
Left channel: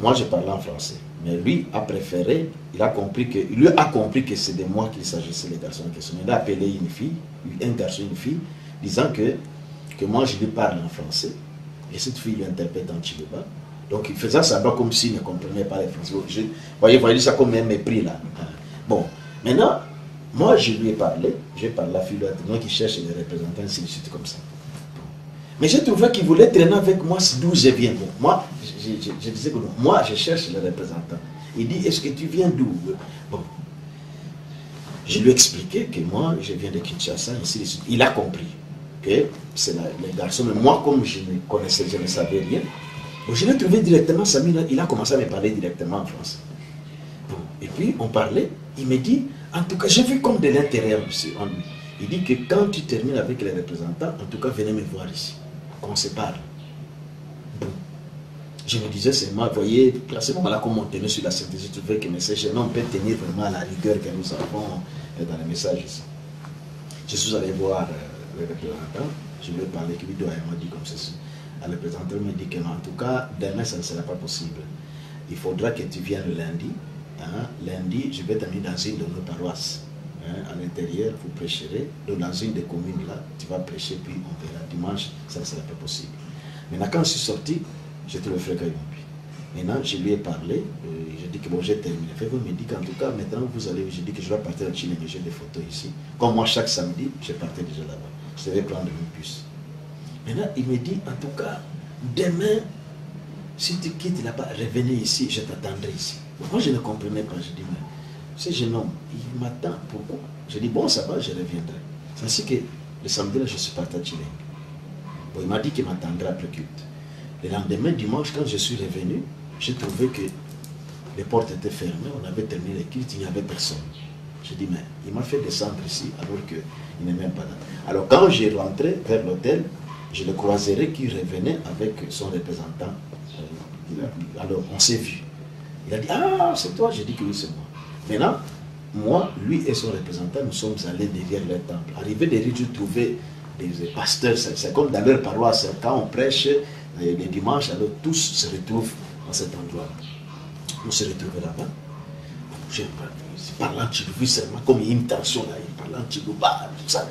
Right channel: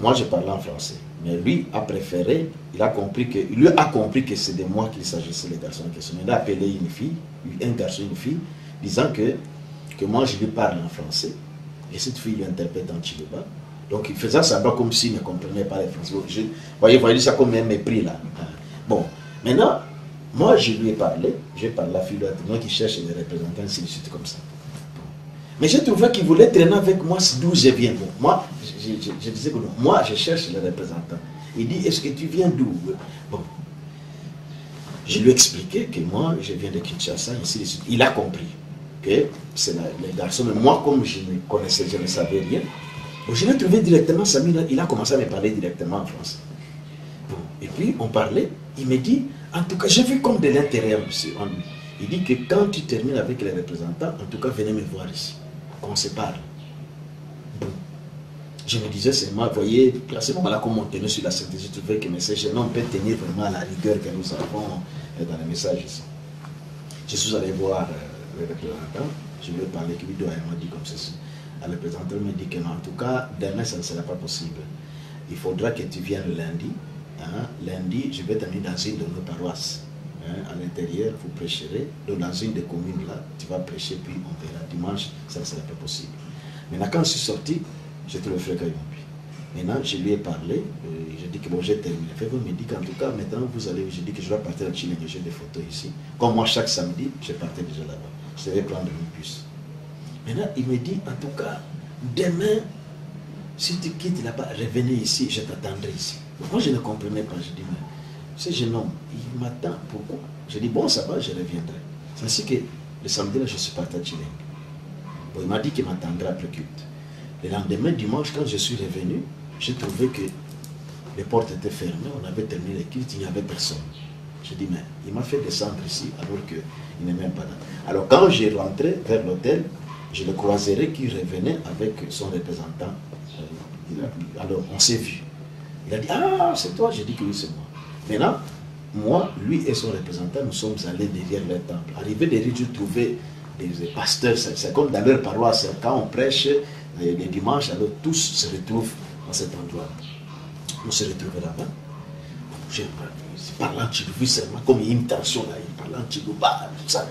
moi, je parlais en français. Mais lui a préféré, il a compris que c'est de moi qu'il s'agissait, les garçons en question. Il a appelé une fille, un garçon et une fille, disant que moi je lui parle en français, et cette fille lui interprète en Chiluba. Donc il faisait semblant comme s'il ne comprenait pas les français. Voyez ça comme un mépris là. Bon, maintenant, moi je lui ai parlé, j'ai parlé à la fille moi qui cherche des représentants, ainsi de suite comme ça. Mais j'ai trouvé qu'il voulait traîner avec moi d'où je viens. Bon, moi, je disais que non, moi, je cherche le représentant. Il dit, est-ce que tu viens d'où? Bon, je lui ai expliqué que moi, je viens de Kinshasa, ainsi de suite. Il a compris que c'est les garçons. Mais moi, comme je ne savais rien, bon, je l'ai trouvé directement, Samir, il a commencé à me parler directement en français. Bon, et puis, on parlait, il me dit, en tout cas, j'ai vu comme de l'intérêt en lui. Il dit que quand tu termines avec les représentants, en tout cas, venez me voir ici. Qu'on se parle. Bon. Je me disais seulement, vous voyez, à ce moment-là, comme on tenait sur la synthèse, je trouvais que ce jeune homme peut tenir vraiment à la rigueur que nous avons dans les messages ici. Je suis allé voir le représentant, je lui ai parlé, qu'il m'a dit comme ceci. Le représentant m'a dit que non, en tout cas, demain, ça ne sera pas possible. Il faudra que tu viennes le lundi. Lundi, je vais t'amener dans une de nos paroisses. À l'intérieur, vous prêcherez. Donc, dans une des communes là, tu vas prêcher, puis on verra. Dimanche, ça ne sera pas possible. Maintenant, quand je suis sorti, j'ai trouvé Frère Kayumba. Maintenant, je lui ai parlé. J'ai dit que bon, j'ai terminé. Frère Kayumba me dit qu'en tout cas, maintenant, vous allez. J'ai dit que je vais partir à Chileng, j'ai des photos ici. Comme moi, chaque samedi, je partais déjà là-bas. Je devais prendre une bus. Maintenant, il me dit, en tout cas, demain, si tu quittes là-bas, revenez ici, je t'attendrai ici. Moi, je ne comprenais pas. Je dis, mais ce jeune homme, il m'attend, pourquoi? Je dis, bon, ça va, je reviendrai. C'est ainsi que le samedi, là, je suis parti à Chileng. Bon, il m'a dit qu'il m'attendra après culte. Le lendemain, dimanche, quand je suis revenu, j'ai trouvé que les portes étaient fermées, on avait terminé le culte, il n'y avait personne. J'ai dit, mais il m'a fait descendre ici, alors qu'il n'est même pas là. Alors, quand j'ai rentré vers l'hôtel, je le croiserai qui revenait avec son représentant. Alors, on s'est vu. Il a dit, ah, c'est toi? J'ai dit que oui, c'est moi. Maintenant, moi, lui et son représentant, nous sommes allés derrière le temple. Arrivé derrière, j'ai trouvé des pasteurs, c'est comme dans leur paroisse, quand on prêche les dimanches, alors tous se retrouvent dans cet endroit. On se retrouvait là-bas. J'ai parlé en Chiluba, seulement comme il y a une tension là, il parlait en Chiluba, tout ça.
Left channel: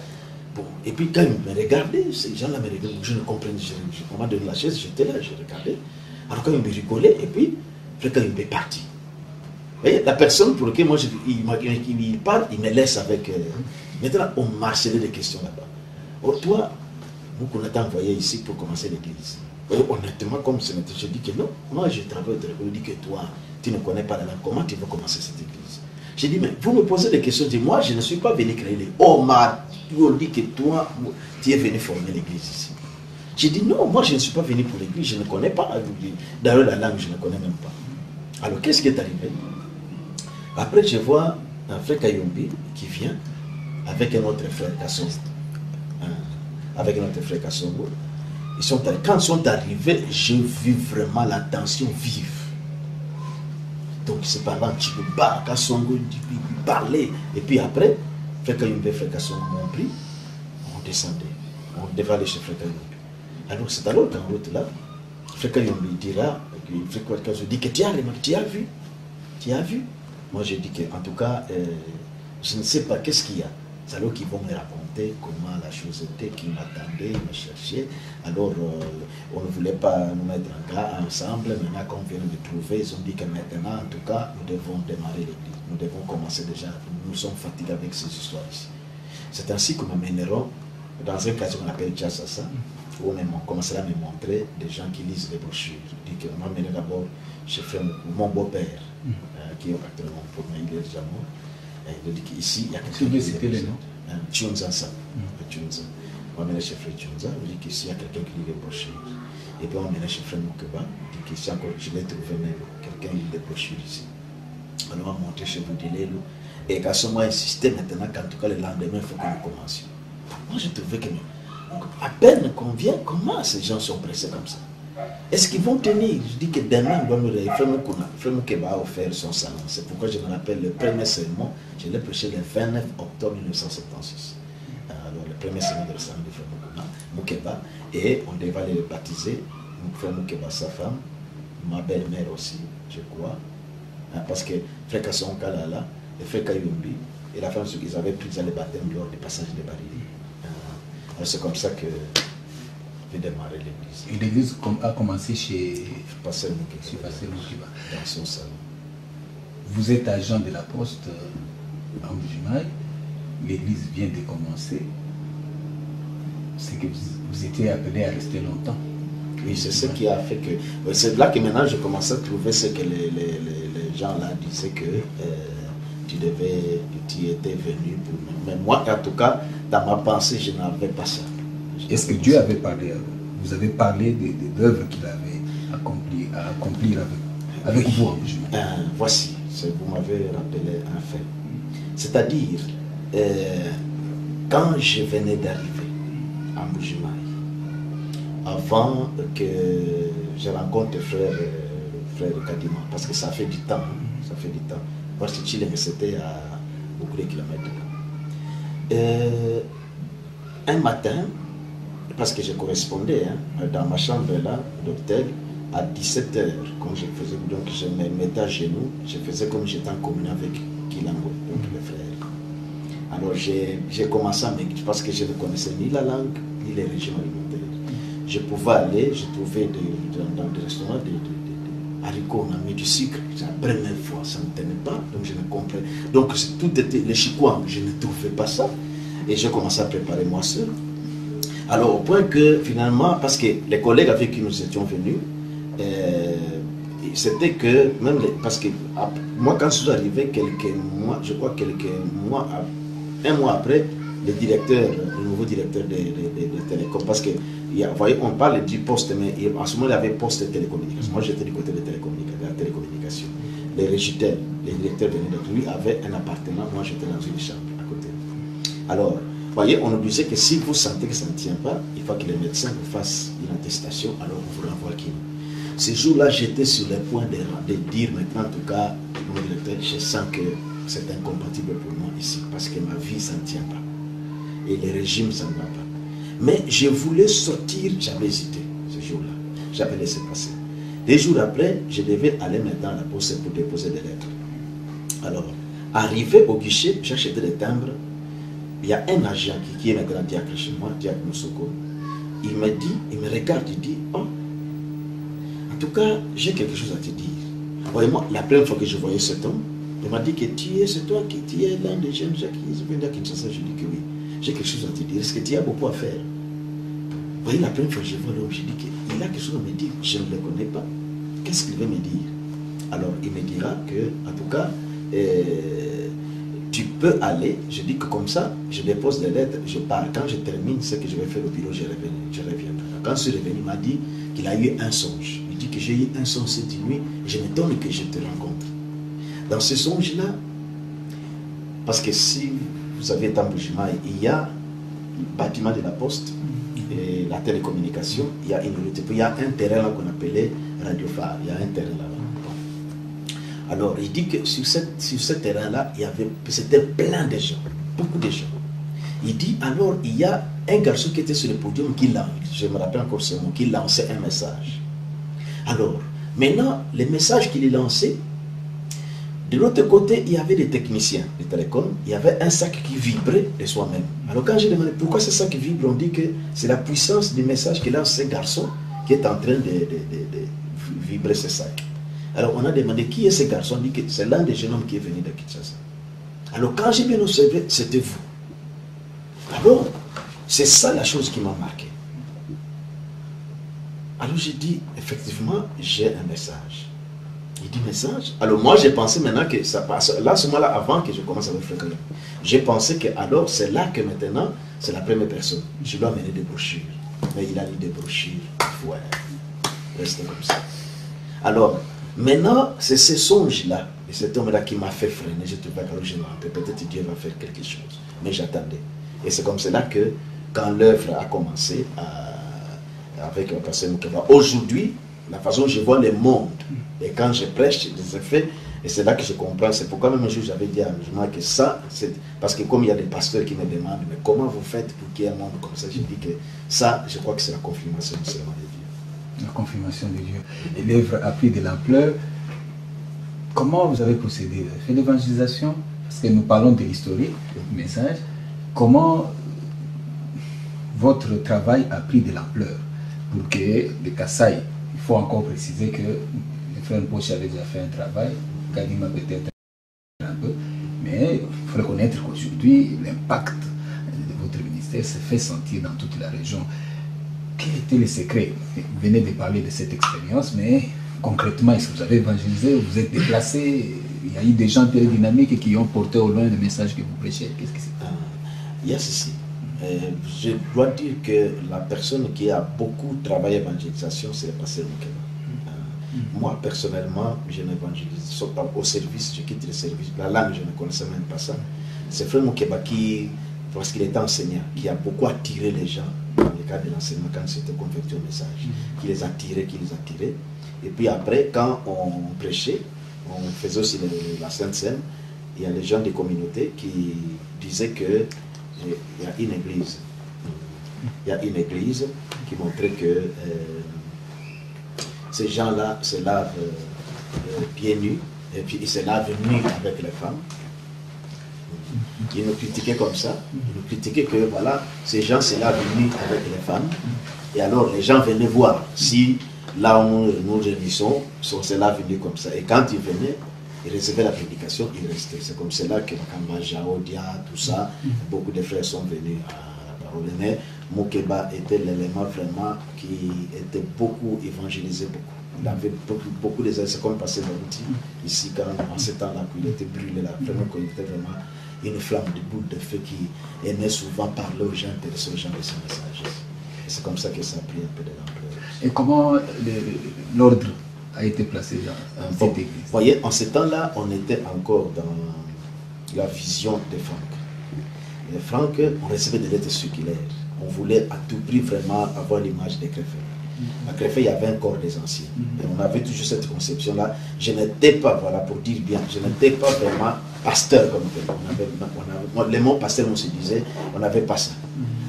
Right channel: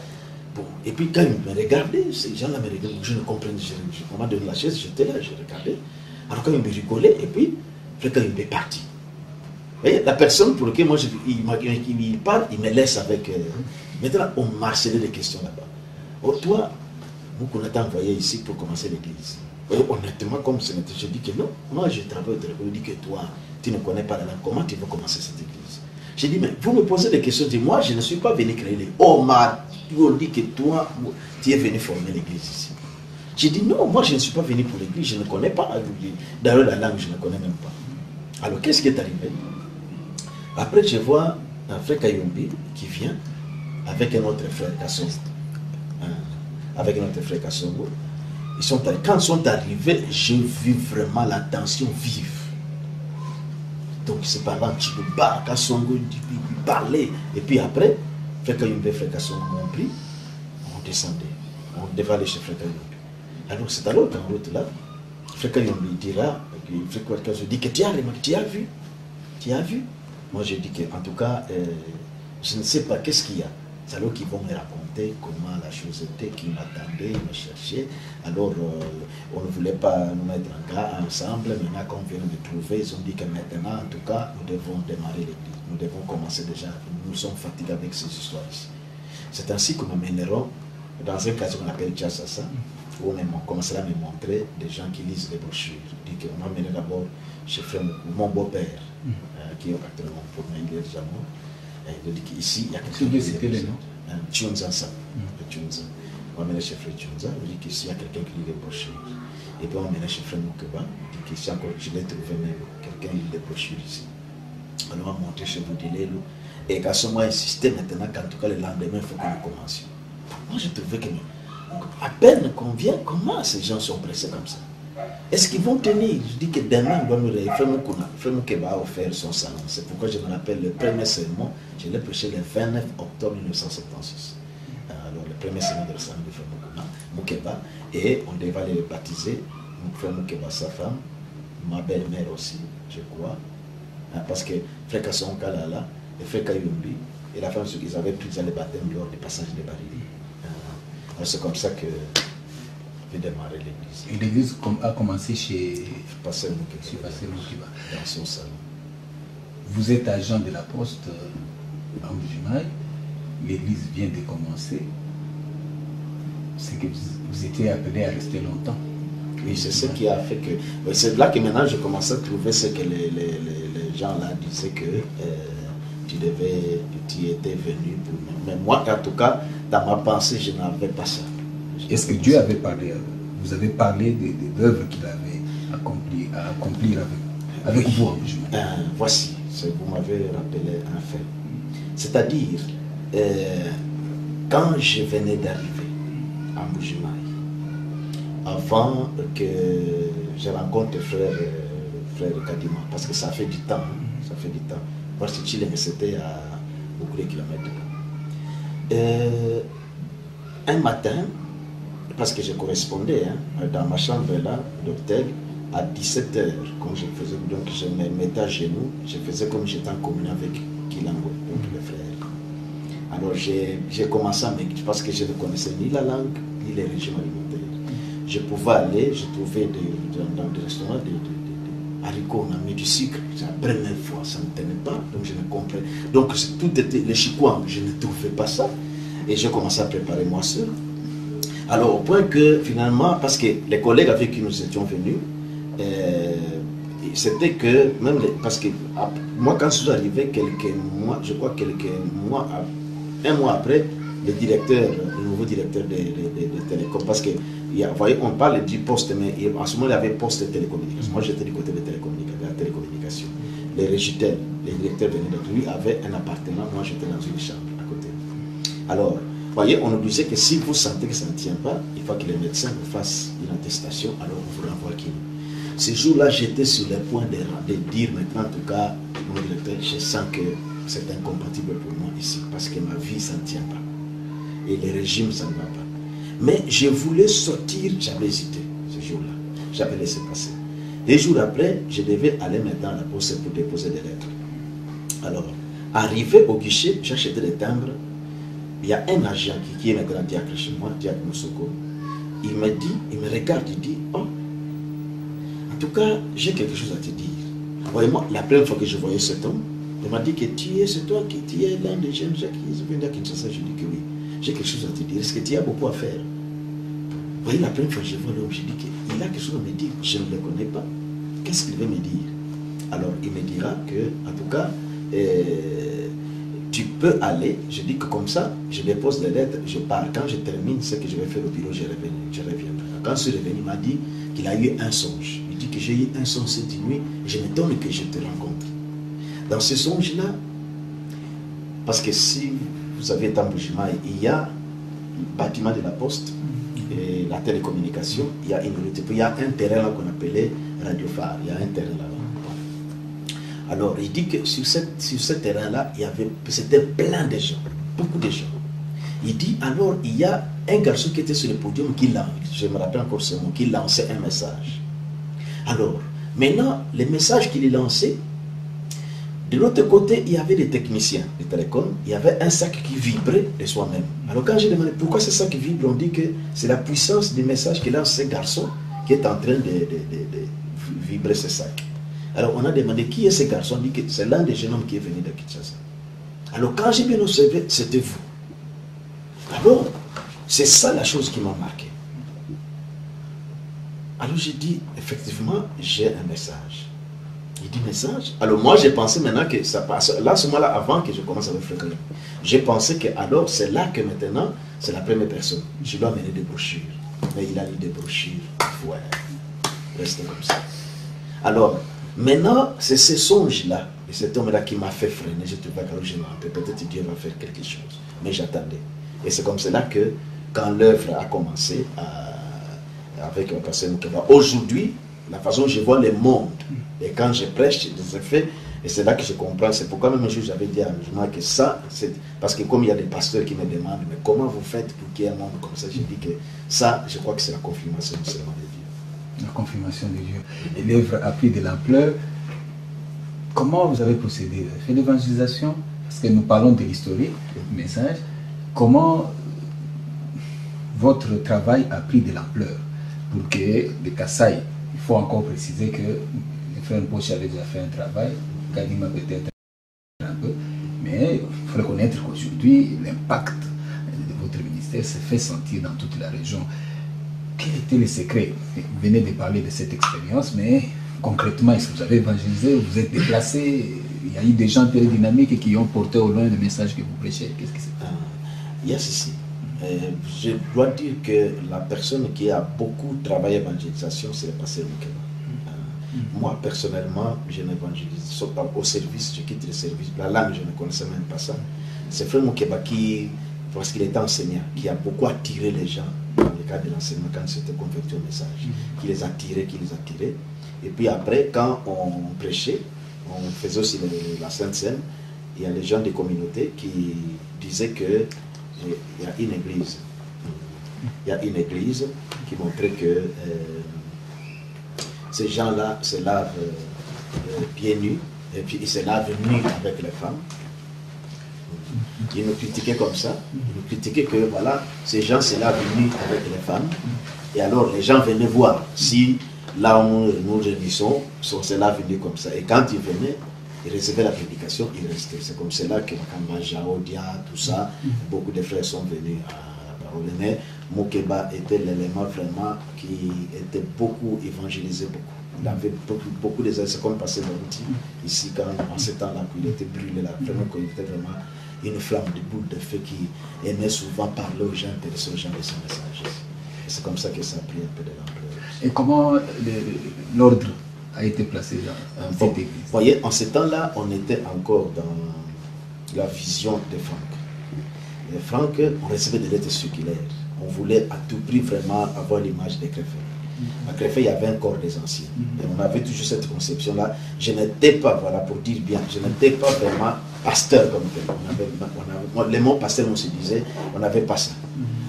Bon, et puis quand il me regardait, ces gens-là me regardaient, je ne comprenais pas. On m'a donné la chaise, j'étais là, je regardais. Alors quand il me rigolait, et puis, quand il est parti. Vous voyez, la personne pour laquelle moi il parle, il me laisse avec. Maintenant, on marcelait des questions là-bas. Or, toi, nous qu'on a été envoyé ici pour commencer l'église. Honnêtement, comme ce n'était, je dis que non, moi je travaille, je dis que toi, tu ne connais pas la langue, comment tu veux commencer cette église? J'ai dit, mais vous me posez des questions, je dis, moi je ne suis pas venu créer les. Oh, on dit que toi, tu es venu former l'église ici. J'ai dit, non, moi je ne suis pas venu pour l'église, je ne connais pas. D'ailleurs, la langue, je ne connais même pas. Alors, qu'est-ce qui est arrivé? Après, je vois un frère Kayumba qui vient avec un autre frère Kassongo. Avec un autre frère Kassongo. Quand ils sont arrivés, j'ai vu vraiment la tension vive. Donc, c'est par là que Chiluba, Kassongo, il parlait. Et puis après, frère Kayumba et frère Kassongo m'ont pris, on descendait. On devait aller chez frère Kayumba. Alors, c'est alors qu'en route là, frère Kayumba dira, frère Kassongo dit que tu as vu? Tu as vu? Moi, j'ai dit que, en tout cas, je ne sais pas qu'est-ce qu'il y a. C'est alors qu'ils vont me raconter. raconté comment la chose était, qui m'attendait, il me cherchait. Alors, on ne voulait pas nous mettre en gars ensemble. Maintenant, quand on vient de trouver, ils ont dit que maintenant, en tout cas, nous devons démarrer l'église. Nous devons commencer déjà. Nous sommes fatigués avec ces histoires ici. C'est ainsi que nous mènerons dans un quartier qu'on appelle Tchassassa, où on commencera à me montrer des gens qui lisent des brochures. Je dis qu'on va mener d'abord chez mon beau-père, qui est actuellement pour moi, il est déjà mort. Il dit qu'ici, il y a quelqu'un qui c'était les noms. Tchunza, ça. Tchunza. On va mener chez Frère Tchunza, il dit qu'ici, il y a quelqu'un qui lit des brochures. Et puis on va mener chez Frère Moukeba, il dit qu'ici encore, je l'ai trouvé même, quelqu'un qui lit des brochures ici. Alors on va monter chez vous, et qu'à ce moment, insister maintenant qu'en tout cas, le lendemain, il faut que nous commencions. Moi, je trouvais que à peine qu'on vient, comment ces gens sont pressés comme ça? Est-ce qu'ils vont tenir? Je dis que demain, on doit nous réveiller. Frère Moukeba a offert son salon. C'est pourquoi je me rappelle le premier sermon. Je l'ai prêché le 29 octobre 1976. Alors, le premier sermon de le salon de Frère Moukeba. Et on devait aller le baptiser. Frère Moukeba, sa femme, ma belle-mère aussi, je crois. Parce que Frère Kasson Kalala et Frère Kayumbi et la femme, ils avaient pris le baptême lors du passage des barils. Alors, c'est comme ça que j'ai démarré l'église. Et l'église a commencé chez Pasteur Moukeba, dans son salon. Vous êtes agent de la poste en Bujimaï. L'église vient de commencer. C'est que vous étiez appelé à rester longtemps. Oui, c'est ce qui a fait que... C'est là que maintenant je commençais à trouver ce que les gens là disaient que tu étais venu pour nous. Mais moi, en tout cas, dans ma pensée, je n'avais pas ça. Est-ce que Dieu avait parlé, vous avez parlé de l'œuvre qu'il avait à accomplir avec vous en Bujimaï? Voici, vous m'avez rappelé un fait. C'est-à-dire, quand je venais d'arriver à Bujimaï, avant que je rencontre frère Kadima, parce que ça fait du temps, parce que Chile, mais c'était à beaucoup de kilomètres. Un matin, parce que je correspondais dans ma chambre là, d'hôtel, à 17h, quand je faisais, donc je me mettais à genoux, je faisais comme j'étais en communion avec Kilango, donc le frère. Alors j'ai commencé à m'écrire, parce que je ne connaissais ni la langue, ni les régions alimentaires. Je pouvais aller, je trouvais dans des restaurants des haricots, on a mis du sucre. C'est la première fois, ça ne tenait pas, donc je ne comprenais. Donc tout était les chikwang, je ne trouvais pas ça. Et j'ai commencé à préparer moi seul. Alors au point que finalement, parce que les collègues avec qui nous étions venus, c'était que, même parce que moi quand je suis arrivé, je crois un mois après, le nouveau directeur de Télécom, parce que vous voyez, on parle du poste, mais en ce moment il y avait poste de télécommunication. Moi j'étais du côté de la télécommunication. Les Régitels, les directeurs venaient de lui, avaient un appartement, moi j'étais dans une chambre à côté. Alors, vous voyez, on nous disait que si vous sentez que ça ne tient pas, il faut que les médecins vous fassent une attestation, alors on vous renvoie qui. Ce jour-là, j'étais sur le point de dire maintenant, en tout cas, mon directeur, je sens que c'est incompatible pour moi ici, parce que ma vie, ça ne tient pas. Et le régime, ça ne va pas. Mais je voulais sortir, j'avais hésité ce jour-là. J'avais laissé passer. 2 jours après, je devais aller maintenant à la poste pour déposer des lettres. Alors, arrivé au guichet, j'achetais des timbres. Il y a un agent qui est maintenant diacre chez moi, diacre Moussoko. Il me regarde, il dit, oh, en tout cas, j'ai quelque chose à te dire. Voyez-moi, la première fois que je voyais cet homme, il m'a dit que c'est toi qui es l'un des jeunes gens qui viennent à Kinshasa. Je dis que oui. J'ai quelque chose à te dire. Est-ce que tu as beaucoup à faire? Vous voyez, la première fois que je vois l'homme, je dis qu'il a quelque chose à me dire. Je ne le connais pas. Qu'est-ce qu'il veut me dire? Alors, il me dira que, en tout cas, tu peux aller. Je dis que comme ça, je dépose les lettres, je pars. Quand je termine ce que je vais faire au bureau, je reviendrai. Quand je suis revenu, il m'a dit qu'il a eu un songe. Il dit que j'ai eu un songe cette nuit. Je m'étonne que je te rencontre. Dans ce songe-là, parce que si vous avez été en Bujimaï, il y a le bâtiment de la poste et la télécommunication, il y a une route. Il y a un terrain là qu'on appelait Radio Phare, il y a un terrain là-bas. Alors, il dit que sur ce terrain-là, c'était plein de gens, beaucoup de gens. Il dit, alors, il y a un garçon qui était sur le podium qui lance, je me rappelle encore ce mot, qui lançait un message. Alors, maintenant, le message qu'il lançait, De l'autre côté, il y avait des techniciens de télécom, il y avait un sac qui vibrait de soi-même. Alors quand j'ai demandé pourquoi ce sac vibre, on dit que c'est la puissance du message qu'il lance ce garçon qui est en train de vibrer ce sac. Alors on a demandé qui est ce garçon, on dit que c'est l'un des jeunes hommes qui est venu de Kinshasa. Alors quand j'ai bien observé, c'était vous. Alors, c'est ça la chose qui m'a marqué. Alors j'ai dit, effectivement, j'ai un message. Il dit message. Alors moi j'ai pensé maintenant que ça passe. Là, ce moment-là, avant que je commence avec Frère Kayombo, j'ai pensé que alors c'est là que maintenant, c'est la première personne. Je dois amener des brochures. Mais il a mis des brochures. Ouais. Restez comme ça. Alors, maintenant, c'est ce songe-là, et cet homme-là qui m'a fait freiner. Je te vois que je me rappelle, peut-être Dieu va faire quelque chose. Mais j'attendais. Et c'est comme cela que, quand l'œuvre a commencé avec le pasteur Moukeba, aujourd'hui, la façon dont je vois le monde, et quand je prêche des effets, et c'est là que je comprends, c'est pourquoi même un jour j'avais dit à Musulman que ça, c'est parce que comme il y a des pasteurs qui me demandent, mais comment vous faites pour qu'il y ait un monde comme ça, je dis que ça, je crois que c'est la confirmation du serment de Dieu. La confirmation de Dieu. Et l'œuvre a pris de l'ampleur. Comment vous avez procédé? Vous avez fait l'évangélisation? Parce que nous parlons de l'historique, du message. Comment votre travail a pris de l'ampleur pour que le Kasaï, il faut encore préciser que le frère Poche avait déjà fait un travail, Kadima peut-être un peu, mais il faut reconnaître qu'aujourd'hui, l'impact de votre ministère se fait sentir dans toute la région. Quel était le secret? Vous venez de parler de cette expérience, mais concrètement, est-ce que vous avez évangélisé, vous êtes déplacé? Il y a eu des gens très dynamiques qui ont porté au loin le message que vous prêchez. Qu'est-ce que c'est? Il y a ceci. Je dois dire que la personne qui a beaucoup travaillé l'évangélisation, c'est le pasteur Moukeba. Moi, personnellement, je n'évangélise pas au service, je quitte le service. La langue, je ne connaissais même pas ça. C'est frère Moukeba qui, parce qu'il était enseignant, qui a beaucoup attiré les gens dans le cadre de l'enseignement quand c'était converti au message. Qui les attirait. Et puis après, quand on prêchait, on faisait aussi la Sainte Seine, il y a les gens des communautés qui disaient que il y a une église. Il y a une église qui montrait que ces gens-là se lavent pieds nus et puis ils se lavent nus avec les femmes. Ils nous critiquaient comme ça. Ils nous critiquaient que voilà, ces gens se lavent nus avec les femmes. Et alors les gens venaient voir si là où nous réunissons, se lavent nus comme ça. Et quand ils venaient, ils recevaient la prédication, ils restaient. C'est comme cela que Makamba, Jaodia, tout ça, beaucoup de frères sont venus à la parole. Mais Moukeba était l'élément vraiment qui était beaucoup évangélisé, beaucoup. Il avait beaucoup de... C'est comme passé Barouti, ici, quand, en ce temps-là, il était brûlé là, vraiment, il était vraiment une flamme de boule de feu qui aimait souvent parler aux gens, intéresser aux gens de son message. C'est comme ça que ça a pris un peu de l'ampleur. Et comment l'ordre a été placé dans cette église? Vous voyez, en ce temps-là, on était encore dans la vision de Franck. Et Franck, on recevait des lettres circulaires. On voulait à tout prix vraiment avoir l'image des Créfets. À Créfet, il y avait un corps des anciens. Et on avait toujours cette conception-là. Je n'étais pas, voilà, pour dire bien, je n'étais pas vraiment pasteur comme tel. Les mots pasteur, on se disait, on n'avait pas ça.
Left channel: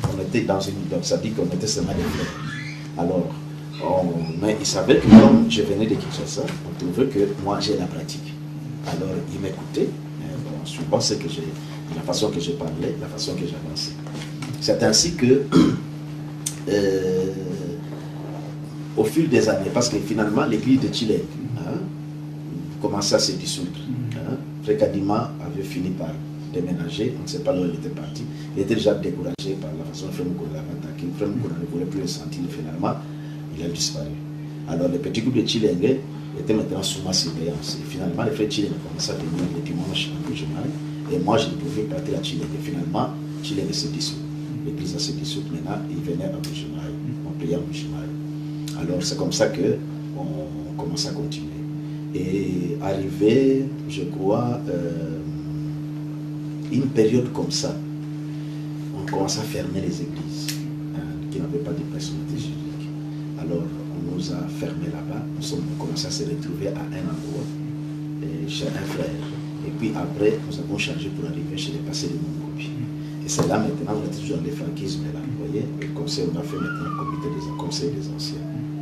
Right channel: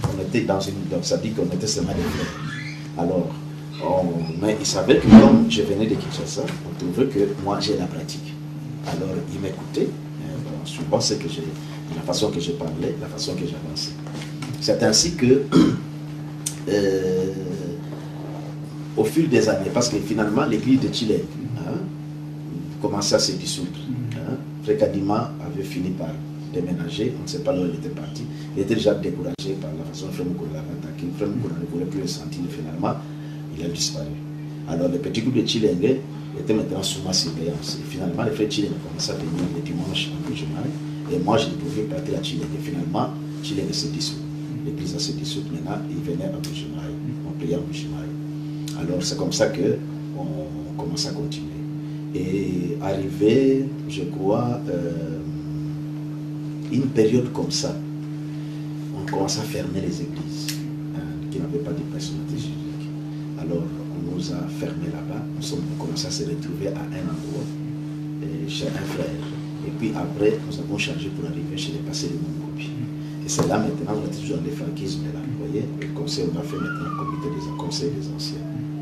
On était dans une... Donc ça dit qu'on était seulement des frères. Alors, mais il savait que comme je venais de Kinshasa, on trouvait que moi j'ai la pratique. Alors il m'écoutait, suivant ce que la façon que je parlais, la façon que j'avançais. C'est ainsi que, au fil des années, parce que finalement l'église de Chile commençait à se dissoudre. Frère Kadima avait fini par déménager, on ne sait pas où il était parti. Il était déjà découragé par la façon dont Frère Moukona l'avait attaqué. Frère Moukona ne voulait plus le sentir finalement. Il a disparu. Alors le petit groupe de Chilenge était maintenant sous ma surveillance. Et finalement, les frères Chilenge commençaient à venir le dimanche en Bujumaï. Et moi, je ne pouvais pas partir à Chilenge. Et finalement, Chilenge s'est dissous. L'église a s'est dissoute. Maintenant, il venait à Bujumaï. On priait en Bujumaï. Alors c'est comme ça qu'on commence à continuer. Et arrivé, je crois, une période comme ça, on commence à fermer les églises qui n'avaient pas de personnalité juridique. Alors, on nous a fermés là-bas. On commencé à se retrouver à un endroit, chez un frère. Et puis après, nous avons changé pour arriver chez les passés de Mongobi. Et c'est là maintenant, on est toujours dans le franquisme là. Vous voyez, le conseil, on a fait maintenant le comité des conseils des anciens.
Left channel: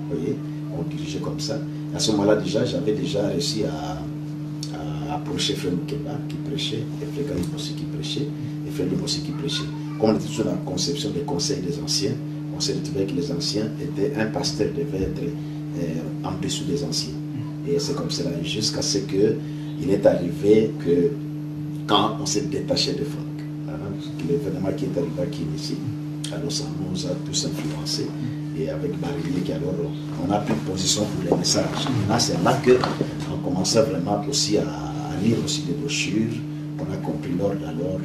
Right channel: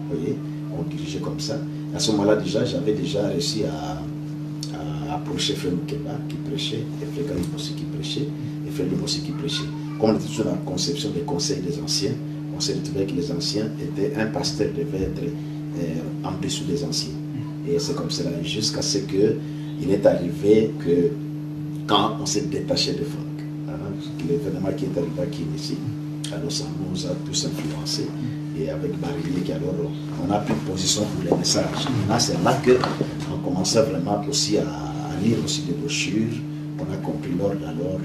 Vous voyez, on dirigeait comme ça. À ce moment-là, déjà, j'avais déjà réussi à a approché Frère Moukeba qui prêchait, et Frère Karim aussi qui prêchait, et Frère Lim aussi qui prêchait. Comme on était toujours dans la conception des conseils des anciens, on s'est retrouvé que les anciens étaient, un pasteur devait être en dessous des anciens. Et c'est comme cela, jusqu'à ce qu'il est arrivé que quand on s'est détaché de Franck, l'événement qui est arrivé à Kinesi, alors ça nous a tous influencés. Et avec Barillier, qui alors on a pris position pour les messages. Maintenant, c'est là qu'on commençait vraiment aussi à lire aussi des brochures. On a compris l'ordre alors.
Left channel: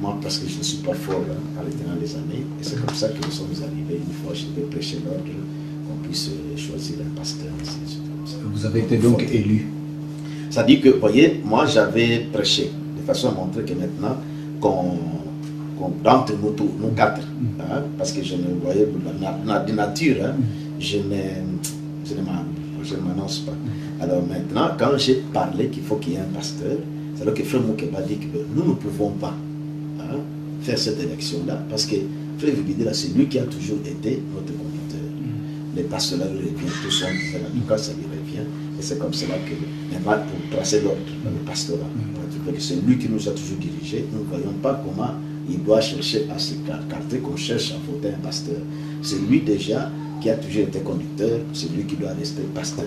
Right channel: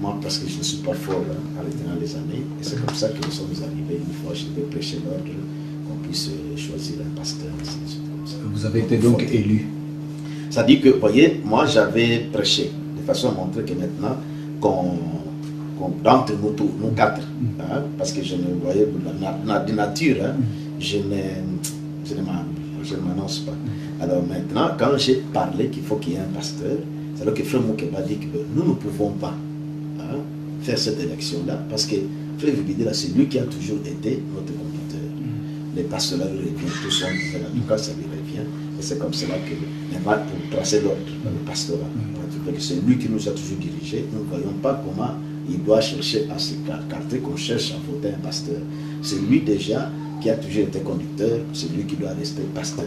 Moi, parce que je ne suis pas fort en retenant les années, et c'est comme ça que nous sommes arrivés une fois, je devais prêcher l'ordre, qu'on puisse choisir un pasteur. Vous avez été donc élu. Ça dit que, vous voyez, moi j'avais prêché, de façon à montrer que maintenant, d'entre nous tous, nous quatre, parce que je ne voyais de nature, je ne m'annonce pas. Alors maintenant, quand j'ai parlé qu'il faut qu'il y ait un pasteur, c'est là que Frère Moukeba dit que nous ne pouvons pas faire cette élection-là, parce que Frère Vibidela, c'est lui qui a toujours été notre conducteur. Les pasteurs là lui reviennent, tous sont différents, en tout cas ça lui revient, et c'est comme cela que, pour tracer l'ordre, le pastorat, c'est lui qui nous a toujours dirigés, nous ne voyons pas comment il doit chercher à s'écarter, qu'on cherche à voter un pasteur. C'est lui déjà qui a toujours été conducteur, c'est lui qui doit rester pasteur.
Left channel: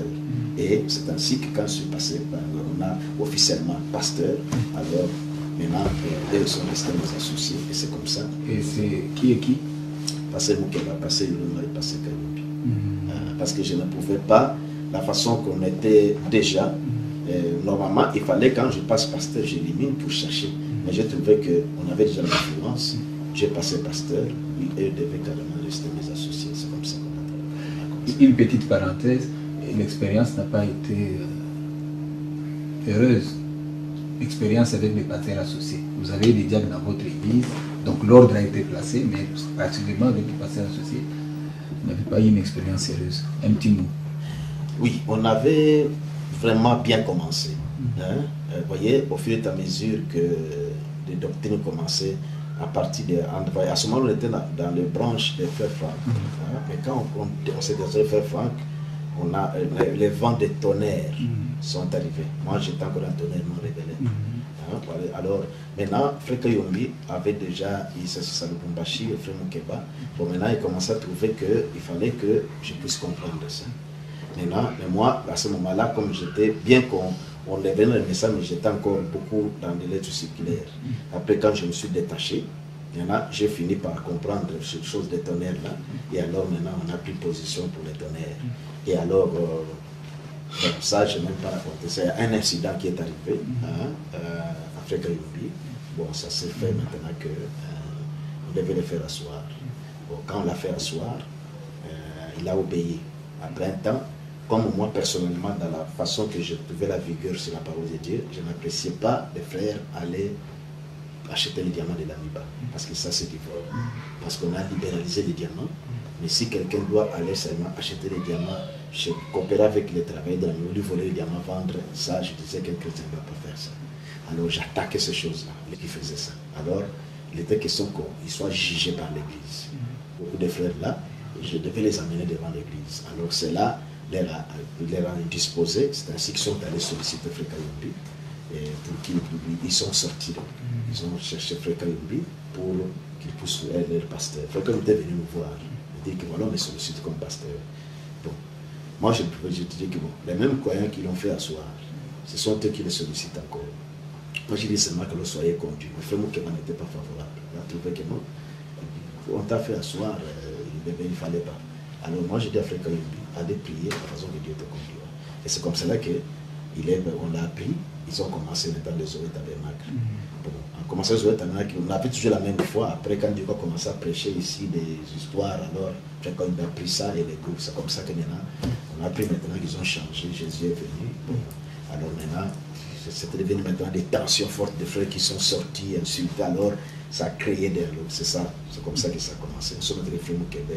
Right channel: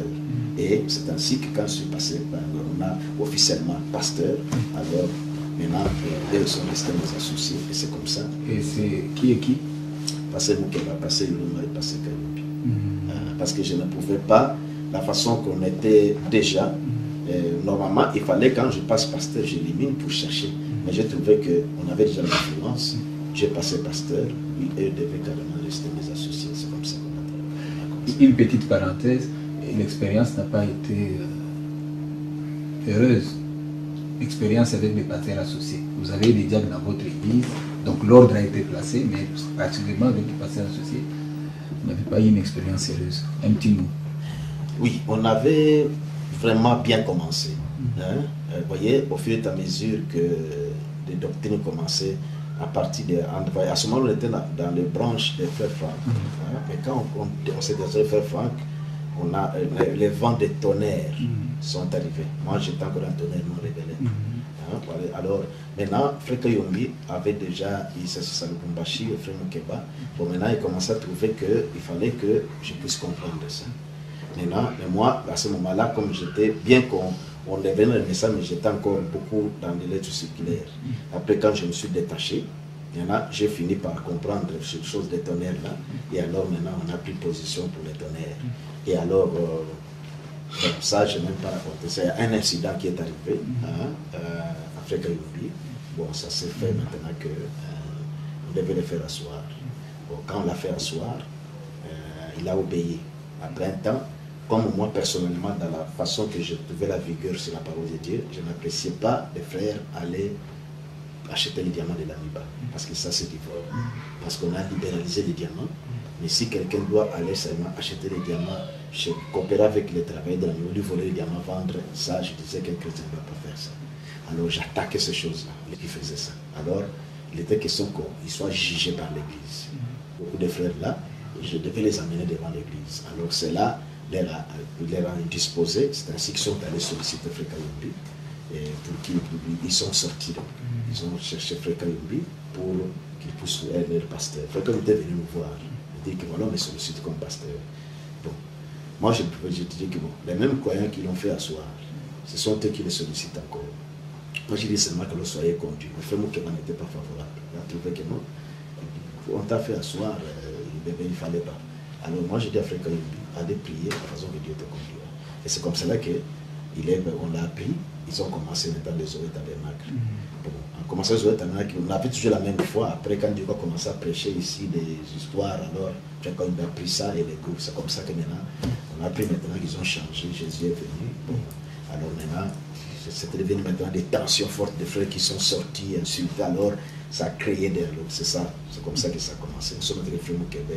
Et c'est ainsi que quand je suis passé, on a officiellement pasteur, alors maintenant, eux sont restés nos associés, et c'est comme ça. Et c'est qui est qui? Passer Moukeba, passer Iluma et passer Kaloubi. Parce que je ne pouvais pas, la façon qu'on était déjà, normalement, il fallait quand je passe pasteur, j'élimine pour chercher. Mais j'ai trouvé qu'on avait déjà l'influence, j'ai passé pasteur, lui, eux devaient carrément rester mes associés. C'est comme ça qu'on a commencé. Une petite parenthèse, l'expérience n'a pas été heureuse. Expérience avec les pasteurs associés. Vous avez des diacres dans votre église, donc l'ordre a été placé, mais particulièrement avec les pasteurs associés, vous n'avez pas eu une expérience heureuse. Un petit mot. Oui, on avait vraiment bien commencé. Vous voyez, au fur et à mesure que les doctrines commençaient, à partir de... À ce moment, on était dans les branches des frères Franck. Et quand on s'est désolé frères Franck, on a les vents de tonnerre sont arrivés. Moi, j'étais encore un tonnerre non révélé. Alors, maintenant, Frère Kayombi avait déjà, il s'est Salubumbashi et Frère Moukeba. Bon, maintenant, il commençait à trouver qu'il fallait que je puisse comprendre ça. Maintenant, mais moi, à ce moment-là, comme j'étais, bien qu'on avait le message, mais j'étais encore beaucoup dans les lettres circulaires. Après, quand je me suis détaché, j'ai fini par comprendre cette chose des tonnerres là. Et alors, maintenant, on a pris position pour les tonnerres. Et alors, ça, je n'ai même pas raconté. C'est un incident qui est arrivé à Frère Kayombi. Bon, ça s'est fait maintenant qu'on devait le faire asseoir. Bon, quand on l'a fait asseoir, il a obéi. Après un temps, comme moi personnellement, dans la façon que je trouvais la vigueur sur la parole de Dieu, je n'appréciais pas les frères aller acheter les diamants de l'Amiba. Parce que ça, c'est du vol. Parce qu'on a libéralisé les diamants. Mais si quelqu'un doit aller seulement acheter les diamants, je coopérais avec les travailleurs de l'Amiba, lui voler les diamants, vendre ça, je disais qu'un chrétien ne doit pas faire ça. Alors j'attaquais ces choses-là, les qui faisaient ça. Alors, il était question qu'ils soient jugés par l'Église. Beaucoup de frères là, je devais les amener devant l'Église. Alors c'est là, il les a disposés, c'est ainsi qu'ils sont allés solliciter Frère Kayombi, et pour qu'ils sont sortis. Ils ont cherché Frère Kayombi pour qu'il puisse être leur pasteur. Frère Kayombi était venu me voir, il dit que voilà, on me sollicite comme pasteur. Bon, moi je dis que bon, les mêmes croyants qui l'ont fait asseoir, ce sont eux qui les sollicitent encore. Moi je dis seulement que le soyez conduit. Le frère Moukeba n'était pas favorable. Il a trouvé que non, on t'a fait asseoir, il ne fallait pas. Alors moi je dis à Frère Kayombi, allez prier de la façon que Dieu te conduira. Et c'est comme cela qu'on l'a appris. Ils ont commencé maintenant les Zoé Tabernacle. Bon, en commençant les Zoé Tabernacle, on avait toujours la même foi. Après, quand Dieu a commencé à prêcher ici des histoires, alors Frère Kayombi a pris ça et les groupes. C'est comme ça que maintenant, on a appris maintenant qu'ils ont changé. Jésus est venu. Bon, alors maintenant, c'est devenu maintenant des tensions fortes de frères qui sont sortis, insultés. Alors, ça a créé des lots. C'est ça, c'est comme ça que ça a commencé. Nous sommes des frères Moukeba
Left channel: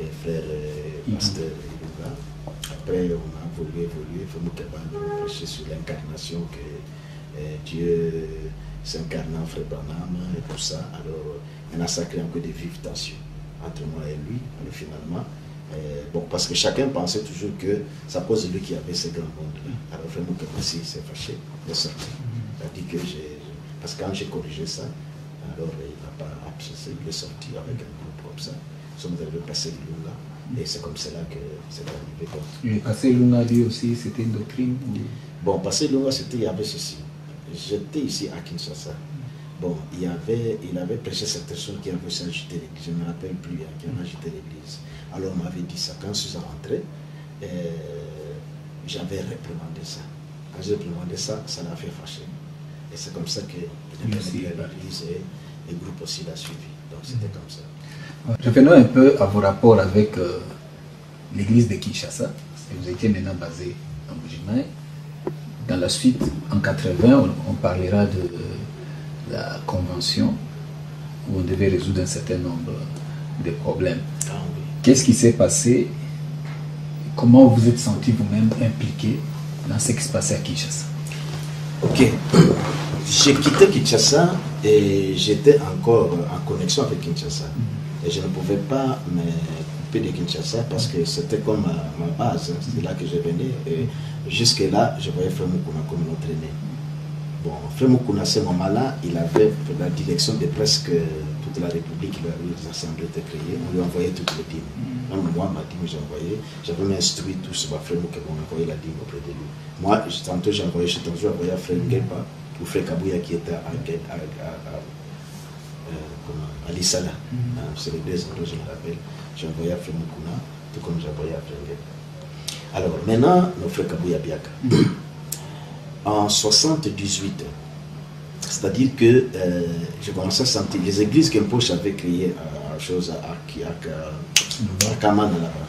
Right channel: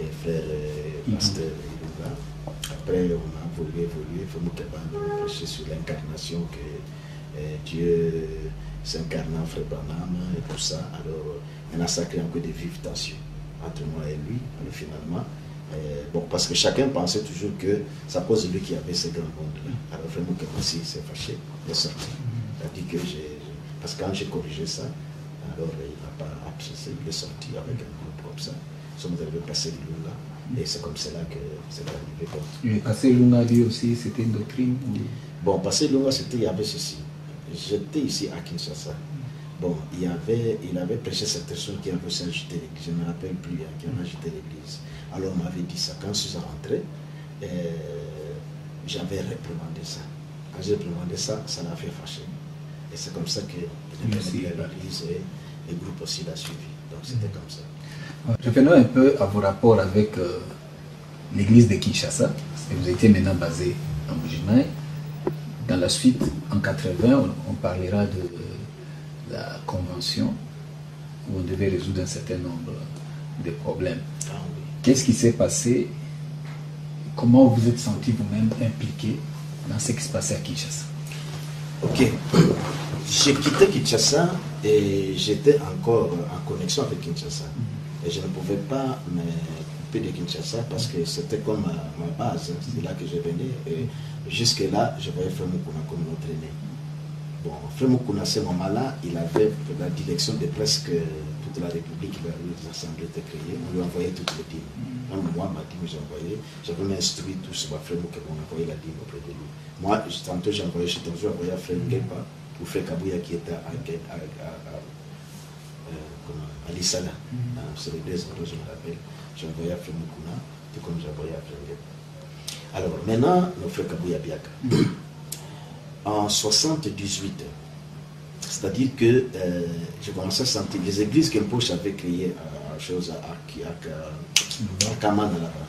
et frères Pasteur Ilunga. Après, on a évolué. Frère Moukeba a prêché sur l'incarnation que Dieu s'incarne en Frère Branham et tout ça. Alors, maintenant, ça crée encore des vives tensions entre moi et lui. Alors, finalement, Bon, parce que chacun pensait toujours que ça pose lui qui avait ce grand monde. Alors vraiment que aussi s'est fâché, il est sorti. Il a dit que parce que quand j'ai corrigé ça, alors il n'a pas abscessé, il est sorti avec un groupe comme ça. Nous sommes arrivés à passer Lunga. Et c'est comme cela que c'est arrivé. Et passer Lunga lui aussi, c'était une doctrine ou... Bon, passer Lunga, il y avait ceci. J'étais ici à Kinshasa. Bon, il avait prêché cette personne qui avait aussi agité l'église. Je ne me rappelle plus, qui a agité l'église. Alors on m'avait dit ça. Quand je suis rentré, j'avais réprimandé ça. Quand j'ai réprimandé ça, ça l'a fait fâcher. Et c'est comme ça que l'église et le groupe aussi l'a suivi. Donc c'était comme ça. Revenons un peu à vos rapports avec l'église de Kinshasa. Parce que vous étiez maintenant basé en Mbuji-Mayi. Dans la suite, en 80, on parlera de la convention où on devait résoudre un certain nombre de problèmes. Ah, oui. Qu'est-ce qui s'est passé? Comment vous êtes senti vous-même impliqué dans ce qui se passait à Kinshasa? Ok. J'ai quitté Kinshasa et j'étais encore en connexion avec Kinshasa. Et je ne pouvais pas me couper de Kinshasa parce que c'était comme ma base. C'est là que je venais. Et jusque-là, je voyais Frère Mukuna comme notre aîné. Bon, Frère Mukuna, à ce moment-là, il avait la direction de presque toute la République. Les assemblées étaient créées. On lui envoyait toutes les dîmes. Même moi, ma dîme, j'ai envoyé. J'avais instruit tous sur Frère Mukuna, on envoyait la dîme auprès de lui. Moi, tantôt, j'ai envoyé à Frère Ngepa ou Frère Kabouya qui était à Lissala. C'est les deux endroits, je me rappelle. J'ai envoyé à Frère Mukuna, tout comme j'ai envoyé à Frère Ngepa. Alors, maintenant, nos frères Kabouya Biaka. En 78, c'est-à-dire que je commençais à sentir les églises qu'Impoche avait créées à Kamana là-bas.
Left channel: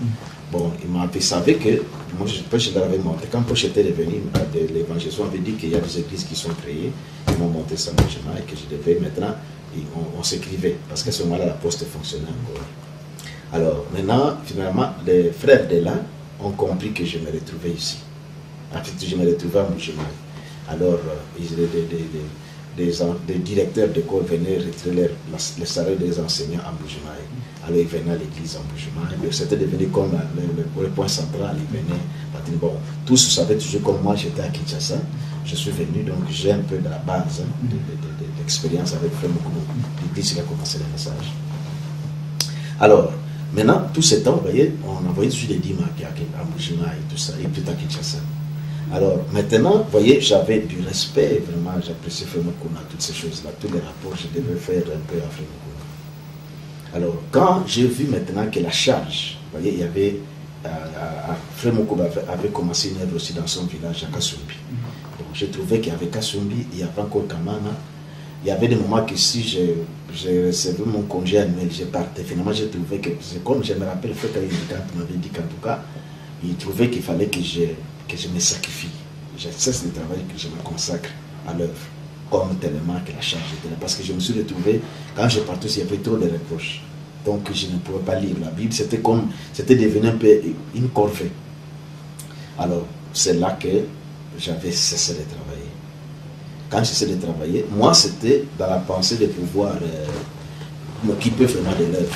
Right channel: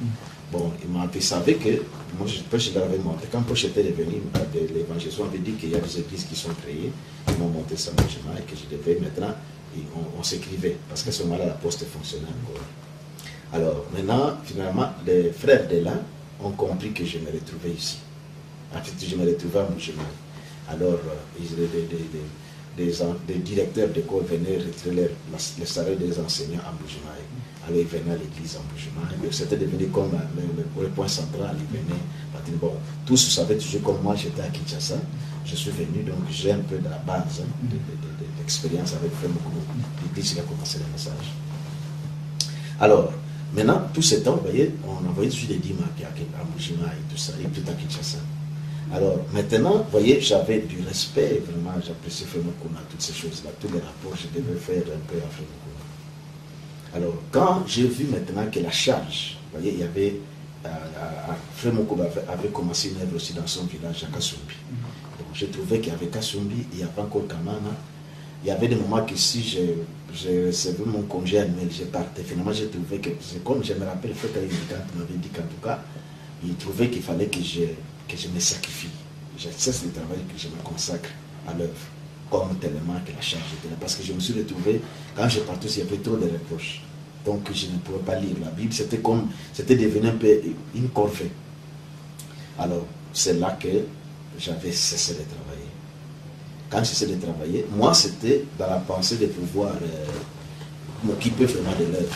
Bon, il m'avait savait que, moi je l'avais monté. Quand Poche était revenu de l'évangélisation, on avait dit qu'il y a des églises qui sont créées, ils m'ont monté ça et que je devais maintenant, on s'écrivait, parce qu'à ce moment-là, la poste fonctionnait encore. Alors, maintenant, finalement, les frères de là ont compris que je me retrouvais ici. En fait, je me retrouvais à Mbuji-Mayi. Alors, des directeurs d'école venaient retirer les salaires des enseignants à Mbuji-Mayi. Alors, ils venaient à l'église à Mbuji-Mayi. C'était devenu comme le point central. Ils venaient. Bon, tous savaient toujours comme moi, j'étais à Kinshasa. Je suis venu, donc j'ai un peu de la base d'expérience avec Frère Mukuna. L'église qui a commencé le message. Alors, maintenant, tout ce temps, vous voyez, on envoyait toujours des dîmes à Mbuji-Mayi et tout ça, et tout à Kinshasa. Alors, maintenant, vous voyez, j'avais du respect, vraiment, j'appréciais Frère Mukuna, toutes ces choses-là, tous les rapports, je devais faire un peu à Frère Mukuna. Alors, quand j'ai vu maintenant que la charge, vous voyez, il y avait, Frère Mukuna avait commencé une œuvre aussi dans son village à Kasumbi. Donc, j'ai trouvé qu'il y avait Kasumbi, il y avait encore Kamana. Il y avait des moments que si j'ai recevé mon congé annuel, je partais. Finalement, j'ai trouvé que, comme je me rappelle, Frère Kayimikant m'avait dit qu'en tout cas, il trouvait qu'il fallait que je me sacrifie. Je cesse de travailler, que je me consacre à l'œuvre, comme tellement que la charge était là. Parce que je me suis retrouvé, quand je partais, il y avait trop de reproches. Donc je ne pouvais pas lire la Bible. C'était devenu un peu une corvée. Alors, c'est là que j'avais cessé de travailler. Quand j'ai cessé de travailler, moi, c'était dans la pensée de pouvoir m'occuper vraiment de l'œuvre.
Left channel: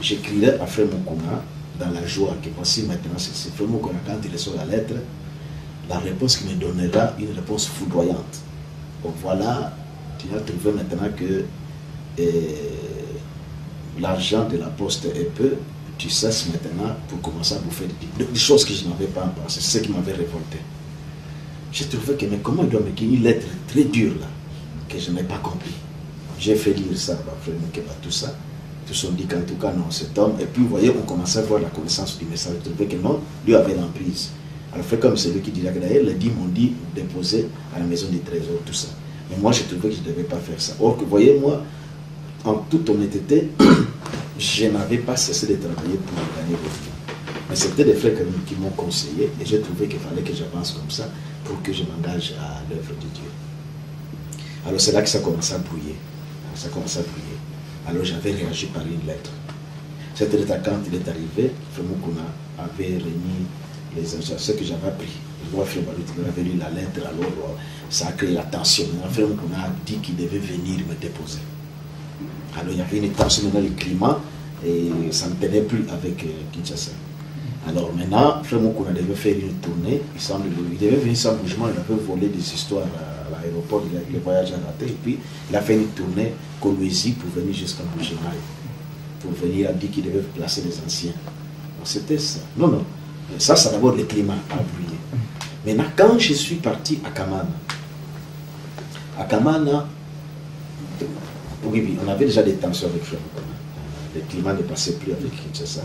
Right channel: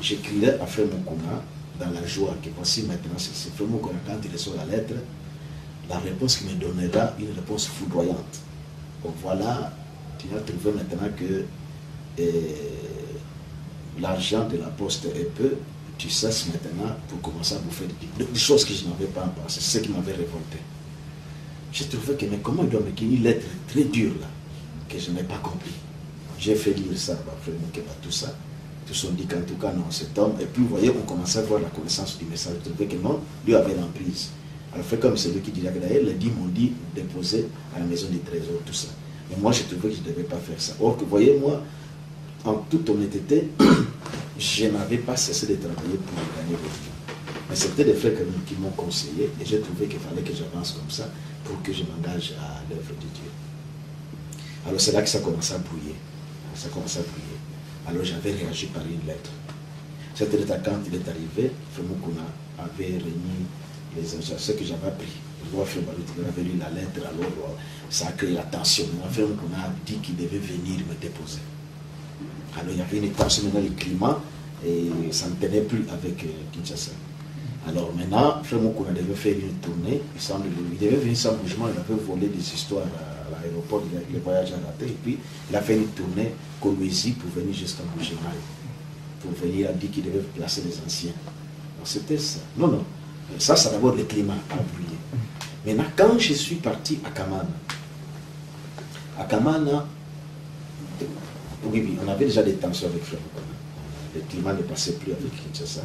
J'écrirais à Frère Mukuna dans la joie que voici maintenant, c'est Frère Mukuna, quand il reçoit la lettre, la réponse qu'il me donnera, une réponse foudroyante. Donc voilà, tu as trouvé maintenant que l'argent de la poste est peu, tu cesses maintenant pour commencer à bouffer des choses que je n'avais pas pensé, c'est ce qui m'avait révolté. J'ai trouvé que, mais comment il doit m'écrire une lettre très dure là, que je n'ai pas compris. J'ai fait lire ça, Frère Mukeba, tout ça. Tous ont dit qu'en tout cas, non, cet homme. Et puis, vous voyez, on commençait à voir la connaissance du message. Je trouvais que non, lui avait l'emprise. Alors, fait comme celui qui dirait que d'ailleurs, les dîmes m'ont dit déposer à la maison du trésor, tout ça. Mais moi, je trouvais que je ne devais pas faire ça. Or, que vous voyez, moi, en toute honnêteté, je n'avais pas cessé de travailler pour gagner votre vie. Mais c'était des frères qui m'ont conseillé et j'ai trouvé qu'il fallait que j'avance comme ça pour que je m'engage à l'œuvre de Dieu. Alors, c'est là que ça commençait à brouiller. Ça commençait à brouiller. Alors j'avais réagi par une lettre. Cette lettre, quand il est arrivé, Frère Mukuna avait remis ce que j'avais appris. Le roi Frère Balut avait lu la lettre, alors ça a créé la tension. Frère Mukuna a dit qu'il devait venir me déposer. Alors il y avait une tension dans le climat, Et ça ne tenait plus avec Kinshasa. Alors maintenant, Frère Moukouna devait faire une tournée. Il devait venir sans bougement, il avait volé des histoires à l'aéroport, le voyage a raté. Et puis, il a fait une tournée Kolwezi pour venir jusqu'à Bujimaï. Pour venir, il a dit qu'il devait placer les anciens. C'était ça. Non, non. Ça d'abord le climat a brûlé. Maintenant, quand je suis parti à Kamana, oui, on avait déjà des tensions avec Frère Moukouna. Le climat ne passait plus avec Kinshasa.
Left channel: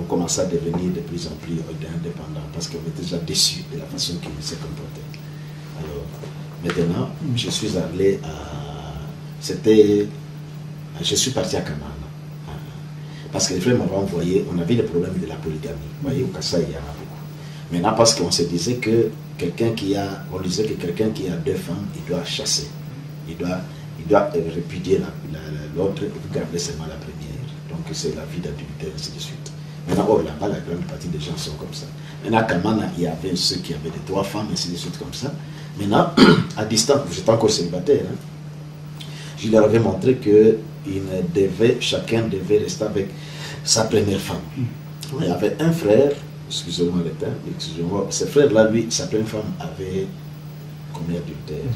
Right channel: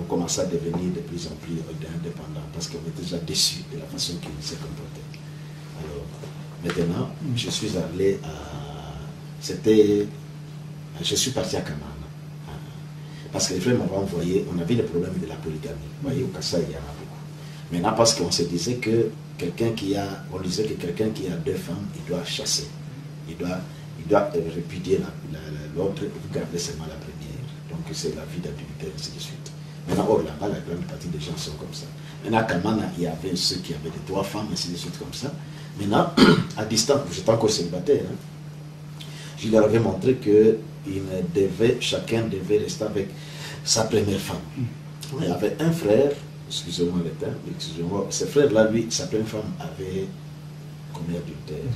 On commençait à devenir de plus en plus indépendants parce qu'on était déjà déçus de la façon qu'il s'est comporté. Alors, maintenant, je suis allé à... Je suis parti à Kamana. Parce que les frères m'avaient envoyé, on avait le problème de la polygamie. Vous voyez, au Kassa, il y en a beaucoup. Maintenant, parce qu'on se disait que quelqu'un qui a 2 femmes, il doit chasser. Il doit répudier l'autre et garder seulement la première. Donc, c'est la vie d'adultère, ainsi de suite. Maintenant, là-bas, la grande partie des gens sont comme ça. Maintenant, à Kamana, il y avait ceux qui avaient 3 femmes, ainsi de suite, comme ça. Maintenant, à distance, j'étais encore célibataire, hein, je leur avais montré que chacun devait rester avec sa première femme. Il y avait un frère, excusez-moi le terme, ce frère-là, lui, sa première femme avait combien d'adultères?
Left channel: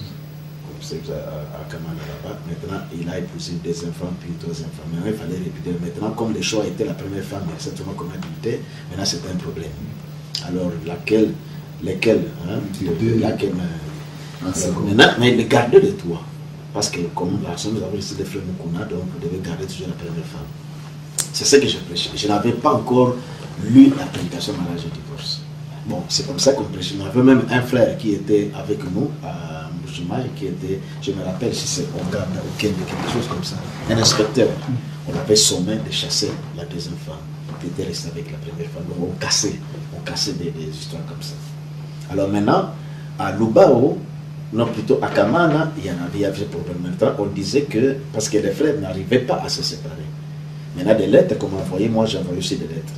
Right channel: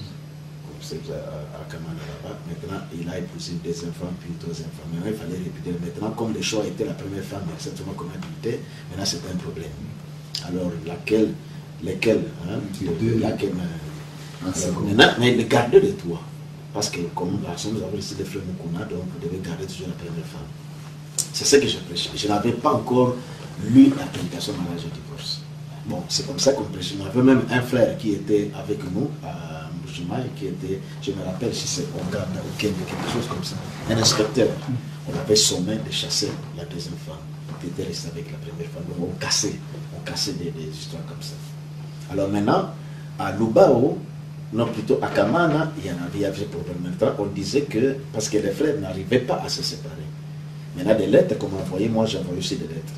À Kamana là-bas. Maintenant, il a épousé 2e femme, puis 3e femme. Maintenant, il fallait répéter. Maintenant, comme le choix était la première femme, exactement comme adultère, maintenant c'était un problème. Alors, lesquels hein, maintenant, mais il gardait les 3. Parce que, comme la nous avons laissé des frères Moukouna, donc vous devez garder toujours la première femme. C'est ce que j'ai prêché. Je n'avais pas encore lu la prédication mariage et divorce. Bon, c'est comme ça qu'on prêchait. On avait même un frère qui était avec nous à Mbujimaï, qui était, je me rappelle si c'est Ongarde ou quelque chose comme ça, un inspecteur. On avait sommé de chasser la 2e femme, qui était restée avec la première femme. Donc on cassait des histoires comme ça. Alors maintenant, à Lubao, non, plutôt à Kamana, il y avait des problèmes. Maintenant, on disait que, parce que les frères n'arrivaient pas à se séparer. Maintenant, des lettres qu'on m'envoyait, moi j'envoyais aussi des lettres.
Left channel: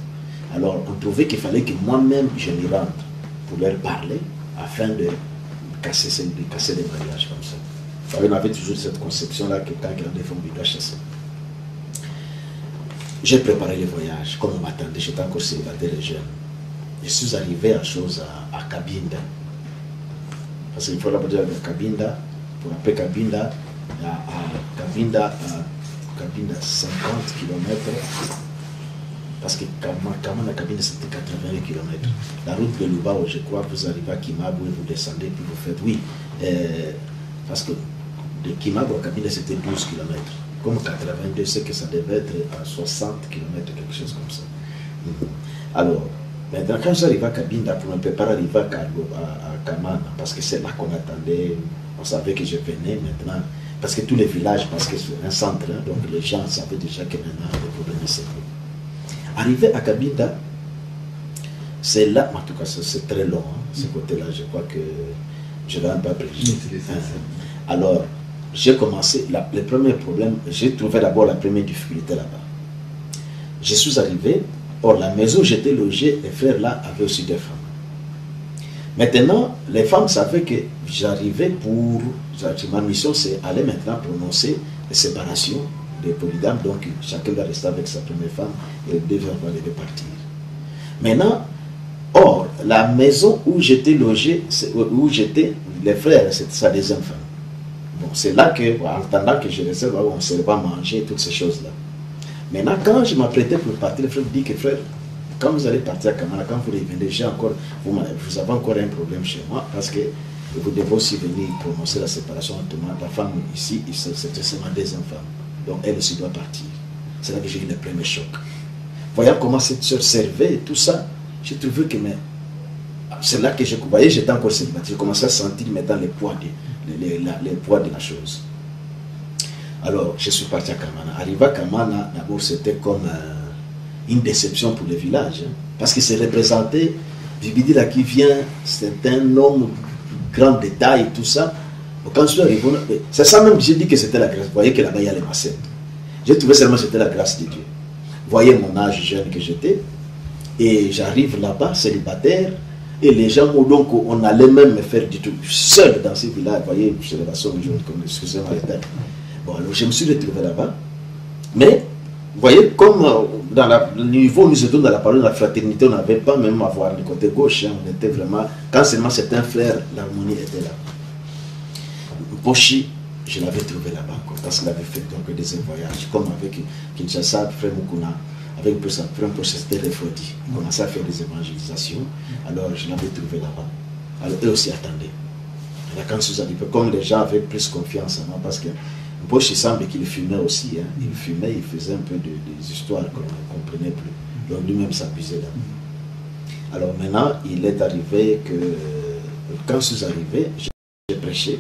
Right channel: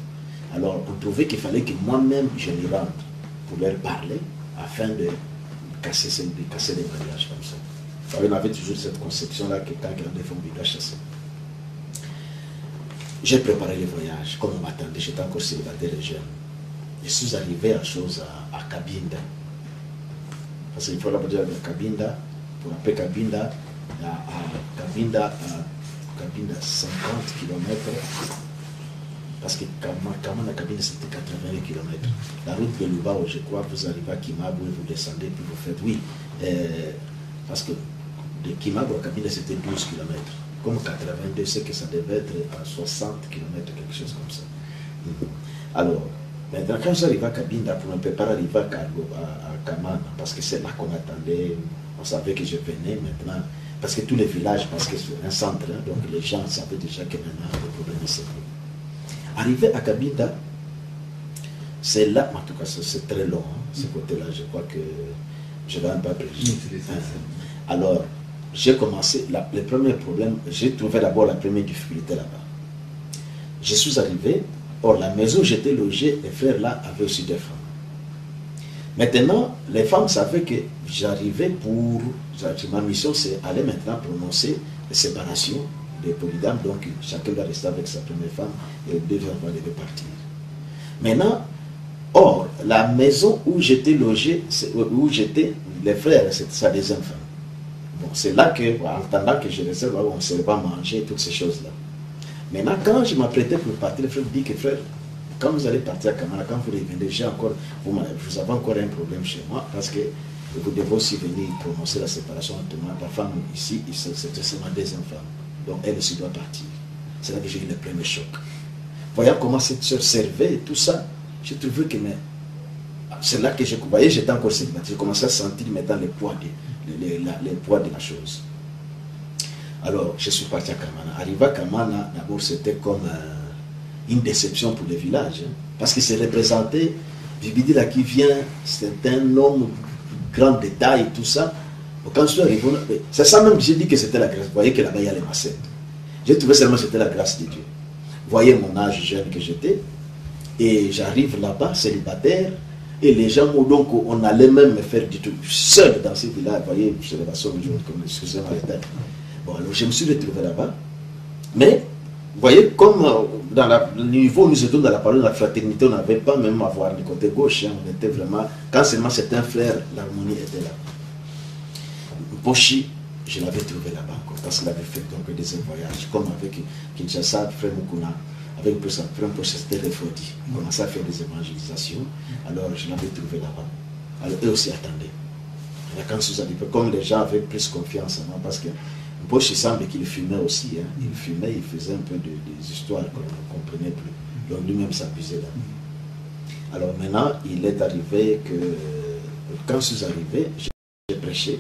Alors, on trouvait qu'il fallait que moi-même je m'y rende pour leur parler, afin de casser les mariages comme ça. Enfin, on avait toujours cette conception-là que quand il y a des femmes, il doit chasser. J'ai préparé le voyage, comme on m'attendait, j'étais encore célibataire et jeune. Je suis arrivé à Cabinda. Parce qu'il faut la dire à Cabinda, pour appeler Cabinda, à Cabinda 50 km, parce que Kamana Cabinda c'était 80 km. La route de Lubao, je crois, vous arrivez à Kimabou et vous descendez, puis vous faites, oui, parce que de Kimabou à Cabinda c'était 12 km. Comme 82, c'est que ça devait être à 60 km, quelque chose comme ça. Alors, maintenant, quand j'arrive à Cabinda, pour me préparer à arriver à Kamana, parce que c'est là qu'on attendait, on savait que je venais maintenant, parce que tous les villages, parce que c'est un centre, hein, donc les gens savaient déjà que maintenant le problème est sérieux. Arrivé à Cabinda, c'est là, en tout cas c'est très long, hein, ce côté-là, je crois que je ne vais pas préciser. Alors, j'ai commencé, le premier problème, j'ai trouvé d'abord la première difficulté là-bas. Je suis arrivé, or la maison où j'étais logé, les frères là avaient aussi 2 femmes. Maintenant, les femmes savaient que j'arrivais pour... Ma mission, c'est aller maintenant prononcer les séparations des polygames. Donc, chacun doit rester avec sa première femme et les 2 femmes devaient partir. Maintenant, or, la maison où j'étais logé, où j'étais, les frères, c'était sa 2e femme. Bon, c'est là que, en attendant que je restais, on se va manger, toutes ces choses-là. Maintenant, quand je m'apprêtais pour partir, le frère me dit que frère, quand vous allez partir à Kamana, quand vous revenez, vous avez encore un problème chez moi, parce que vous devez aussi venir prononcer la séparation entre moi. Ta femme ici, c'est ma 2e femme. Donc elle aussi doit partir. C'est là que j'ai eu le premier choc. Voyant comment cette soeur servait et tout ça, j'ai trouvé que c'est là que je voyais, j'étais encore célibataire. J'ai commencé à sentir maintenant les poids de la chose. Alors, je suis parti à Kamana. Arrivé à Kamana, d'abord, c'était comme une déception pour le village. Hein, parce que c'est représenté, Vibidila qui vient, c'est un homme grand détail et tout ça. Donc, quand je suis arrivé, c'est ça même que j'ai dit que c'était la grâce. Vous voyez que là-bas, il y a les massettes. J'ai trouvé seulement que c'était la grâce de Dieu. Vous voyez mon âge jeune que j'étais. Et j'arrive là-bas, célibataire. Et les gens, donc, on allait même me faire du tout. Seul dans ce village, vous voyez, excusez-moi le terme. Bon, alors je me suis retrouvé là-bas. Mais Vous voyez, comme dans le niveau où nous étions dans la parole de la fraternité, on n'avait pas même à voir le côté gauche. Hein, on était vraiment, quand seulement c'était un frère, l'harmonie était là. Pochi, je l'avais trouvé là-bas, parce qu'il avait fait donc des voyages, comme avec Kinshasa, frère Mukuna, avec un processus de refroidi. On commençait à faire des évangélisations, alors je l'avais trouvé là-bas. Alors eux aussi attendaient. Alors quand vous arrivez, comme les gens avaient plus confiance en moi, parce que Poche, il semble qu'il fumait aussi, hein. Il fumait, il faisait un peu des histoires qu'on ne comprenait plus. Donc lui-même s'abusait là. Alors maintenant, il est arrivé que, quand je suis arrivé, j'ai prêché.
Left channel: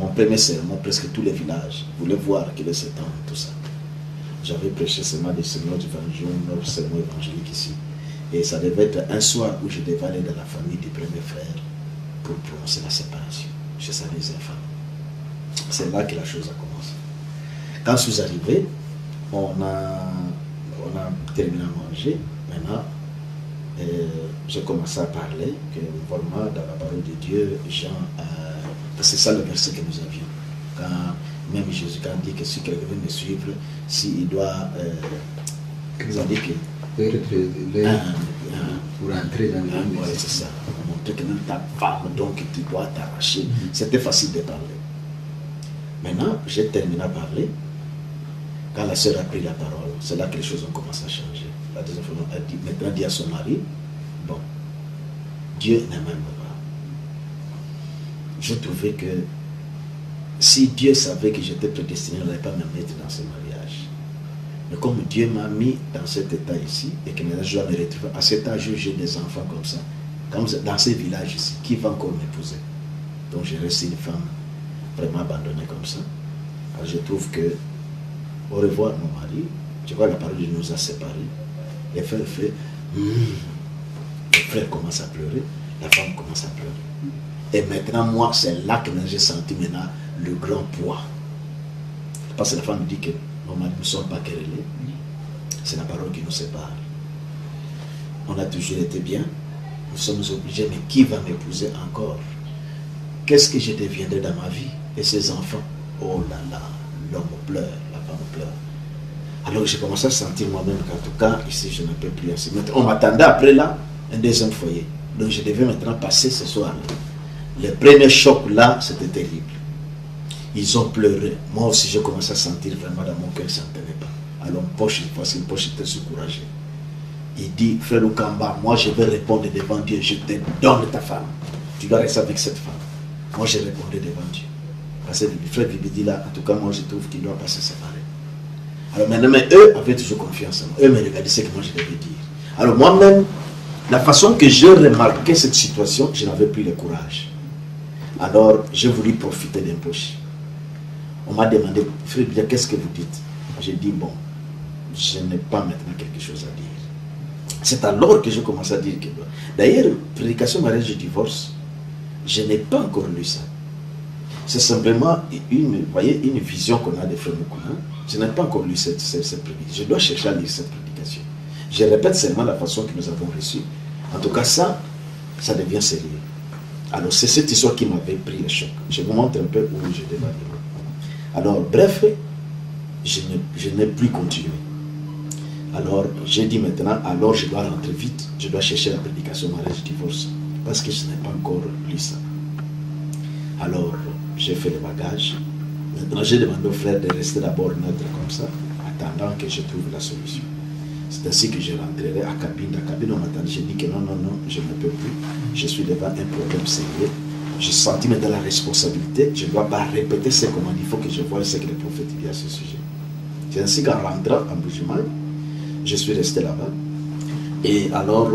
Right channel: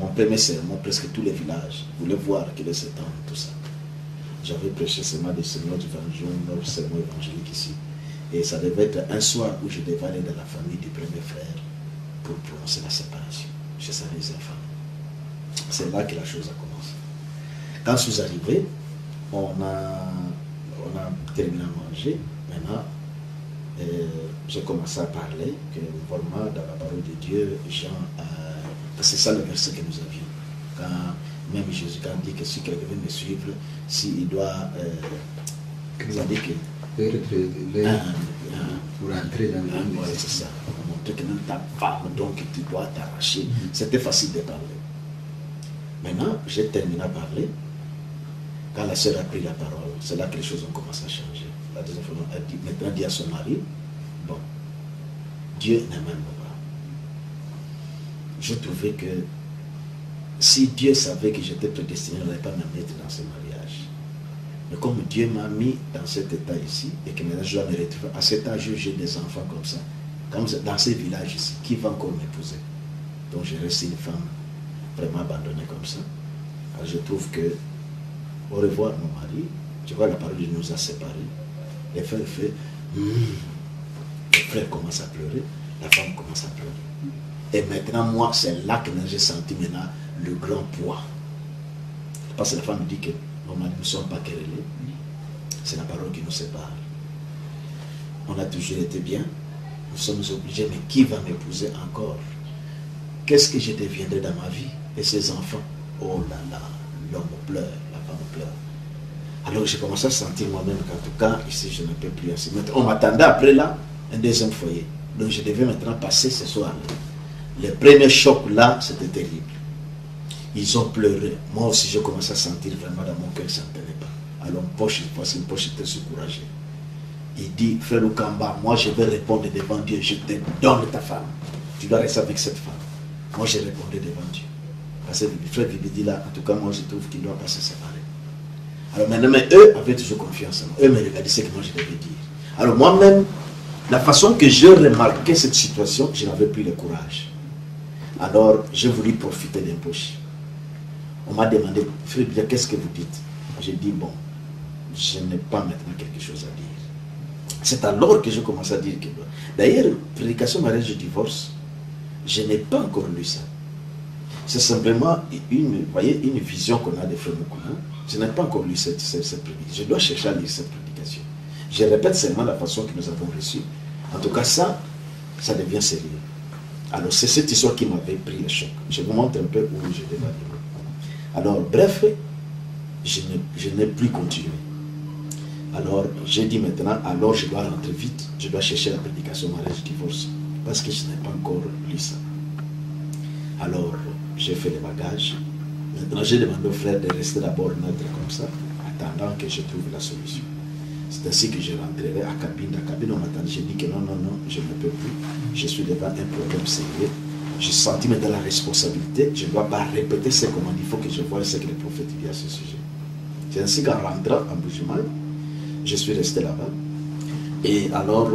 Mon premier serment, presque tous les villages voulaient voir qu'il est cet homme, tout ça. J'avais prêché seulement des sermons d'évangile, notre sermon évangélique ici. Et ça devait être un soir où je devais aller dans la famille du premier frère pour prononcer la séparation chez sa enfants. C'est là que la chose a commencé. Quand je suis arrivé, on a terminé à manger. Maintenant, j'ai commencé à parler que vraiment dans la parole de Dieu, Jean, c'est ça le verset que nous avions. Quand même Jésus quand dit que si quelqu'un veut me suivre, s'il doit, nous a dit que pour entrer dans le monde, c'est ça. Montrer que même ta femme, donc tu dois t'arracher. C'était facile de parler. Maintenant, j'ai terminé à parler. Quand la sœur a pris la parole, c'est là que les choses ont commencé à changer. La deuxième fois, elle dit, maintenant dit à son mari, bon, Dieu n'aime même pas. Je trouvais que si Dieu savait que j'étais prédestiné, il n'allait pas me mettre dans ce mariage. Mais comme Dieu m'a mis dans cet état ici, et que maintenant je dois me retrouver, à cet âge, j'ai des enfants comme ça, comme dans ces villages ici, qui va encore m'épouser? Donc j'ai resté une femme vraiment abandonnée comme ça. Alors je trouve que, au revoir mon mari, tu vois, la parole de Dieu nous a séparés. Les frères fait, le frère commence à pleurer, la femme commence à pleurer. Et maintenant, moi, c'est là que j'ai senti maintenant le grand poids. Parce que la femme dit que nos maris ne sont pas querellés. C'est la parole qui nous sépare. On a toujours été bien. Nous sommes obligés, mais qui va m'épouser encore? Qu'est-ce que je deviendrai dans ma vie? Et ces enfants? Oh là là, l'homme pleure, la femme pleure. Alors j'ai commencé à sentir moi-même qu'en tout cas, ici, je ne peux plus ainsi. On m'attendait après là, un deuxième foyer. Donc je devais maintenant passer ce soir-là. Le premier choc là, c'était terrible. Ils ont pleuré. Moi aussi, j'ai commencé à sentir vraiment dans mon cœur, ça ne tenait pas. Alors Poche, une Poche était découragé. Il dit, frère Lukamba, moi je vais répondre devant Dieu, je te donne ta femme. Tu dois rester avec cette femme. Moi je répondais devant Dieu. Parce que le frère Bibi dit là, en tout cas, moi je trouve qu'il ne doit pas se séparer. Alors maintenant, mais eux avaient toujours confiance en moi. Eux me regardaient ce que moi je devais dire. Alors moi-même, la façon que je remarquais cette situation, je n'avais plus le courage. Alors, j'ai voulu profiter d'un Poche. On m'a demandé, frère, qu'est-ce que vous dites? J'ai dit, bon, je n'ai pas maintenant quelque chose à dire. C'est alors que je commence à dire que... D'ailleurs, prédication, mariage et divorce, je n'ai pas encore lu ça. C'est simplement une vision qu'on a de frère Mukuna. Je n'ai pas encore lu cette prédication. Je dois chercher à lire cette prédication. Je répète seulement la façon que nous avons reçue. En tout cas, ça devient sérieux. Alors, c'est cette histoire qui m'avait pris le choc. Je vous montre un peu où je devais aller. Alors, bref, je n'ai plus continué. Alors, j'ai dit maintenant, alors je dois rentrer vite. Je dois chercher la prédication mariage divorce. Parce que je n'ai pas encore lu ça. Alors, j'ai fait les bagages. Maintenant, j'ai demandé au frère de rester d'abord neutre comme ça, attendant que je trouve la solution. C'est ainsi que je rentrerai à cabine. À cabine, on m'attendait. J'ai dit que non, je ne peux plus. Je suis devant un problème sérieux. J'ai senti maintenant la responsabilité. Je ne dois pas répéter ce qu'on m'a dit. Il faut que je voie ce que le prophète dit à ce sujet. C'est ainsi qu'en rentrant en Bujumaï, je suis resté là-bas. Et alors,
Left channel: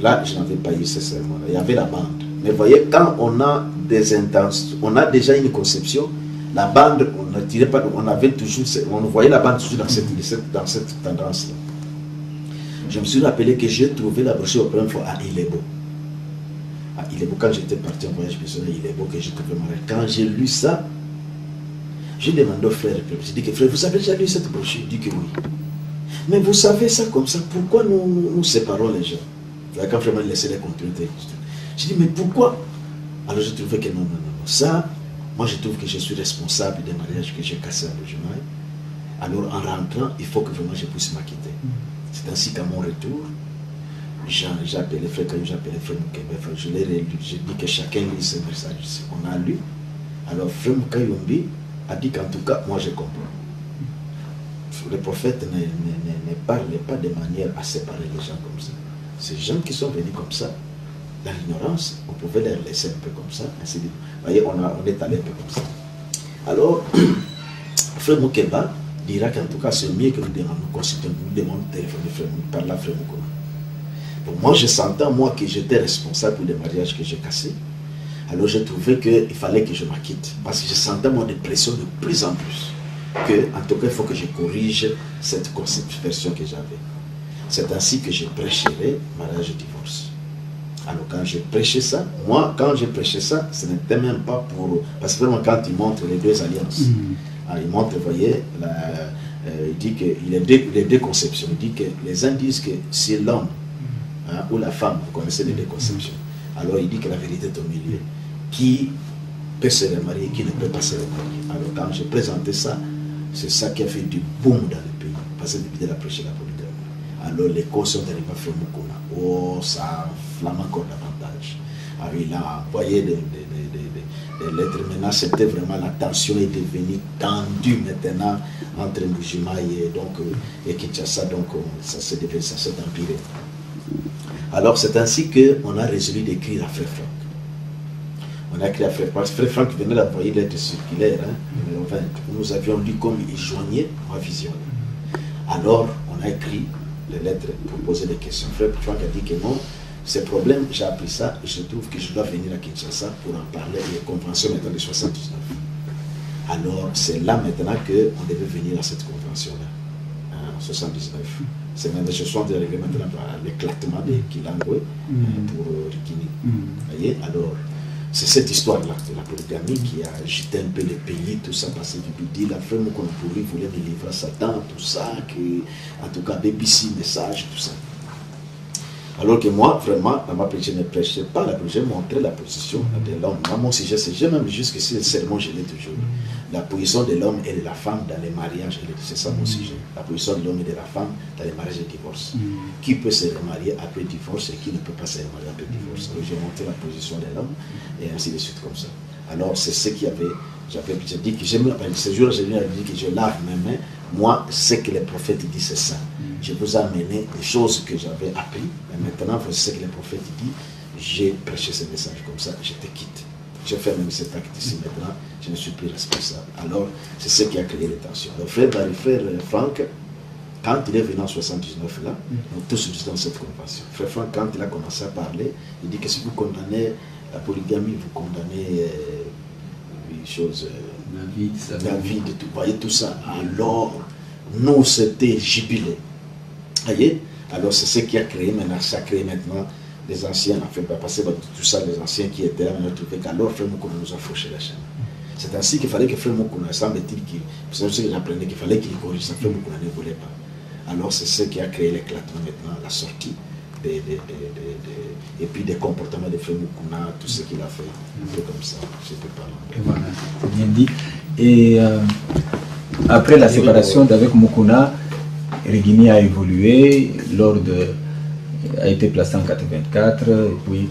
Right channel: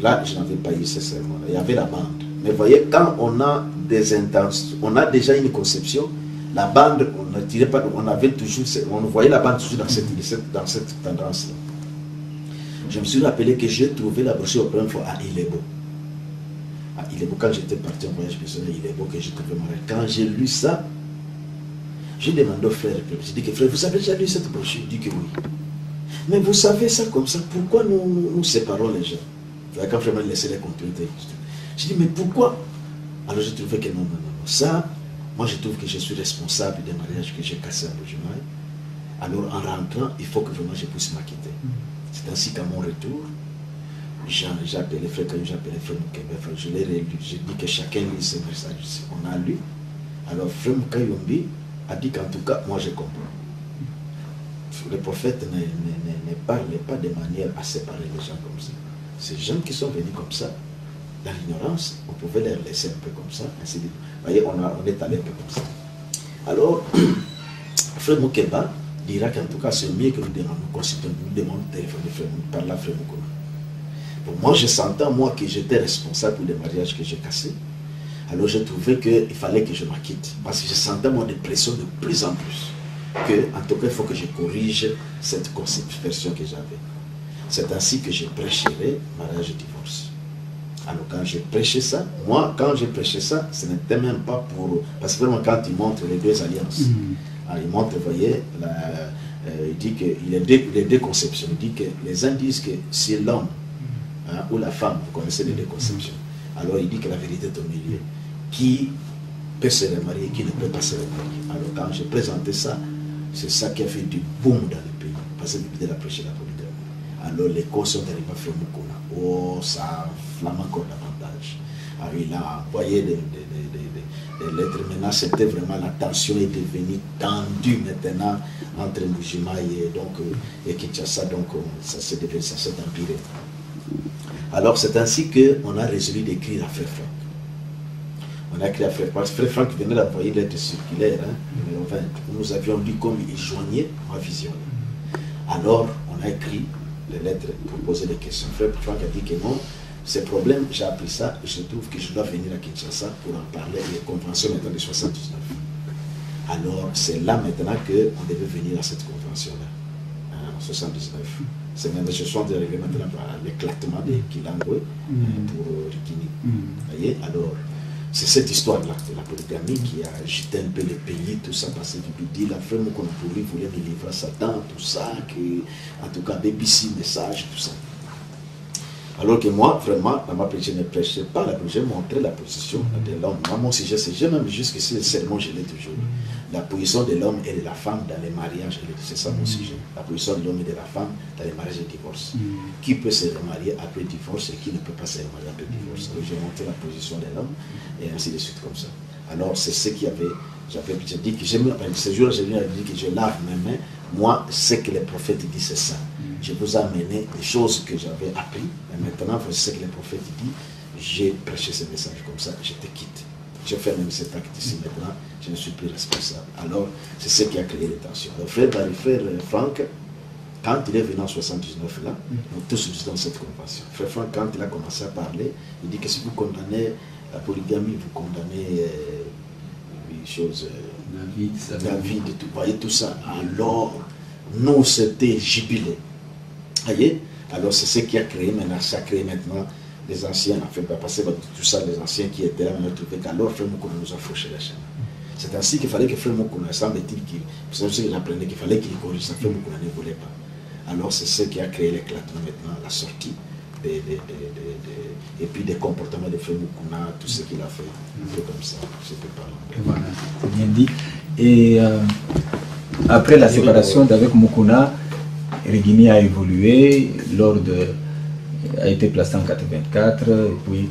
là, je n'avais pas eu ce sermon-là. Il y avait la bande. Mais vous voyez, quand on a des intentions, on a déjà une conception, la bande, on ne tirait pas, on avait toujours, on voyait la bande toujours dans cette tendance-là. Je me suis rappelé que j'ai trouvé la brochure la première fois à Ilebo. À Ilebo, quand j'étais parti en voyage personnel à Ilebo, que j'ai trouvé mariage. Quand j'ai lu ça, j'ai demandé au frère, j'ai dit que frère, vous avez déjà lu cette brochure? Il dit que oui. Mais vous savez ça comme ça, pourquoi nous séparons les gens? Quand frère m'a laissé les continuités. J'ai dit, mais pourquoi? Alors j'ai trouvé que non. Ça, moi je trouve que je suis responsable des mariages que j'ai cassés à Bujumaï. Alors en rentrant, il faut que vraiment je puisse m'acquitter. C'est ainsi qu'à mon retour, j'ai appelé frère Kayou, j'ai appelé frère Moukebe, je l'ai relu, j'ai dit que chacun lit ce message ici. On a lu. Alors frère Moukayombi a dit qu'en tout cas, moi je comprends. Le prophète ne parlait pas de manière à séparer les gens comme ça. Ces gens qui sont venus comme ça, dans l'ignorance, on pouvait les laisser un peu comme ça. Ainsi de... Vous voyez, on est allé un peu comme ça. Alors, frère Moukeba dira qu'en tout cas, c'est mieux que nous demandons de téléphoner frère Moukeba, par là frère Moukeba. Moi, je sentais, moi, que j'étais responsable pour les mariages que j'ai cassés. Alors, j'ai trouvé qu'il fallait que je m'acquitte. Parce que je sentais, moi, des pressions de plus en plus. Que, en tout cas, il faut que je corrige cette version que j'avais. C'est ainsi que je prêcherai mariage et divorce. Alors, quand j'ai prêché ça, moi, quand j'ai prêché ça, ce n'était même pas pour... Parce que vraiment, quand il montre les deux alliances, il montre, vous voyez, il dit qu'il y a deux conceptions. Il dit que les uns disent que c'est l'homme, ou la femme, vous connaissez les deux conceptions. Alors il dit que la vérité est au milieu. Qui peut se remarier et qui ne peut pas se remarier. Alors quand j'ai présenté ça, c'est ça qui a fait du boom dans le pays. Parce que depuis de la prêcher la polygamie. Alors les causes sont arrivées à faire Mukuna. Oh, ça enflamme encore davantage. Alors il a envoyé des lettres. Maintenant, c'était vraiment, la tension est devenue tendue maintenant entre Mbujimayi et Kinshasa. Donc ça s'est empiré. Alors c'est ainsi qu'on a résolu d'écrire à Frère Franck. On a écrit à Frère Franck. Frère Franck venait d'envoyer une lettre circulaire, numéro 20. Nous avions lu comme il joignait ma vision. Alors on a écrit les lettres pour poser des questions. Frère Franck a dit que non, ces problèmes, j'ai appris ça, et je trouve que je dois venir à Kinshasa pour en parler, les conventions maintenant de 79. Alors c'est là maintenant qu'on devait venir à cette convention-là, en 79. C'est même, je suis arrivé maintenant à l'éclatement de Kilangwe pour Rikini. Voyez, alors, c'est cette histoire-là de la polygamie qui a agité un peu le pays, tout ça, parce que dit la femme qu'on pourrait voulait me livrer à Satan, tout ça, que, en tout cas, BBC, message, tout ça. Alors que moi, vraiment, dans ma prêche, je ne prêchais pas la prêche, j'ai montré la position de l'homme. Moi, mon sujet, c'est même jusqu'ici, le sermon, je l'ai toujours. La position de l'homme et de la femme dans les mariages, c'est ça mon sujet. La position de l'homme et de la femme dans les mariages et divorce. Qui peut se remarier après divorce et qui ne peut pas se remarier après divorce. Donc j'ai montré la position de l'homme et ainsi de suite comme ça. Alors c'est ce qu'il y avait. J'ai dit que ce jour-là, j'ai dit que je lave mes mains. Moi, ce que les prophètes disent, c'est ça. Je vous ai amené des choses que j'avais apprises. Et maintenant, c'est ce que les prophètes disent. J'ai prêché ce message comme ça, je te quitte. J'ai fait même cet acte ici maintenant, je ne suis plus responsable. Alors, c'est ce qui a créé les tensions. Le frère Franck, quand il est venu en 79 là, nous tous dans cette convention. Frère Franck, quand il a commencé à parler, il dit que si vous condamnez la polygamie, vous condamnez les choses, David, tout, voyez tout ça. Alors, nous, c'était jubilé. Voyez? Alors, c'est ce qui a créé maintenant, ça a créé maintenant les anciens, en fait, passer tout ça, les anciens qui étaient là, on a trouvé qu'alors Frère Moukouna nous a fauché la chaîne. C'est ainsi qu'il fallait que Frère Moukouna, semble-t-il, c'est ce que j'apprenais, qu'il fallait qu'il corrige ça, Frère Moukouna ne voulait pas. Alors c'est ce qui a créé l'éclatement maintenant, la sortie, et puis des comportements de Frère Moukouna, tout ce qu'il a fait, un peu comme ça, je peux parler. Voilà, c'est bien dit. Et après la séparation d'avec Moukouna, Rigini a évolué a été placé en 84, et puis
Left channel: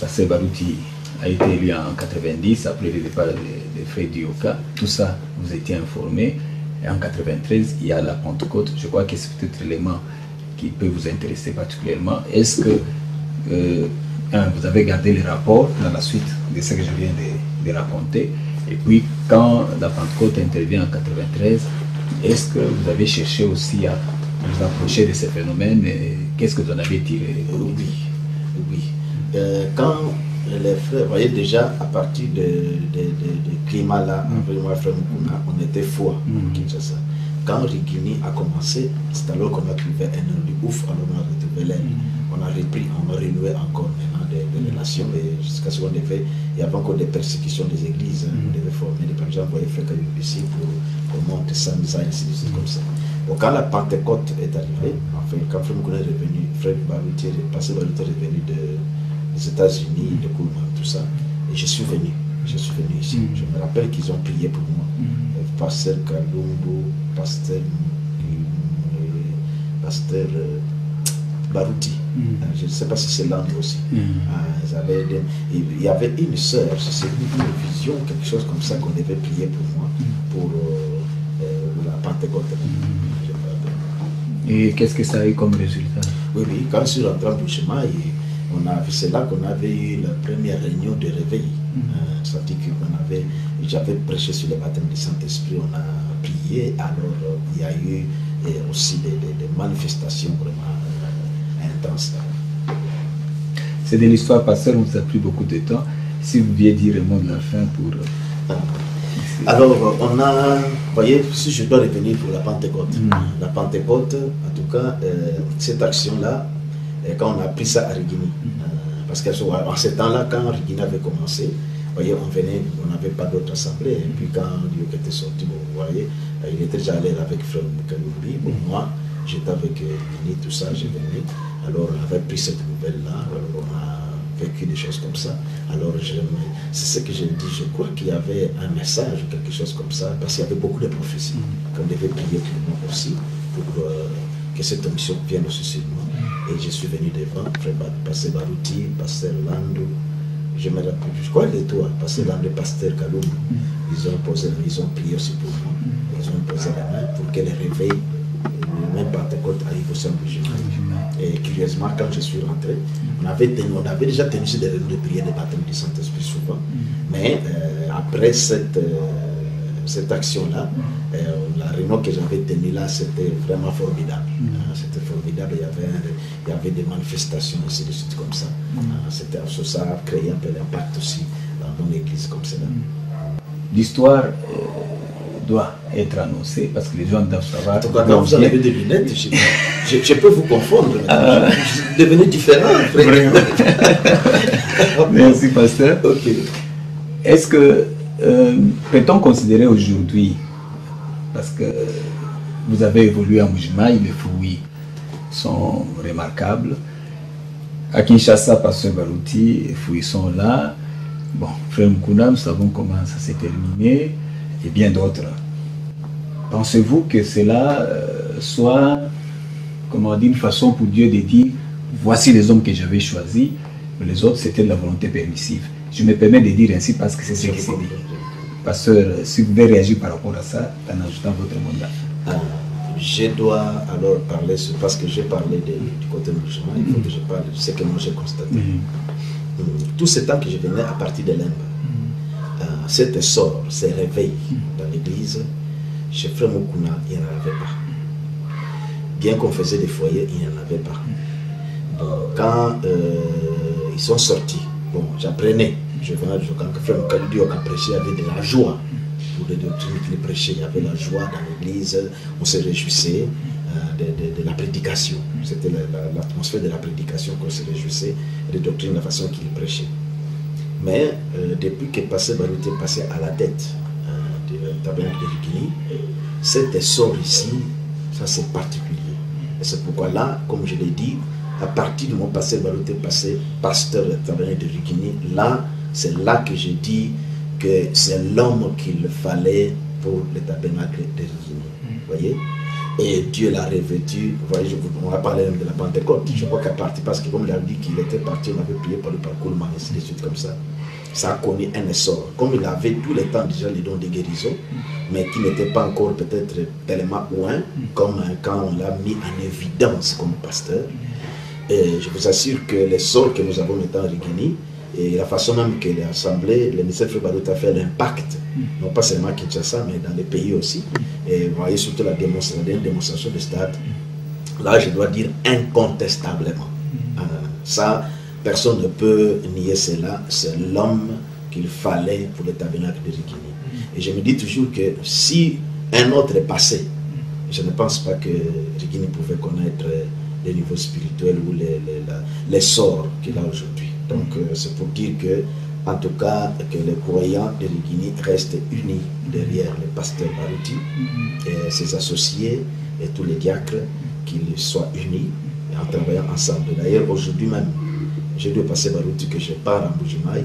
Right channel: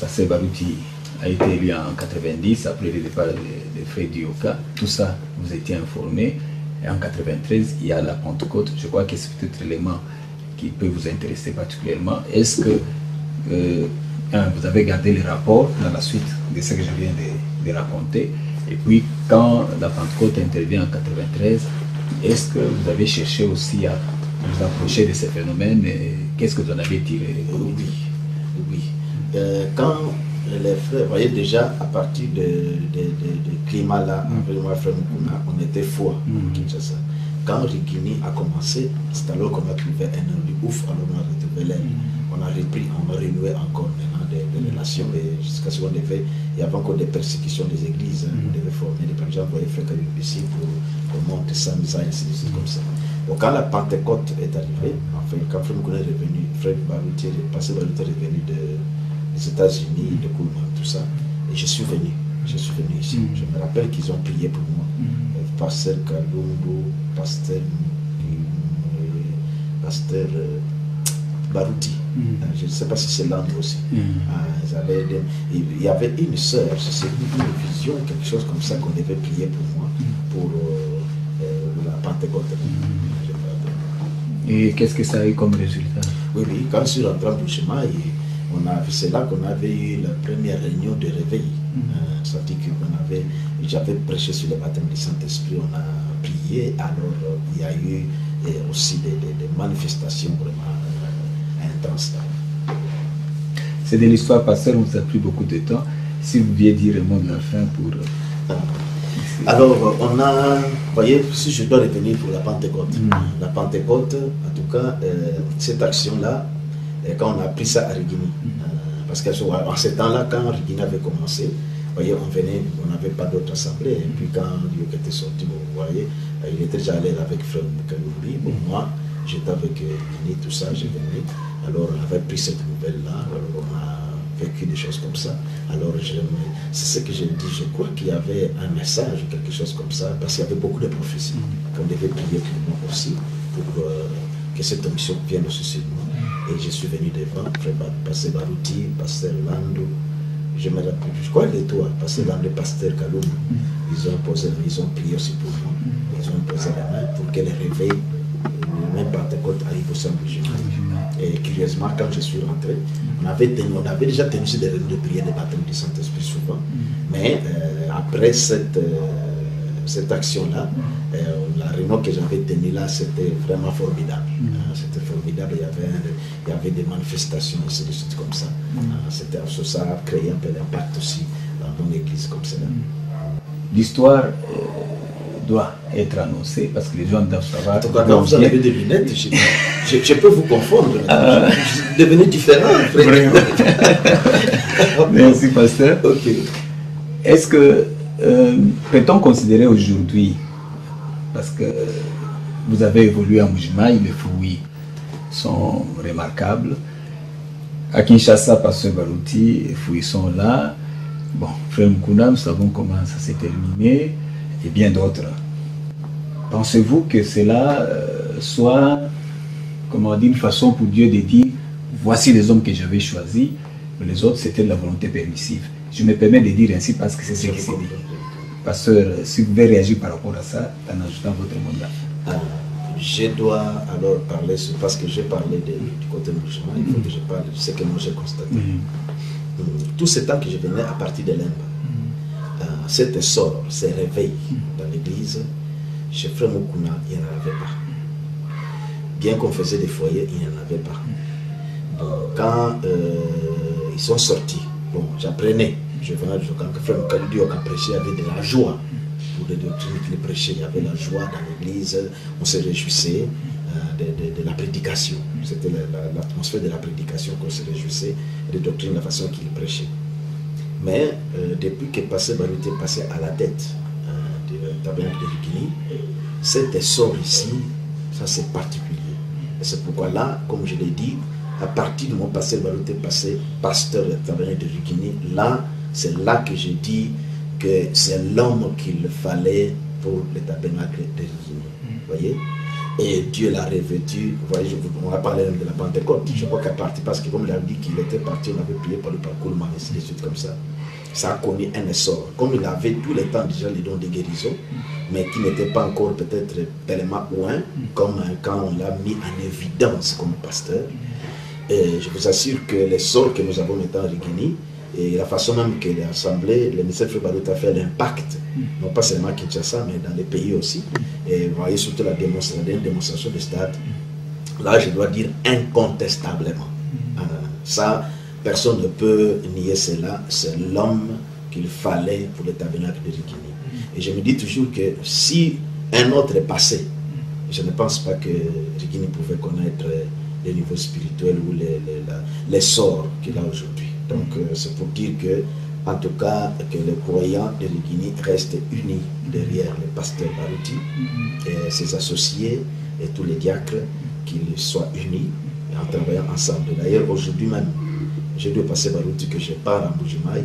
Pasteur Baruti a été élu en 90, après le départ de Frère Dioka. Tout ça, vous étiez informés. Et en 93, il y a la Pentecôte. Je crois que c'est peut-être l'élément qui peut vous intéresser particulièrement. Est-ce que vous avez gardé les rapports dans la suite de ce que je viens de raconter? Et puis, quand la Pentecôte intervient en 93, est-ce que vous avez cherché aussi à vous approcher de ces phénomènes? Qu'est-ce que vous en avez tiré? Oui. Quand les frères, vous voyez déjà, à partir de climat là, avec moi, frère Moukouna, on était froid à Kinshasa. Quand Rigini a commencé, c'est alors qu'on a trouvé un homme du ouf, alors on a retrouvé l'air. On a repris, on a renoué encore maintenant des relations, et jusqu'à ce qu'on devait, il y avait encore des persécutions des églises, on devait former des gens, envoyer frère Kayubisi pour qu'on monte ça, ainsi de suite comme ça. Donc quand la Pentecôte est arrivée, enfin, quand frère Moukouna est revenu, frère Baruti, Pasteur Baruti est revenu des États-Unis, de Coulman, tout ça, et je suis venu ici. Je me rappelle qu'ils ont prié pour moi. Pasteur Kalumbo, pasteur Barouti. Je ne sais pas si c'est l'un aussi. Il y avait une sœur, c'est une vision, quelque chose comme ça qu'on devait prier pour moi, pour la Pentecôte. Et qu'est-ce que ça a eu comme résultat? Oui, quand je suis rentré au chemin, c'est là qu'on avait eu la première réunion de réveil. C'est-à-dire que j'avais prêché sur le baptême du Saint-Esprit, on a prié, alors il y a eu aussi des manifestations vraiment intenses. C'est de l'histoire, pasteur, on vous a pris beaucoup de temps. Si vous pouviez dire le mot de la fin pour... Alors, on a, vous voyez, si je dois revenir pour la Pentecôte. La Pentecôte, en tout cas, cette action-là, quand on a pris ça à Rigini, parce qu'en ce temps-là, quand Rigini avait commencé, vous voyez, on n'avait pas d'autre assemblée. Et puis quand Dieu était sorti, bon, vous voyez, il était déjà allé avec Frère Kalumbi. Bon, moi, j'étais avec Rigini, tout ça, j'ai venu. Alors, on avait pris cette nouvelle-là, alors on a vécu des choses comme ça. Alors, c'est ce que je dis, je crois qu'il y avait un message ou quelque chose comme ça, parce qu'il y avait beaucoup de prophéties qu'on devait prier pour moi aussi, pour que cette mission vienne aussi sur moi. Et je suis venu devant, pasteur Barouti, pasteur Lando, je me rappelle, je crois les trois, pasteur Lando, pasteur Kaloum, ils ont prié aussi pour moi, ils ont posé la main pour que le réveil, même Pentecôte arrive au sein du Jésus. Et curieusement, quand je suis rentré, on avait déjà tenu des réunions de prière de baptême du Saint-Esprit souvent, mais après cette action-là, la réunion que j'avais tenue là, c'était vraiment formidable. C'était formidable, il y avait des manifestations, ainsi de suite comme ça. Ça a créé un peu d'impact aussi dans mon église comme cela. L'histoire doit être annoncée parce que les gens doivent savoir. En tout cas, quand vous avez des lunettes, je peux vous confondre. Je suis devenu différent. Merci, pasteur. Ok. Est-ce que peut-on considérer aujourd'hui, parce que vous avez évolué à Mbuji-Mayi, les fruits sont remarquables. À Kinshasa, pasteur Barouti, les fruits sont là. Bon, Frère Mukuna, nous savons comment ça s'est terminé, et bien d'autres. Pensez-vous que cela soit, comment dire, une façon pour Dieu de dire, voici les hommes que j'avais choisis, mais les autres c'était de la volonté permissive. Je me permets de dire ainsi parce que c'est ce qui s'est dit. Pasteur, si vous pouvez réagir par rapport à ça, en ajoutant votre mandat. Je dois alors parler, parce que j'ai parlé du côté musulman, il faut que je parle de ce que moi j'ai constaté. Tout ce temps que je venais à partir de l'Inde, cet essor, ce réveil dans l'église, chez Frère Mukuna, il n'y en avait pas. Bien qu'on faisait des foyers, il n'y en avait pas. Donc, quand ils sont sortis, bon, j'apprenais, je venais quand Frère Mukuna prêchait, il y avait de la joie pour les doctrines qu'il prêchait, il y avait la joie dans l'église, on se réjouissait de la prédication. C'était l'atmosphère de la prédication qu'on se réjouissait, des doctrines, la façon qu'il prêchait. Mais depuis que Pasteur Barouti est passé à la tête du tabernacle de Rigini, cet essor ici, ça c'est particulier. Et c'est pourquoi là, comme je l'ai dit, à partir de mon Pasteur Barouti est passé pasteur du tabernacle de Rigini, là, c'est là que j'ai dit que c'est l'homme qu'il fallait pour le tabernacle de Rigini. Vous voyez? Et Dieu l'a revêtu. Vous voyez, on a parlé même de la Pentecôte. Je crois qu'à partir, parce que comme il a dit qu'il était parti, on avait prié par le parcours, et ainsi de suite comme ça. Ça a connu un essor. Comme il avait tout le temps déjà les dons de guérison, mais qui n'était pas encore peut-être tellement loin, comme quand on l'a mis en évidence comme pasteur. Et je vous assure que l'essor que nous avons maintenant à Rigini, et la façon même que l'Assemblée, le ministère Frère Barouti a fait l'impact, non pas seulement à Kinshasa, mais dans les pays aussi. Et vous voyez surtout la démonstration de stade. Là, je dois dire incontestablement. Ça, personne ne peut nier cela. C'est l'homme qu'il fallait pour le tabernacle de Rigini. Et je me dis toujours que si un autre est passé, je ne pense pas que Rigini pouvait connaître les niveaux spirituels ou les sorts qu'il a aujourd'hui. Donc c'est pour dire que, en tout cas, que les croyants de Rigini restent unis derrière le pasteur Barouti et ses associés et tous les diacres, qu'ils soient unis en travaillant ensemble. D'ailleurs, aujourd'hui même, j'ai dû passer Barouti que je pars en Mbuji-Mayi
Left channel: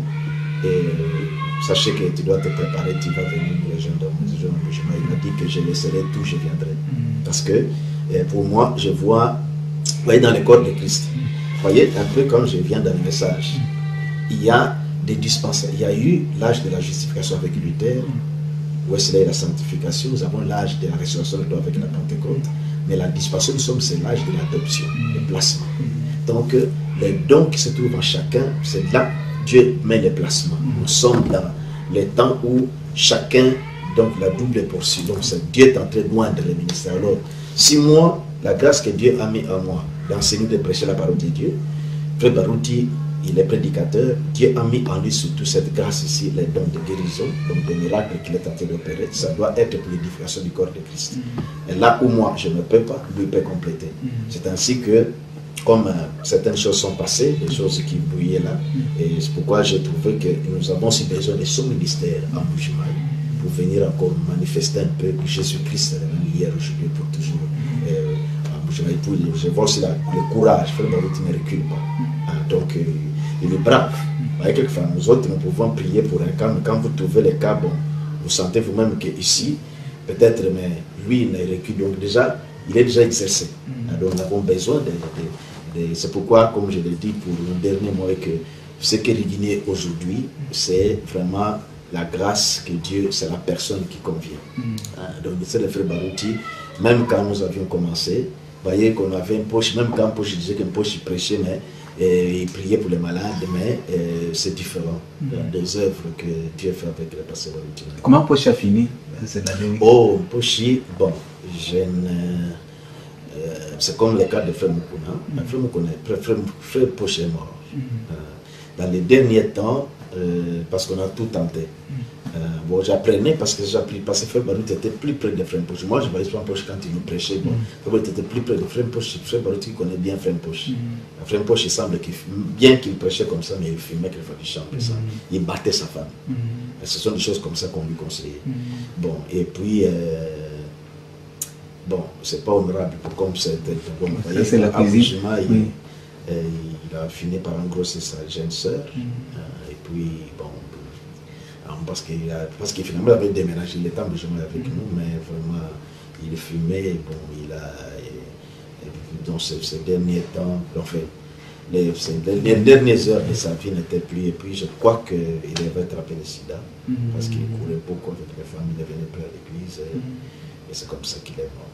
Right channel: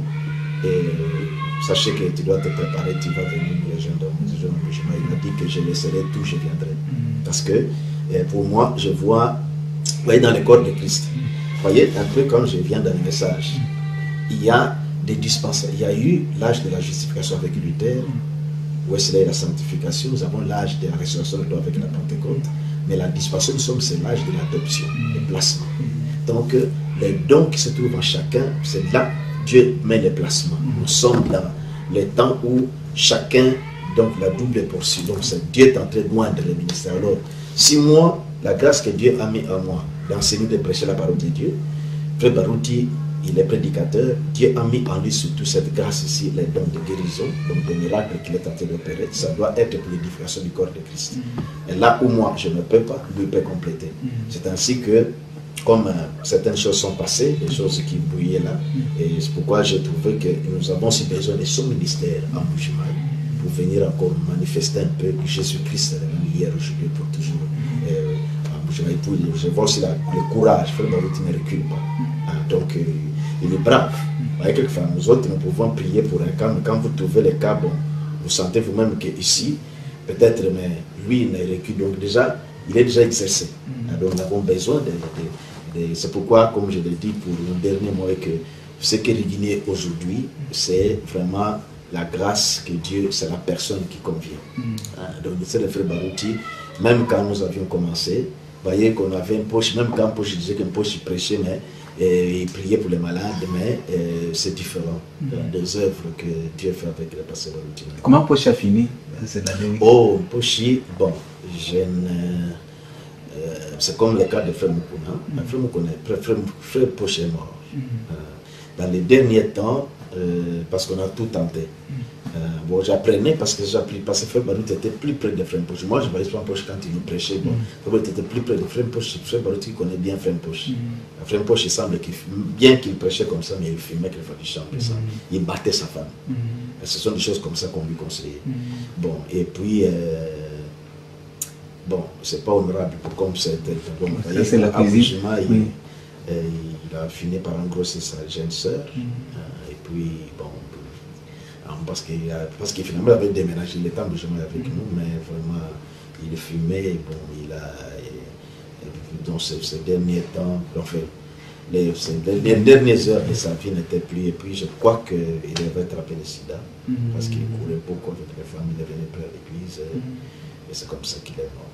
Et sachez que tu dois te préparer, tu vas venir nous rejoindre dans mon engagement. Il m'a dit que je laisserai tout, je viendrai. Parce que pour moi, je vois, vous voyez, dans le corps de Christ, vous voyez, un peu comme je viens dans le message, il y a des dispensations. Il y a eu l'âge de la justification avec Luther, Wesley la sanctification, nous avons l'âge de la résurrection avec la Pentecôte, mais la dispensation, nous sommes, c'est l'âge de l'adoption, le placement. Donc, les dons qui se trouvent en chacun, c'est là que Dieu met les placements. Nous sommes dans les temps où chacun, donc la double portion, donc c'est Dieu est en train de moindre le ministère. Alors, si moi, la grâce que Dieu a mis en moi, d'enseigner, de prêcher la parole de Dieu, Frère Barouti, il est prédicateur, Dieu a mis en lui surtout cette grâce ici, les dons de guérison, donc des miracles qu'il est en train d'opérer, ça doit être pour l'édification du corps de Christ. Et là où moi je ne peux pas, lui peut compléter. C'est ainsi que, comme certaines choses sont passées, des choses qui brouillaient là, et c'est pourquoi j'ai trouvé que nous avons aussi besoin de son ministère en Bujimaï, pour venir encore manifester un peu que Jésus-Christ est le même hier, aujourd'hui, pour toujours. En Bujimaï, je vois aussi le courage, Frère Barouti ne recule pas. Donc, il est brave. Quelquefois, nous autres, nous pouvons prier pour un cas, mais quand vous trouvez les cas, bon, vous sentez vous-même qu'ici, peut-être, mais lui, il ne recule. Donc, déjà, il est déjà exercé. Donc, nous avons besoin de c'est pourquoi, comme je l'ai dit pour le dernier mot, que ce qui est régulier aujourd'hui, c'est vraiment la grâce que Dieu, c'est la personne qui convient. Donc, c'est le Frère Barouti, même quand nous avions commencé, vous voyez qu'on avait une poche, même quand Poche disait qu'une poche il prêchait, mais il priait pour les malades, mais c'est différent des œuvres que Dieu fait avec le pasteur Barouti. Comment Poche a fini cette année? Oh, Poche, bon, c'est comme le cas de Frère Mukuna. Frère Mukuna, Frère Poche est mort. Dans les derniers temps, parce qu'on a tout tenté. Bon, j'apprenais parce que Frère Barouti était plus près de Frère Poche. Moi, je voyais Frère Poche quand il nous prêchait. Bon, Frère Barouti était plus près de Frère Poche. Frère Barouti connaît bien Frère Poche. Frère Poche, il semble qu'il, bien qu'il prêchait comme ça, mais il fumait quelquefois du champ. Il battait sa femme. Ce sont des choses comme ça qu'on lui conseillait. Bon, et puis, bon, c'est pas honorable comme c'était. Bon, c'est la cuisine. Il a fini par engrosser sa jeune sœur. Et puis, bon, parce qu'il finalement avait déménagé, il était en Bujimaï avec nous, mais vraiment, il fumait, bon, il a, dans ces derniers temps, enfin, les dernières heures de sa vie n'étaient plus, et puis je crois qu'il avait attrapé le sida, parce qu'il courait beaucoup avec les femmes, il venait plus à l'église, et c'est comme ça qu'il est mort.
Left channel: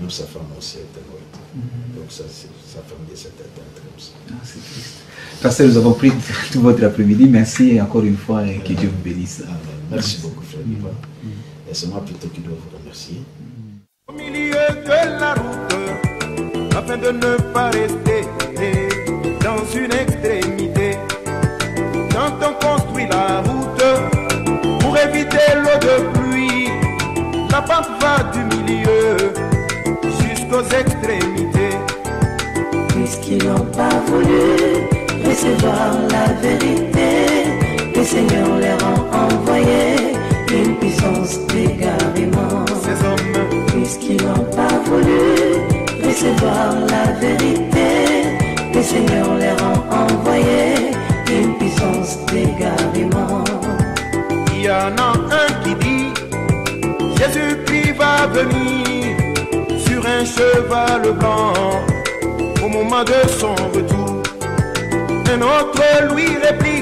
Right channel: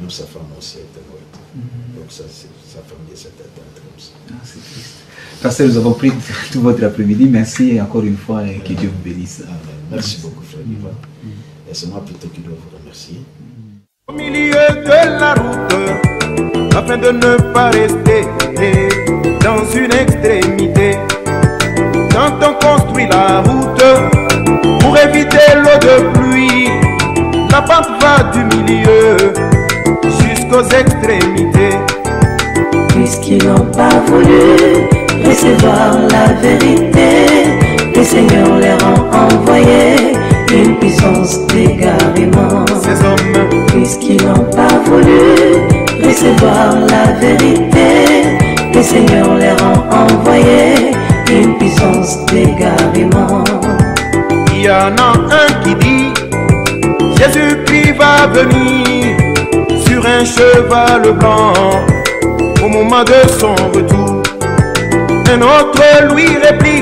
Même sa femme aussi était morte. Donc ça, sa famille s'est éteinte comme ça. C'est triste. Pasteur, nous avons pris tout votre après-midi. Merci encore une fois et que Dieu vous bénisse. Amen. Merci beaucoup, frère Ivan. Et c'est moi plutôt qui dois vous remercier. Au milieu de la route, afin de ne pas rester dans une extrémité, quand on construit la route pour éviter l'eau de pluie, la pente va du milieu jusqu'aux extrémités. Puisqu'ils n'ont pas voulu recevoir la vérité, le Seigneur leur a envoyé une puissance d'égarement. Ces hommes, puisqu'ils n'ont pas voulu recevoir la vérité, le Seigneur leur a envoyé une puissance d'égarement. il y en a un qui dit, Jésus-Christ va venir sur un cheval blanc au moment de son retour. Un autre lui réplique,